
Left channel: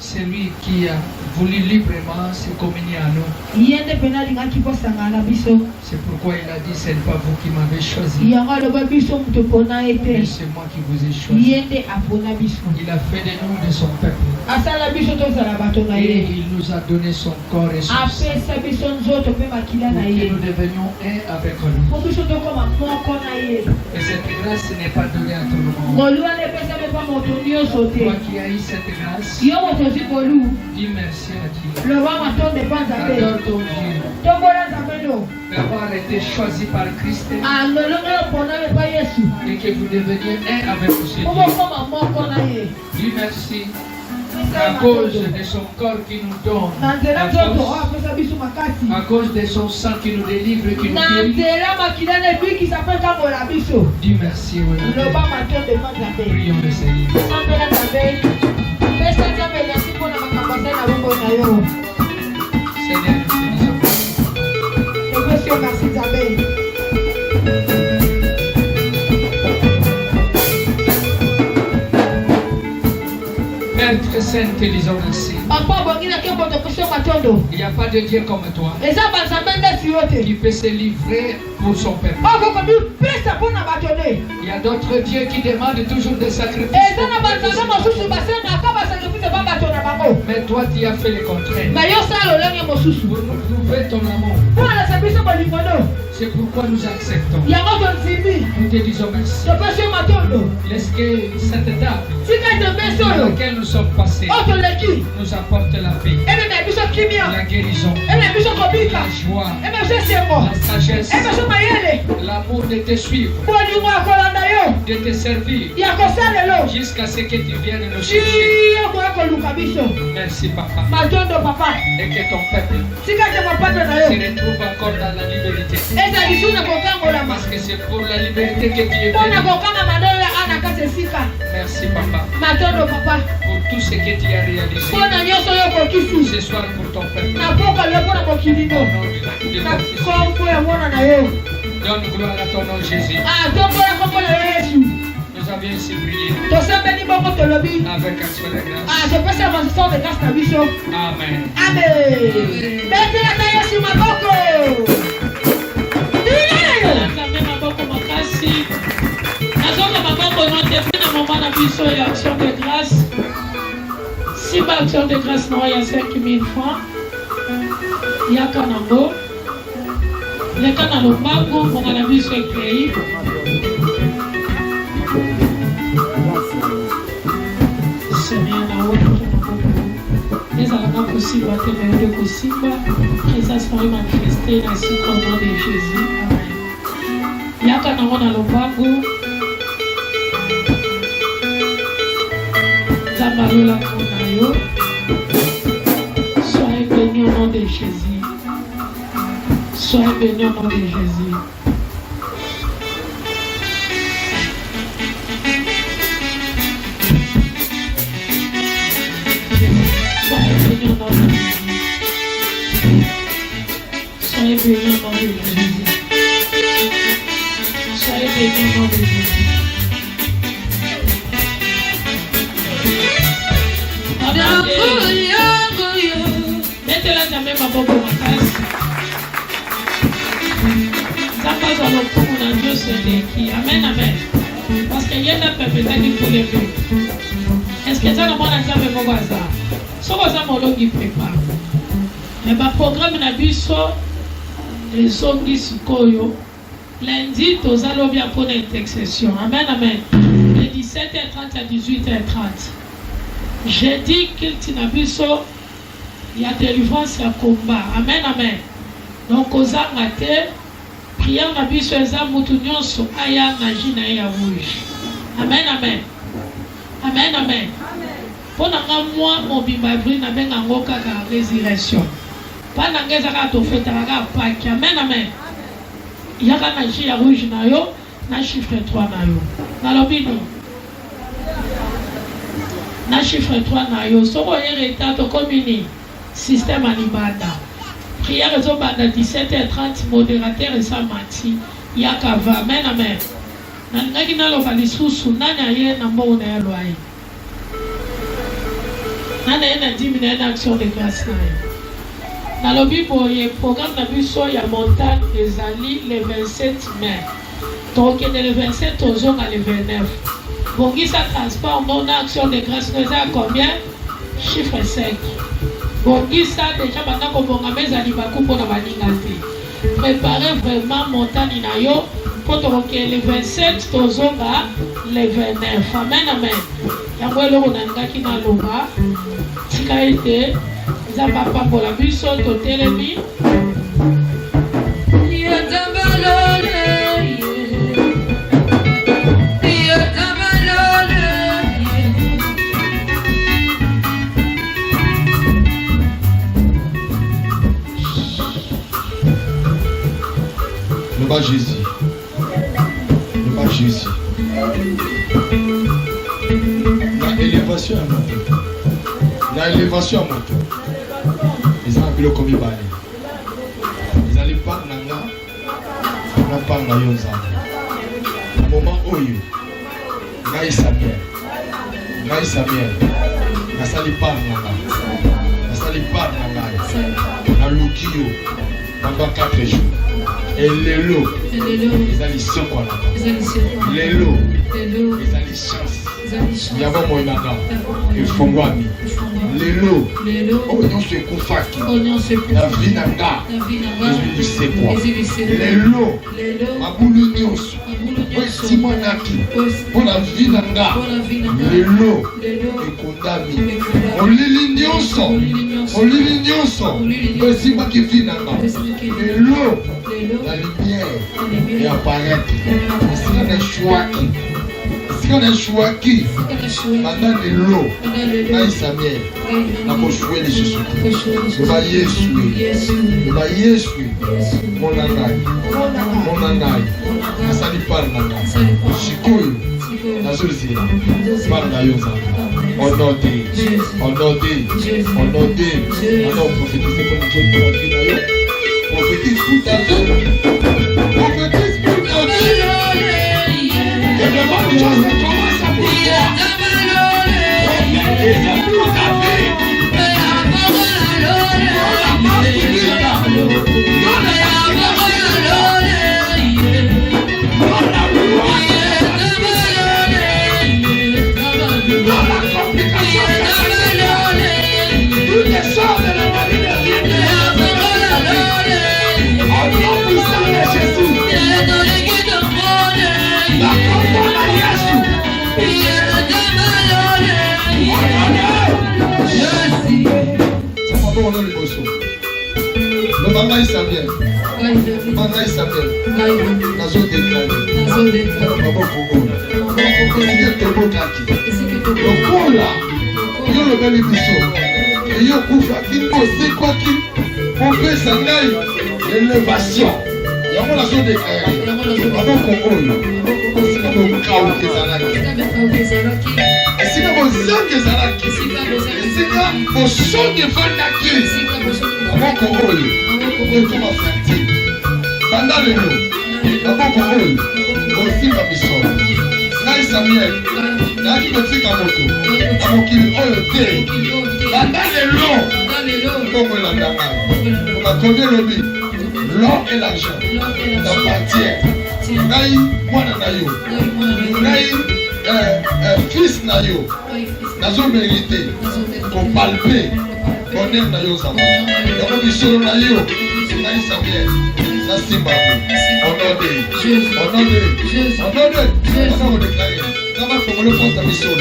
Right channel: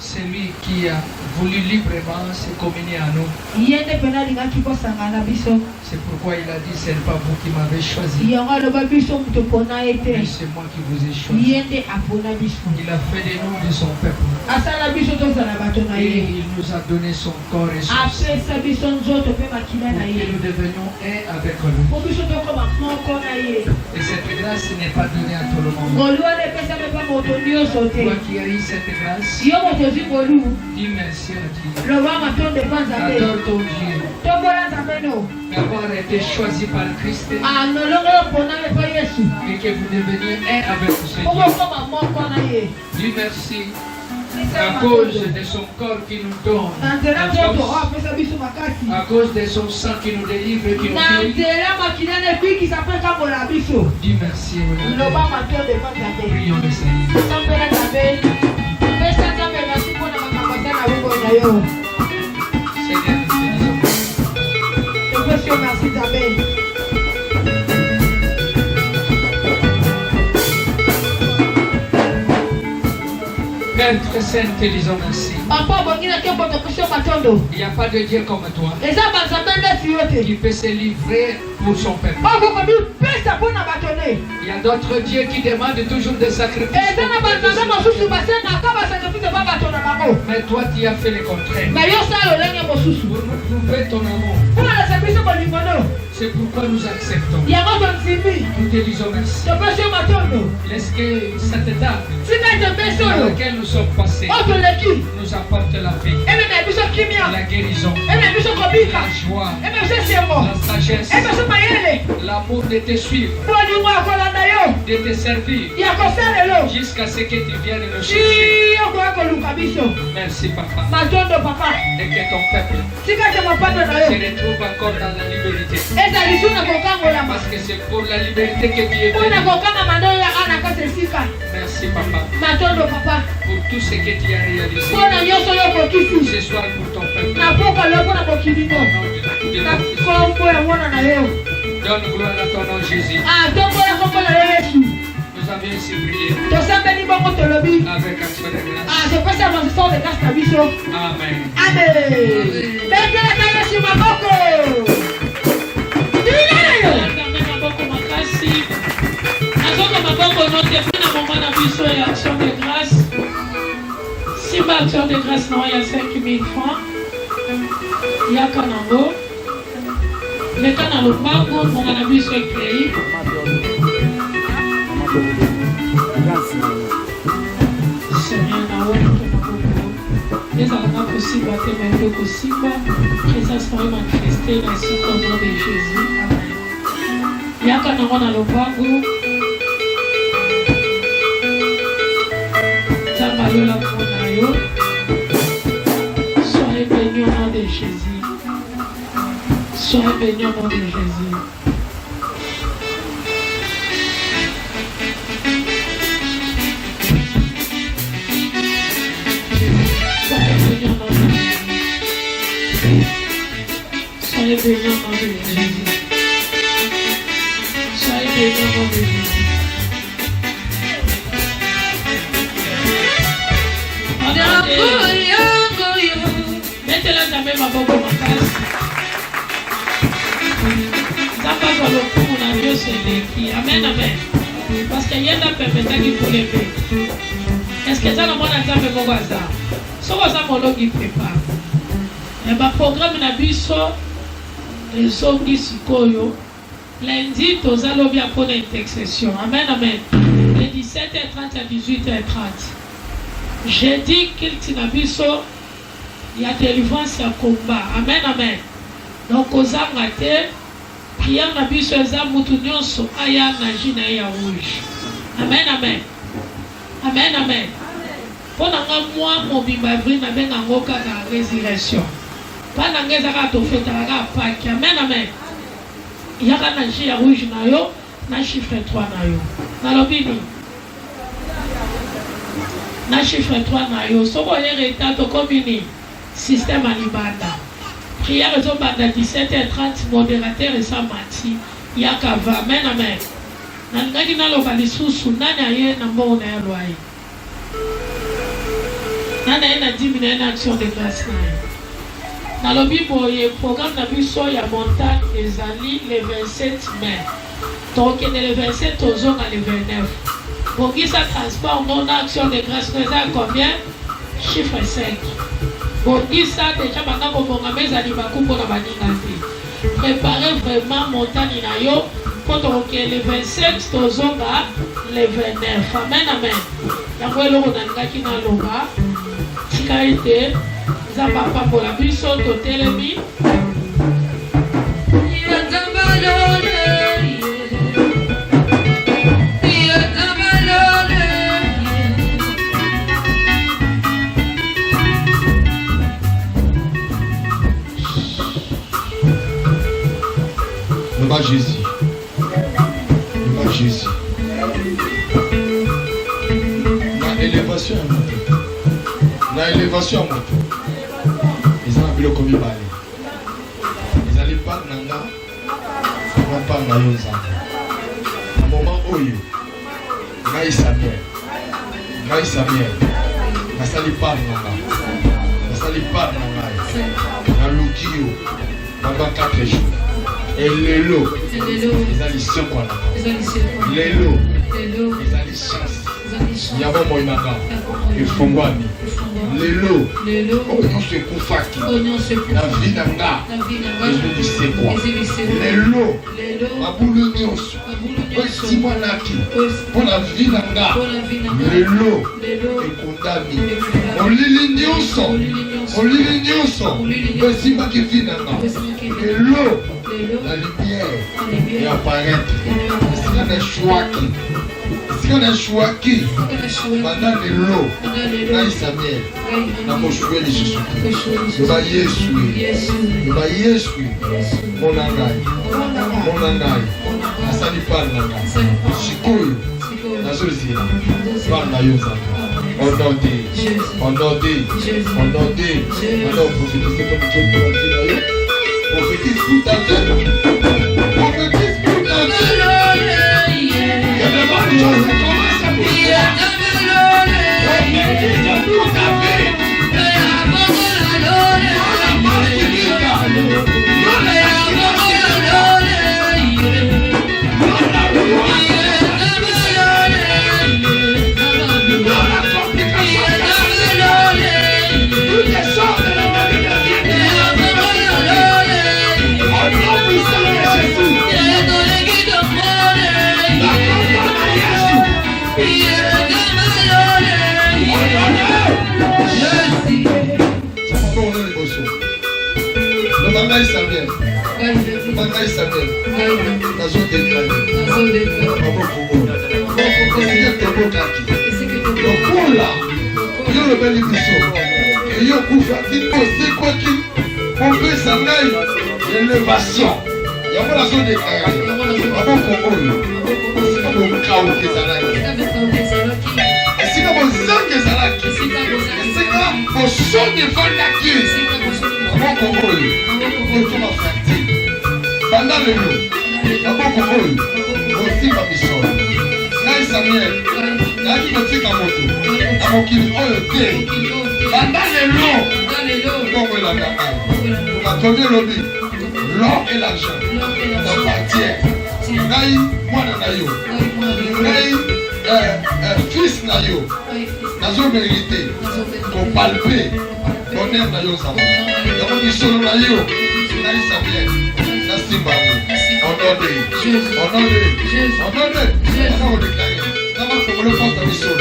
C'est lui qui a voulu librement se communier à nous. C'est pourquoi il a dit, ce n'est pas vous qui m'avez choisi, mais c'est moi qui vous ai choisi. Il a fait de nous de son peuple. Et il nous a donné son corps et son sang pour que nous devenions un avec lui. Et cette grâce n'est pas donnée à tout le monde. Toi qui as eu cette grâce, dis merci à Dieu. Adore ton Dieu d'avoir été choisi par Christ et que vous deveniez un avec ce Dieu. Dis merci à cause de son corps qui nous donne la force, à cause de son sang qui nous délivre et qui nous guérit. Dis merci. Prions le Seigneur. Père très saint, te lisons ainsi. Il n'y a pas de Dieu comme toi qui peut se livrer pour son peuple. Il y a d'autres dieux qui demandent toujours des sacrifices. Mais toi, tu as fait le contraire. Pour prouver ton amour. C'est pourquoi nous acceptons. Nous te disons merci. Est-ce que cette dame dans laquelle nous sommes passés nous apporte la paix, la guérison, la joie, la sagesse, l'amour de te suivre, de te servir, jusqu'à ce que tu viennes nous chercher. Merci papa. Et que ton peuple se retrouve encore dans la liberté. Parce que c'est pour la liberté que tu es venu. Merci papa. Pour tout ce que tu as réalisé ce soir pour ton peuple. Donne gloire à ton nom Jésus. Nous avions ainsi prié avec action de grâce. Amen. Action de grâce. Si ma action de grâce non, il y a 5 000 francs. Il y a Kanango. Le Kanango, on a vu ce pays. C'est rien à haut. Les enfants possibles, les possibles. Présence pour manifester ainsi au nom de Jésus. Amen. Il y a Kanango dans le Bango. Soyez bénis au nom de Jésus. Soyez bénis au nom de Jésus. Soyez bénis au nom de Jésus. Soyez bénis au nom de Jésus. Mettez-la jamais ma bonne place. Ça va dans le coup, on a vu ce défi. Amen, amen. Parce qu'il y a un peuple qui faut lever. Est-ce que ça va dans le mon voisin? Ce voisin, mon nom, il prépare. Mais le programme n'a pas les zombies sikoyo. Lundi, tous allons bien pour l'intercession. Amen, amen. De 17h30 à 18h30. J'ai dit qu'il t'y a vu ça. Il y a délivrance à combat. Amen, amen. Donc, aux armes, prière n'a vu sur les armes, so aya naji na ya rouge. Amen, amen. Amen, amen. Pendant un mois, mon bimabri n'a pas ngoka la résurrection. Pas n'angeza to feta la Pâques. Amen, amen. Il y a un naji ya rouge na yo, na chiffre 3 na yo. Na lobini. Na chiffre 3 na yo. So voyez l'état to combiner. Système à l'ibada. Prière est au banda 17h30, modérateur et sa mati. Yakava, amen, amen. Nangaki na lokali susu, nani aye na mbo na ya loye. Nani aye na 10 minutes d'action de grâce. Na lobi boye, programme na biso ya montagne des Ali le 27 mai. Donc le 27 au zone le 29. Bon, qui ça transport non action de grâce, vous à combien? Chiffre 5. Bon, qui ça déjà maintenant qu'on va mettre à l'Ibakou pour la manigalité. Préparez vraiment montagne na yo pour donc le 27 au zone le 29. Amen, amen. Yako elo on a ngaki na loba. Tika ete za papa pour la biso to telemi. Pas Jésus. Pas Jésus. La élévation à moto. La élévation à moto. Ils ont appelé comme ils parlent. Ils allaient pas nanga. On parle na yoza. À un moment où yo. Ngai Samuel. Ngai Samuel. Nasali pas nanga. Nasali pas nanga. Na lukio. Pendant 4 jours. Et les lots, les additions, les lots, les additions, Yava Moinaka, et Fongwami, Lelo, Oignon se Koufaki, la vie Nanga, et c'est quoi? Lelo, Maboulou Nyos, Simonaki, pour la vie Nanga, Lelo, et Kondami, Olili Nyonso, Besima qui vit Nanga, Lelo, la lumière, et apparaître, c'est un choix. On a choisi pendant l'eau, là Samuel, na mochoué les Jésus. Il va Yesu, mon angai, na sali parle nanga, sikul, na solusi, parle na yosa. On prophétise comme Dieu pour la vie na yo. Prophétise pour ta vie. Prophétise pour ta vie. Il y a des bonnes choses qui commencent à pouvoir. Élévation. Il y a la zone de carrière. Avant qu'on roule, c'est comme un chaos qui s'arrête. Et c'est comme un sang qui s'arrête. Et c'est comme un son de Vanaki. Avant qu'on roule, on va faire. Pendant le lot, avant qu'on roule, on s'y va mission. Là, Samuel, là, qui me fait un moto. Avant qu'il roule le thé. Pendant le lot, on va la caméra. On va tomber le lit. L'or et l'argent t'appartient. Naï, moi naïo. Naï, fils naïo. Nazo mérité. Pour palper. Bonheur naïo ça va. D'abord du solo naïo. Naï Samuel. Ça c'est pas bon. Honoré. On va déclarer. Comment faut le faire ta mission?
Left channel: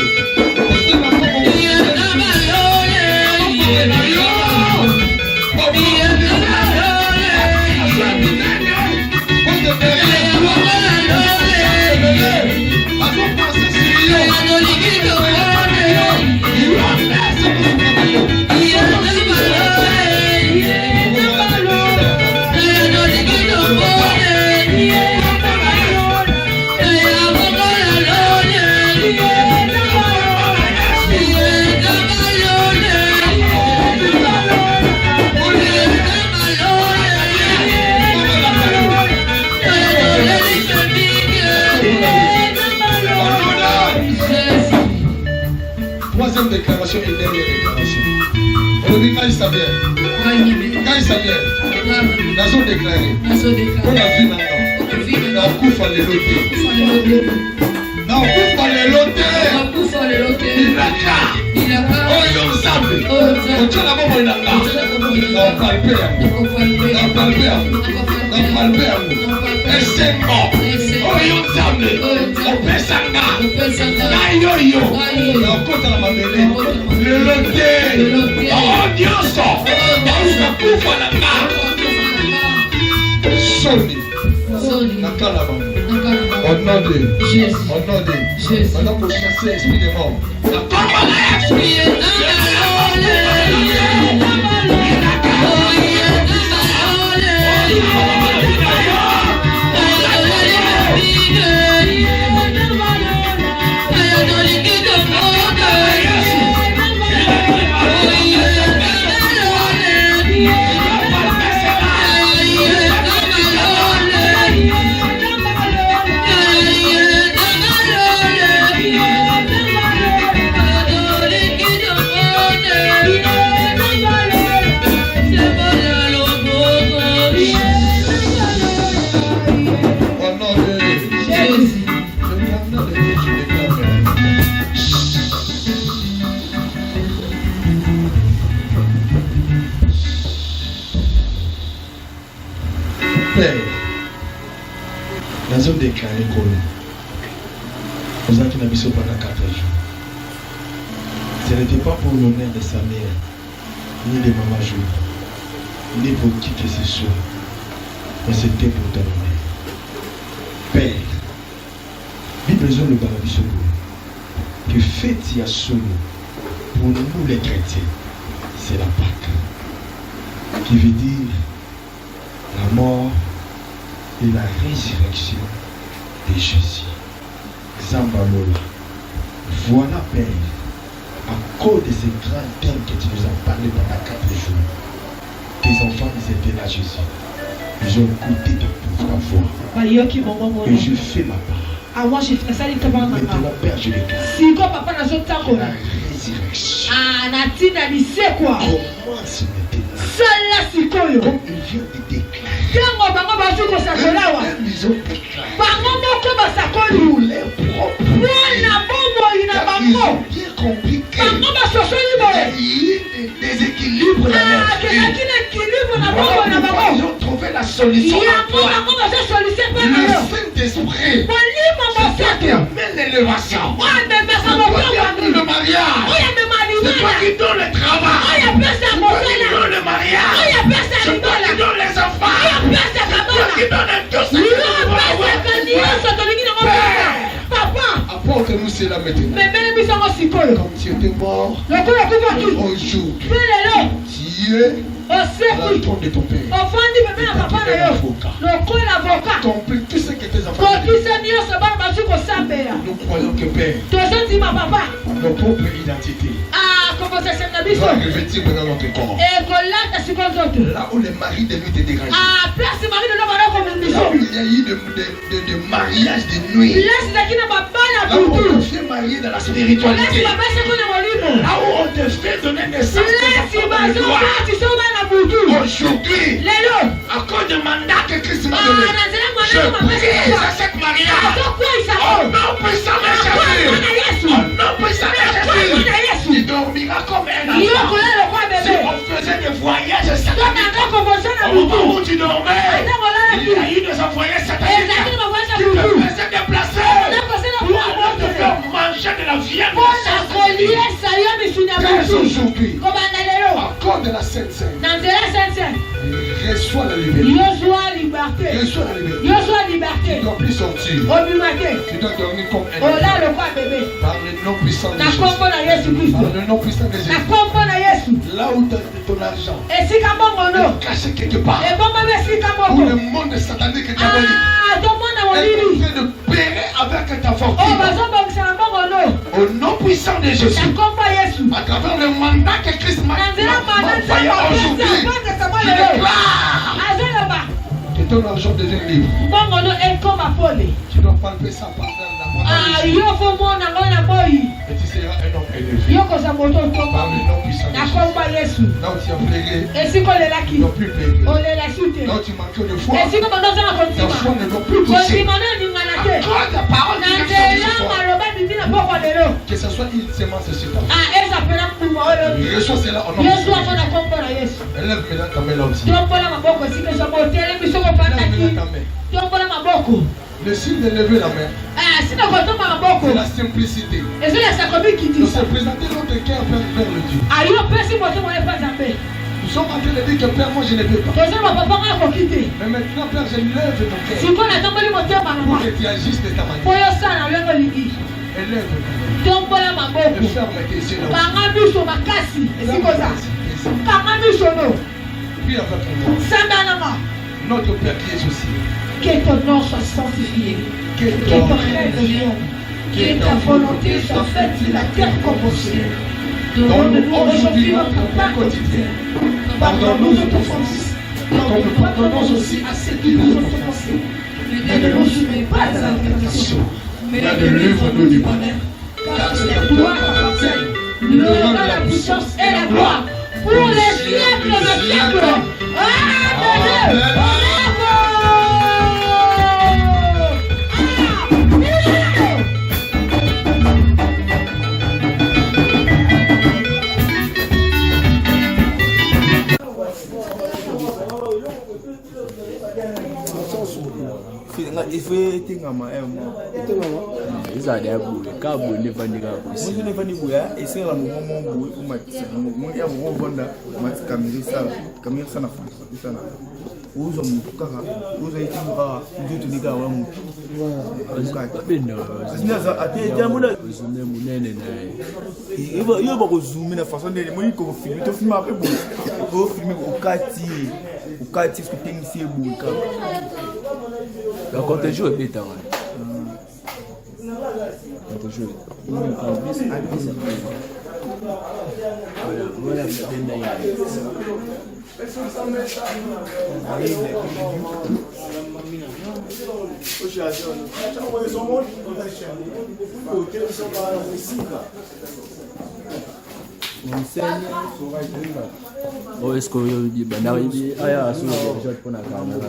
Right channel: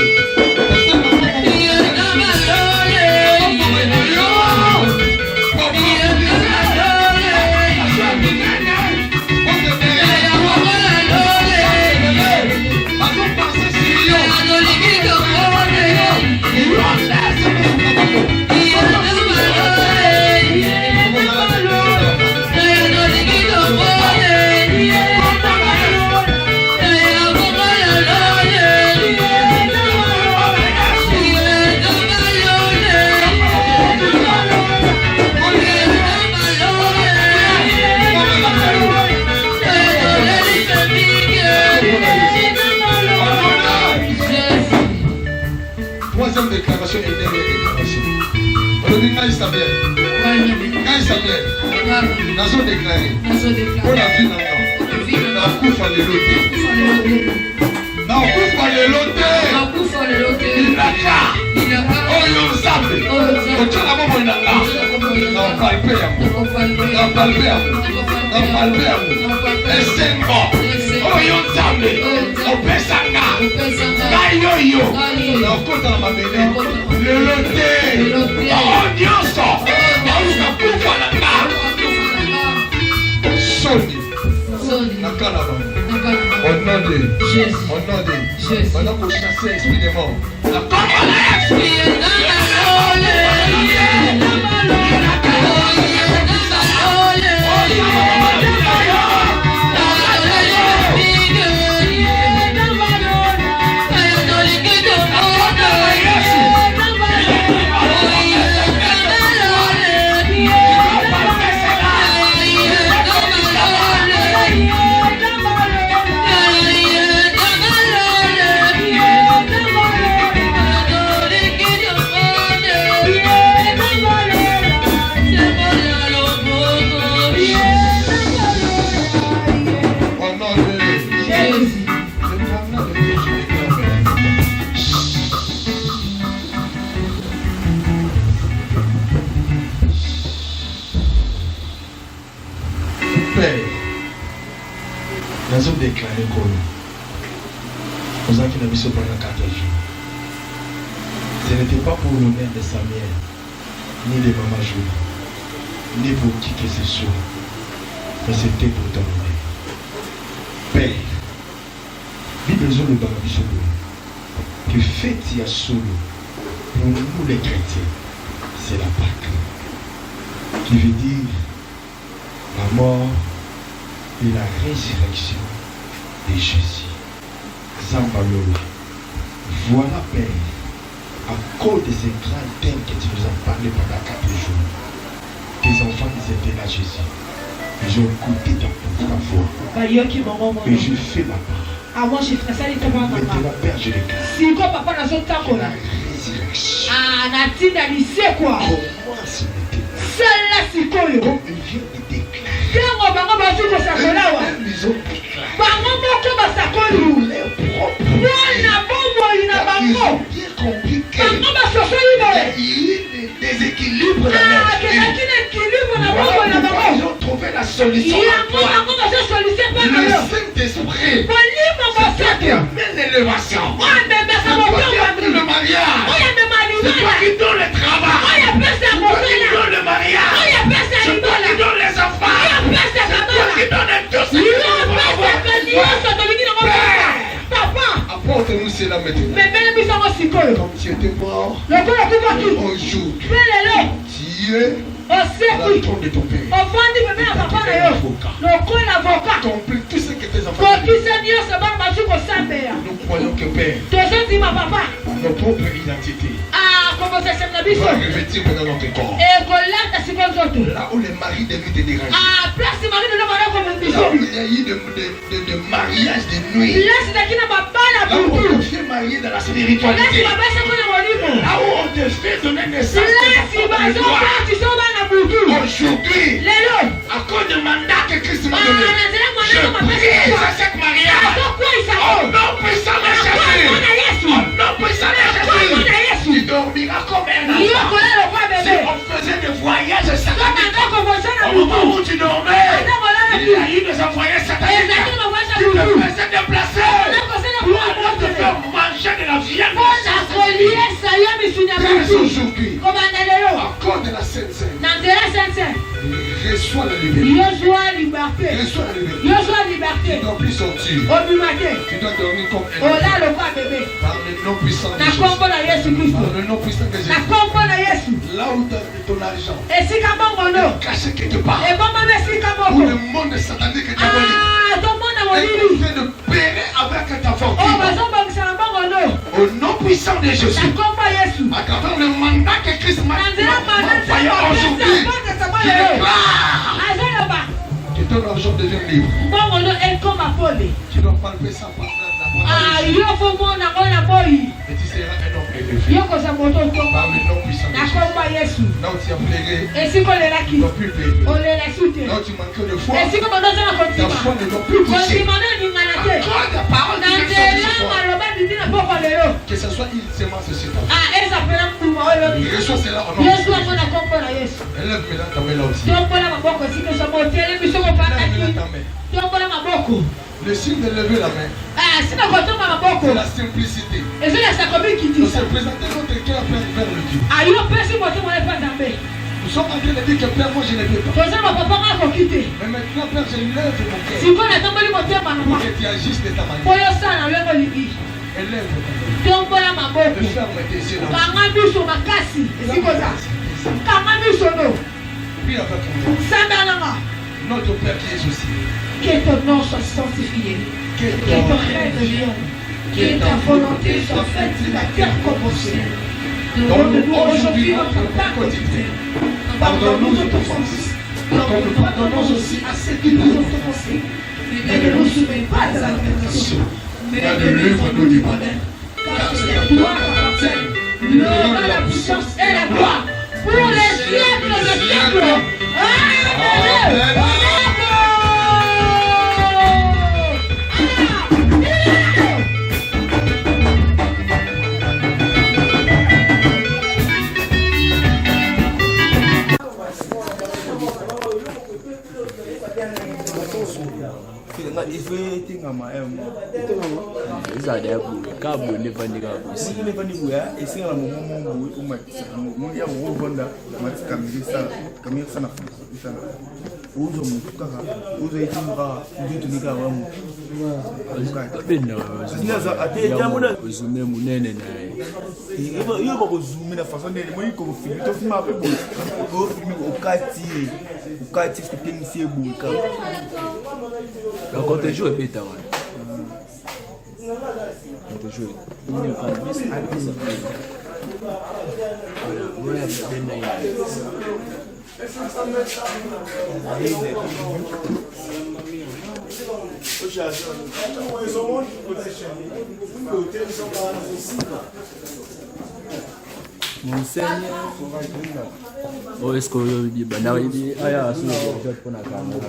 Déclaration et dernière déclaration. On dit quand il s'appelle, Nazo déclaré. On a vu maintenant. La coupe à l'éloté. La coupe à l'éloté. Il a qu'à. Oh, il a zappé. On tient la main, il a qu'à. On palpé à vous. Et c'est mort. Oh, il a zappé. On peut s'engager. Yo, on compte à ma mêlée. Le loté. Oh, Dieu, ça. On coupe à la carte. Soni. On a dit. On a pour chasser l'esprit des morts. La Nous avons fait pendant 4 jours. Ce n'était pas pour l'honneur de sa mère, ni de Maman Jo, ni pour qui que ce soit, mais c'était pour ton honneur. Père, il a besoin de Balabi que fête y a solo pour nous les chrétiens, c'est la Pâque, qui veut dire la mort et la résurrection de Jésus. Zambalola, voilà Père, à cause de ces grands thèmes que tu nous as parlé pendant 4 jours, tes enfants ils étaient là Jésus. Ils ont écouté ta voix et je fais ma part. Maintenant Père, je le crie. La résurrection. Commence maintenant. Comme il vient de déclarer. Ils ont déclaré. Pour leur propre ils ont bien compris qu'il y a un déséquilibre dans leur vie. Ils ont trouvé la solution. Le Saint-Esprit, c'est toi qui amène l'élévation. C'est toi qui amène le mariage. C'est toi qui donne le travail. C'est toi qui donne le mariage. C'est toi qui donne les enfants. C'est toi qui donne tout ça. Apporte-nous cela maintenant. Comme tu étais mort, aujourd'hui, tu es dans le trône de ton Père. Ton Père, tout ce que tes enfants nous croyons que Père, notre propre identité va revêtir dans notre corps. Là où les maris devaient te déranger. Là où il y a eu de mariage de nuit. Là où on te fait marier dans la spiritualité. Là où on te fait donner naissance. Aujourd'hui, à cause du mandat que Christ m'a donné, je brise cette mariage. Au nom puissant de Jésus. Au nom puissant de Jésus. Tu dormiras comme un enfant. Si on faisait des voyages sataniques, au moment où tu dormais, il y a eu des voyages sataniques qui te faisaient déplacer pour te faire manger de la viande. Aujourd'hui, à cause de la Sainte Seine, reçois la liberté. Reçois la liberté. Tu ne dois plus sortir. Tu dois dormir comme un enfant. Par le nom puissant de Jésus. Par le nom puissant de Jésus. Là où ton argent est caché quelque part. Pour le monde satanique que tu as volé. Et tu fais de pérer avec ta fortune. Au nom puissant de Jésus. À travers le mandat que Christ m'a envoyé aujourd'hui. Je déclare que ton argent devient libre. Tu dois pas lever ça par et tu seras un homme élevé. Par le nom puissant de Jésus. Là où tu as plaigé, tu ne dois plus plaider. Là où tu manques de foi, ta foi ne doit plus coucher. Accorde ta parole qui vient sortir ce soir. Que ce soit une sémence sur ta vie. Reçois cela au nom de Jésus. Élève maintenant ta main là aussi. Le signe de lever la main, c'est la simplicité. De se présenter notre cœur vers le Dieu. Nous sommes en train de dire que Père, moi je ne peux pas. Mais maintenant, Père, je lève mon cœur pour que tu agisses de ta manière. Élève ta main. Le ferme tes yeux. Puis avec moi. Notre Père qui est aussi. Que ton nom soit sanctifié. Que ton règne. Que ta volonté soit faite sur la terre comme au ciel. Donne-nous aujourd'hui notre pain quotidien. Pardonne-nous nos offenses. Comme nous pardonnons aussi à ceux qui nous ont offensés. Mais ne nous soumets pas à la tentation. Mais délivre-nous du malheur. Car c'est à toi qu'appartiennent l'honneur, la puissance et la gloire pour les siècles des siècles. Amen. Il faut éteindre ma Isa da bu ka bu ne bani ka bu. Si ne bani bu ya ese la mo bu ma mo ya mo gonda ma kamisa na isa na. Uzo mkaka uzo itimba ndio nika wa mu. Sina za ate jambo na Uzume munene naye. Iyo ba ko zoom na façon de mo ko film to film ape bo. Ko film ukati kutenisi buka. La compte joue beta ouais. Donc je il pas bis voilà ben là. Oh, est-ce que vous dites, bah, non, il dit, ah, ya, sur le jeu pour la caméra.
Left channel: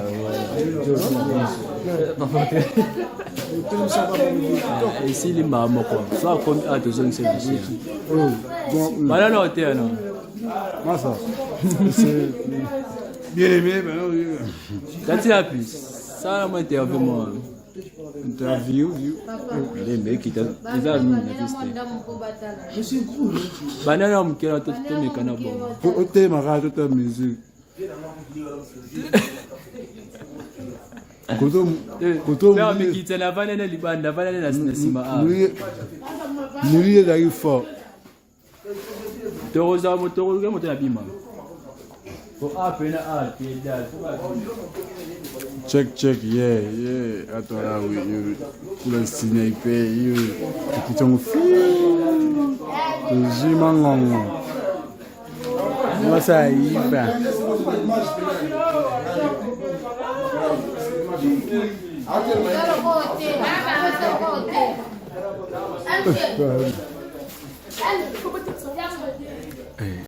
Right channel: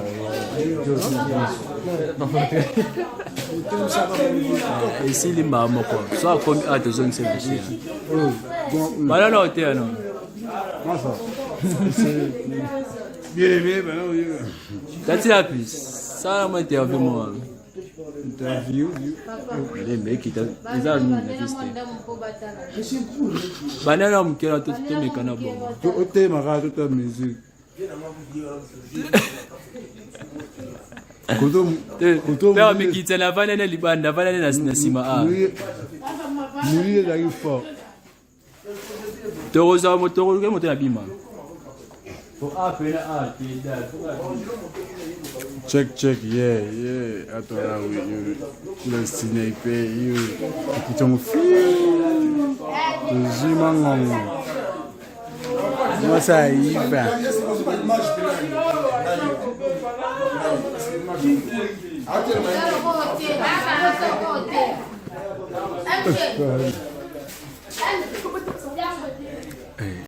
Et si les mamans, quoi, soit comme à deux zones, c'est bien. Voilà, non, t'es non. Moi, ça. Bien aimé, ben oui. Quand il y a plus, ça m'a interviewé, moi. Interview. Les mecs qui les a mis la piste. Je suis cool. Banana, on me tout mes canabons. Au thème, à rater ta musique. Père, mais qui tient la banane, les bandes, la banane, la cima. Nous, il arrive fort. Tu as monté la bima. Pour appeler à pied Check, yeah. Attends, là, oui, le sniper, qui t'ont fait. Le zimangon. Moi, ça y va.